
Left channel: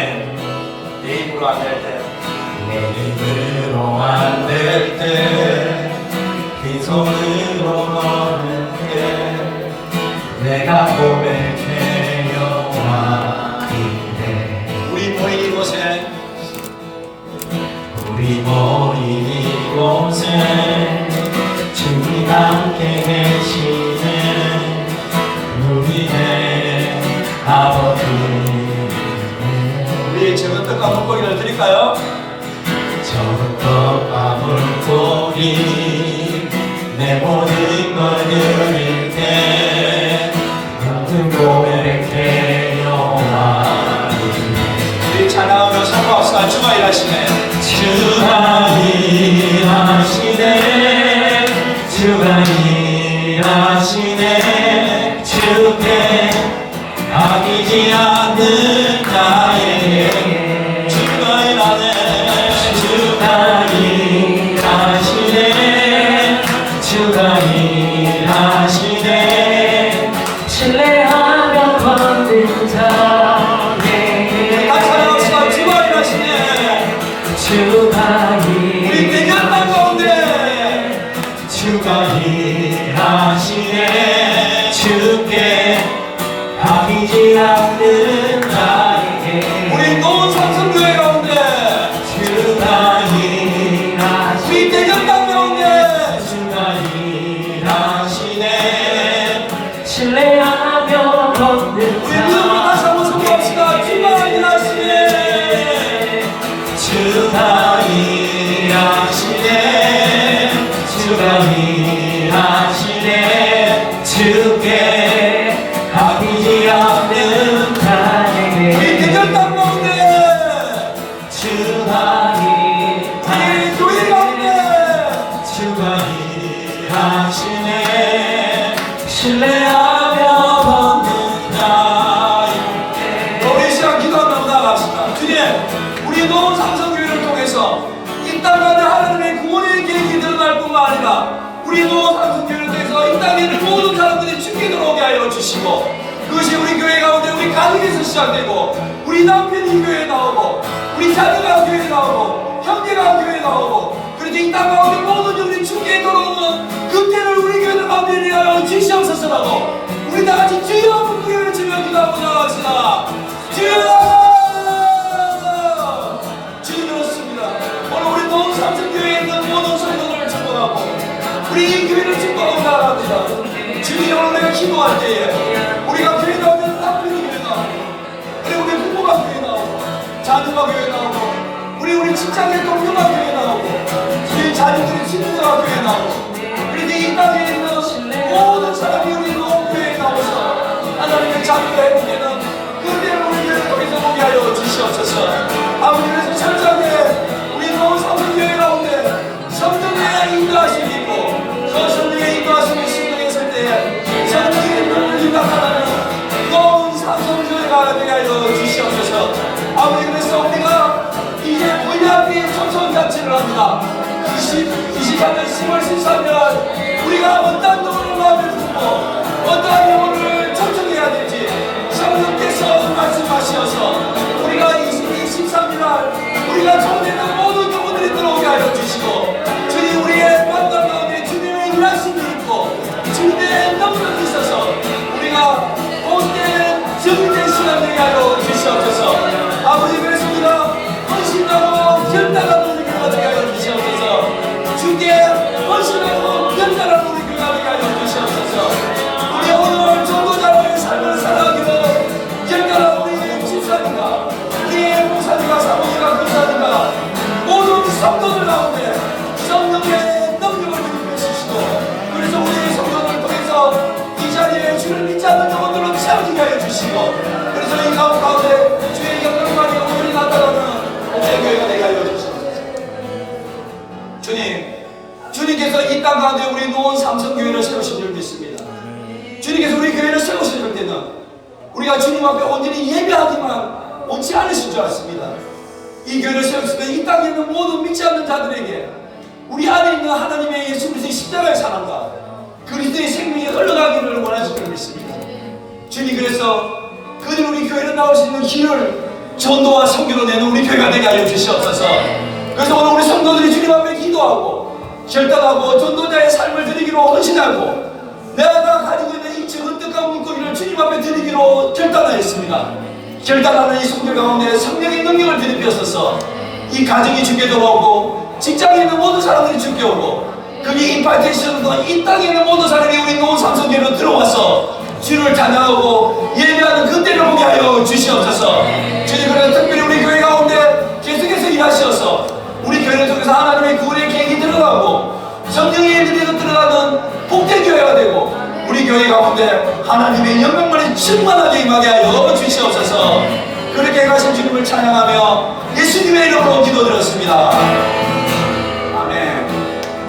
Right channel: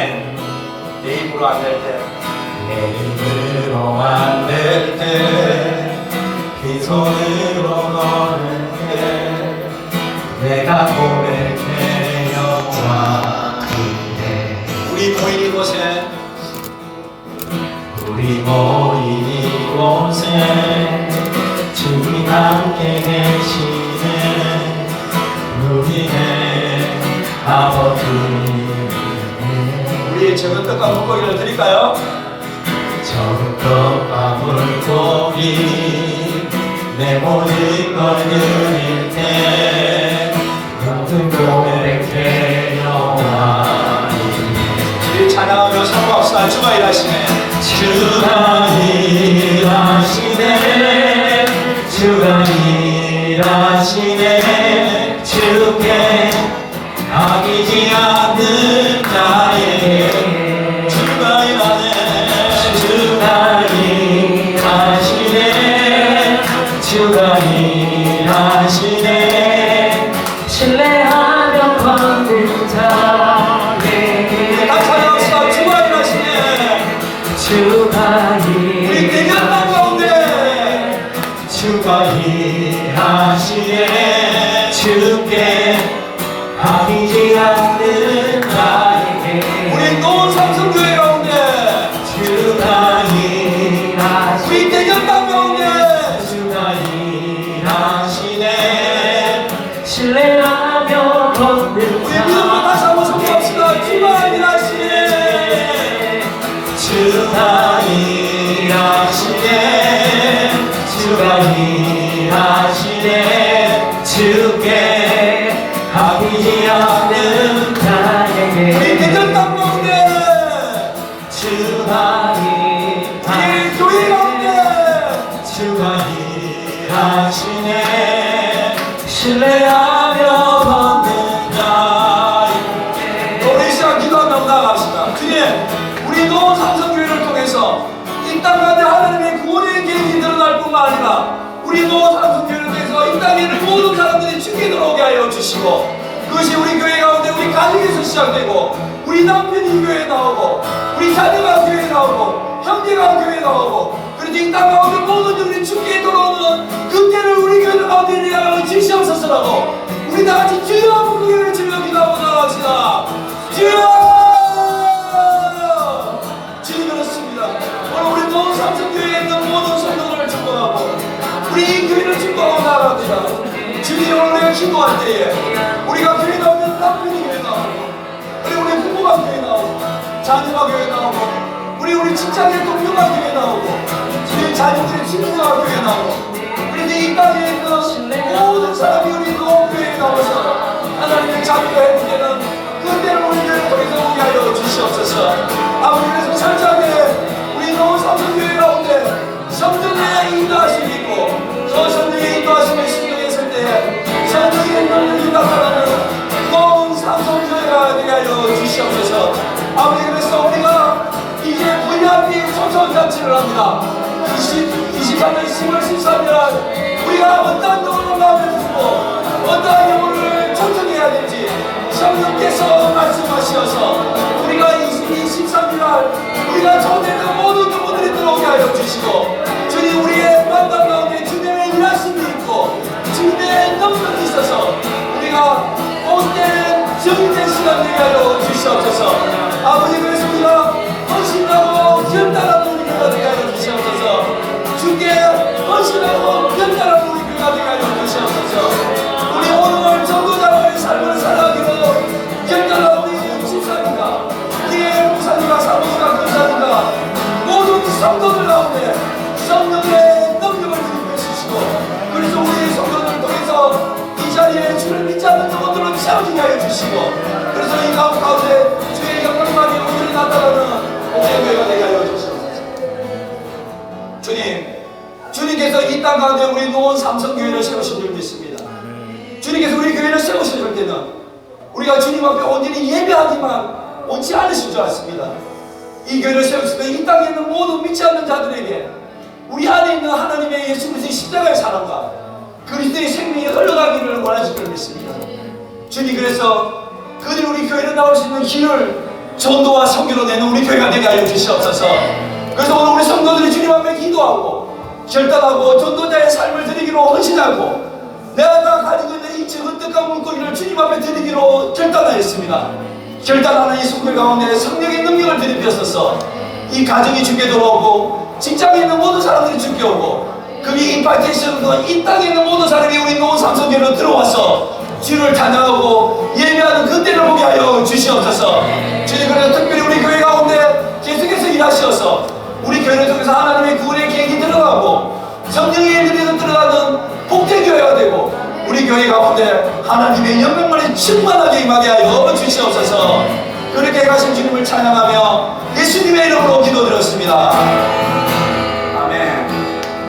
내 입으로 안 될 때, 내 입으로 안 될 때, 빈손으로 걸을 때, 내가 고백해 여호와인데. 우리 모인 이곳에 우리 모인 이곳에 주님 함께 계시네. 우리의 아버지. 우리 적은 떡과 물고기를 드릴까요? 적떡과 물고기 내 모든 걸 드릴게. 모든 고백해 여호와이네. 우리 찬양으로 선포합시다. 주가 일하시네. 주가 일하시네. 주가 일하시네. 주께 아끼지 않는 나에게 주가 일하네. 주가 일하시네. 주가 일하시네. 신뢰하며 걷는 자에게 다시 찬양합시다. 주가 일하시네. 주가 우리 대견 땅 가운데 주가 일하시네. 주께 아끼지 않는 나에게 우리 노원 삼성교회 가운데 주가 일하시네. 우리 대견 땅 가운데 주가 일하시네. 신뢰하며 걷는 우리 믿음으로 다시 한번 선포합시다. 주가 일하시네. 주가 일하시네. 주가 일하시네. 주께 아끼지 않는 우리 나에게 대견 땅 가운데 주가 우리 교회 가운데 주가 일하시네. 신뢰하며 걷는 자에게 우리 시간 기도하며 나아갑시다. 주님, 우리 노원 삼성교회를 통해서 이 땅 가운데 하나님의 구원의 계획이 드러날 뿐만 아니라 우리 노원 삼성교회를 통해서 이 땅에 있는 모든 사람들이 죽게 들어오게 하여 주시고, 그것이 우리 교회 가운데 우리 가정에서 시작되고, 우리 남편이 교회에 나오고, 우리 자녀가 교회에 나오고, 형제가 교회에 나오고, 그래도 이 땅 가운데 모든 일이 죽게 들어오는 그때를 우리 교회 가운데 일어나는 지시하소서라고 우리 다 같이 주여 한번 기도를 주며 기도하고 나갑시다. 주여! 주님이었습니다. 오늘 우리 모든 삼성교회에 있는 모든 성도들을 축복하고 우리 이 교회를 축복하고 말합니다. 주님, 오늘 우리가 기도할 때에 우리가 교회 나오면 남편이 교회 나오고, 우리 부모가 교회 나오고, 자녀가 교회 나오고, 우리 직장의 동료가 교회 나오고, 우리 자녀들의 친구가 교회 나오고, 우리 이 땅에 있는 모든 사람이 우리 교회에 나와서 하나님의 자비가 회복되는 그때를 우리 교회에 통해서 오게 하여 주시옵소서. 아버지께서 철저하게 우리 노원 삼성교회 가운데 성령의 인도하심이 있고, 저 성령의 인도하심을 신경했을 때에 성령의 눈을 인도하는 노원 삼성교회가 되게 하여 주시옵소서. 아버지, 그래서 우리가 이제 VIP 초청잔치를 합니다. 23년 10월 13일 우리가 어떤 노릇을 마음에 두고 어떤 노릇을 초청해야 될지 성령께서 말씀하셔서 우리가 23일 우리가 초대된 모든 경우들이 들어오게 하여 주시고, 주님, 우리의 만남 가운데 주님의 일하심이 있고 주님의 능력이 있어서 우리가 온된 주님의 시간 되게 하여 주시옵소서. 아버지, 그래서 우리가 헌신하고 견단한 우리 교회가 되게 하여 주시옵소서. 주께 헌신하고 견단한 우리 교회가 되게 하여 주시옵소서. 우리 오늘 전도자의 삶을 살아가기로 견단한 우리 집사님과 우리의 목사님과 사모님과 교사님과 모든 성도들 가운데 성령의 능력을 주시고, 그래서 우리 성도를 통해서 이 자리에 주를 믿지 않는 영혼들을 채워지게 하여 주시고, 그래서 이 가운데 주의 영광과 영혼이 나타나는 우리의 교회가 되게 하여 주시옵소서. 주님, 주님께서 주님 앞에 온전히 예배하지만 옳지 않으신 줄 알았습니다. 이 교회를 세웠을 때 이 땅에 있는 모든 믿지 않는 자들에게 우리 안에 있는 하나님의 예수 그리스도의 십자가의 사랑과 그리스도의 생명이 흘러가기를 원하시는 줄 믿습니다. 주님, 그래서 그들이 우리 교회를 나올 수 있는 길을 전도와 선교로 내는 우리 교회가 되게 하여 주시옵소서. 그래서 오늘 우리 성도들이 주님 앞에 기도하고 결단하고 전도자의 삶을 드리기로 헌신하고 내가 가지고 있는 이 헌떡한 물고기를 주님 앞에 드리기로 결단하였습니다. 결단하는 이 성도 가운데 성령의 능력을 들이펴서서 이 가정이 죽게 돌아오고 직장에 있는 모든 사람들이 죽게 오고 그게 임파이테이션으로 이 땅에 있는 모든 사람이 우리 노원 삼성교회로 들어와서 주를 찬양하고 예배하는 그때를 오게 하여 주시옵소서. 주님, 그래서 특별히 우리 교회 가운데 계속해서 일하셔서 우리 교회를 통해서 하나님의 구원의 계획이 들어가고 성령의 믿음이 들어가는 복되교회가 되고 우리 교회 가운데 하나님의 영광만이 충만하게 임하게 하여 주시옵소서. 그렇게 가신 주님을 찬양하며 예수님의 이름으로 기도드렸습니다.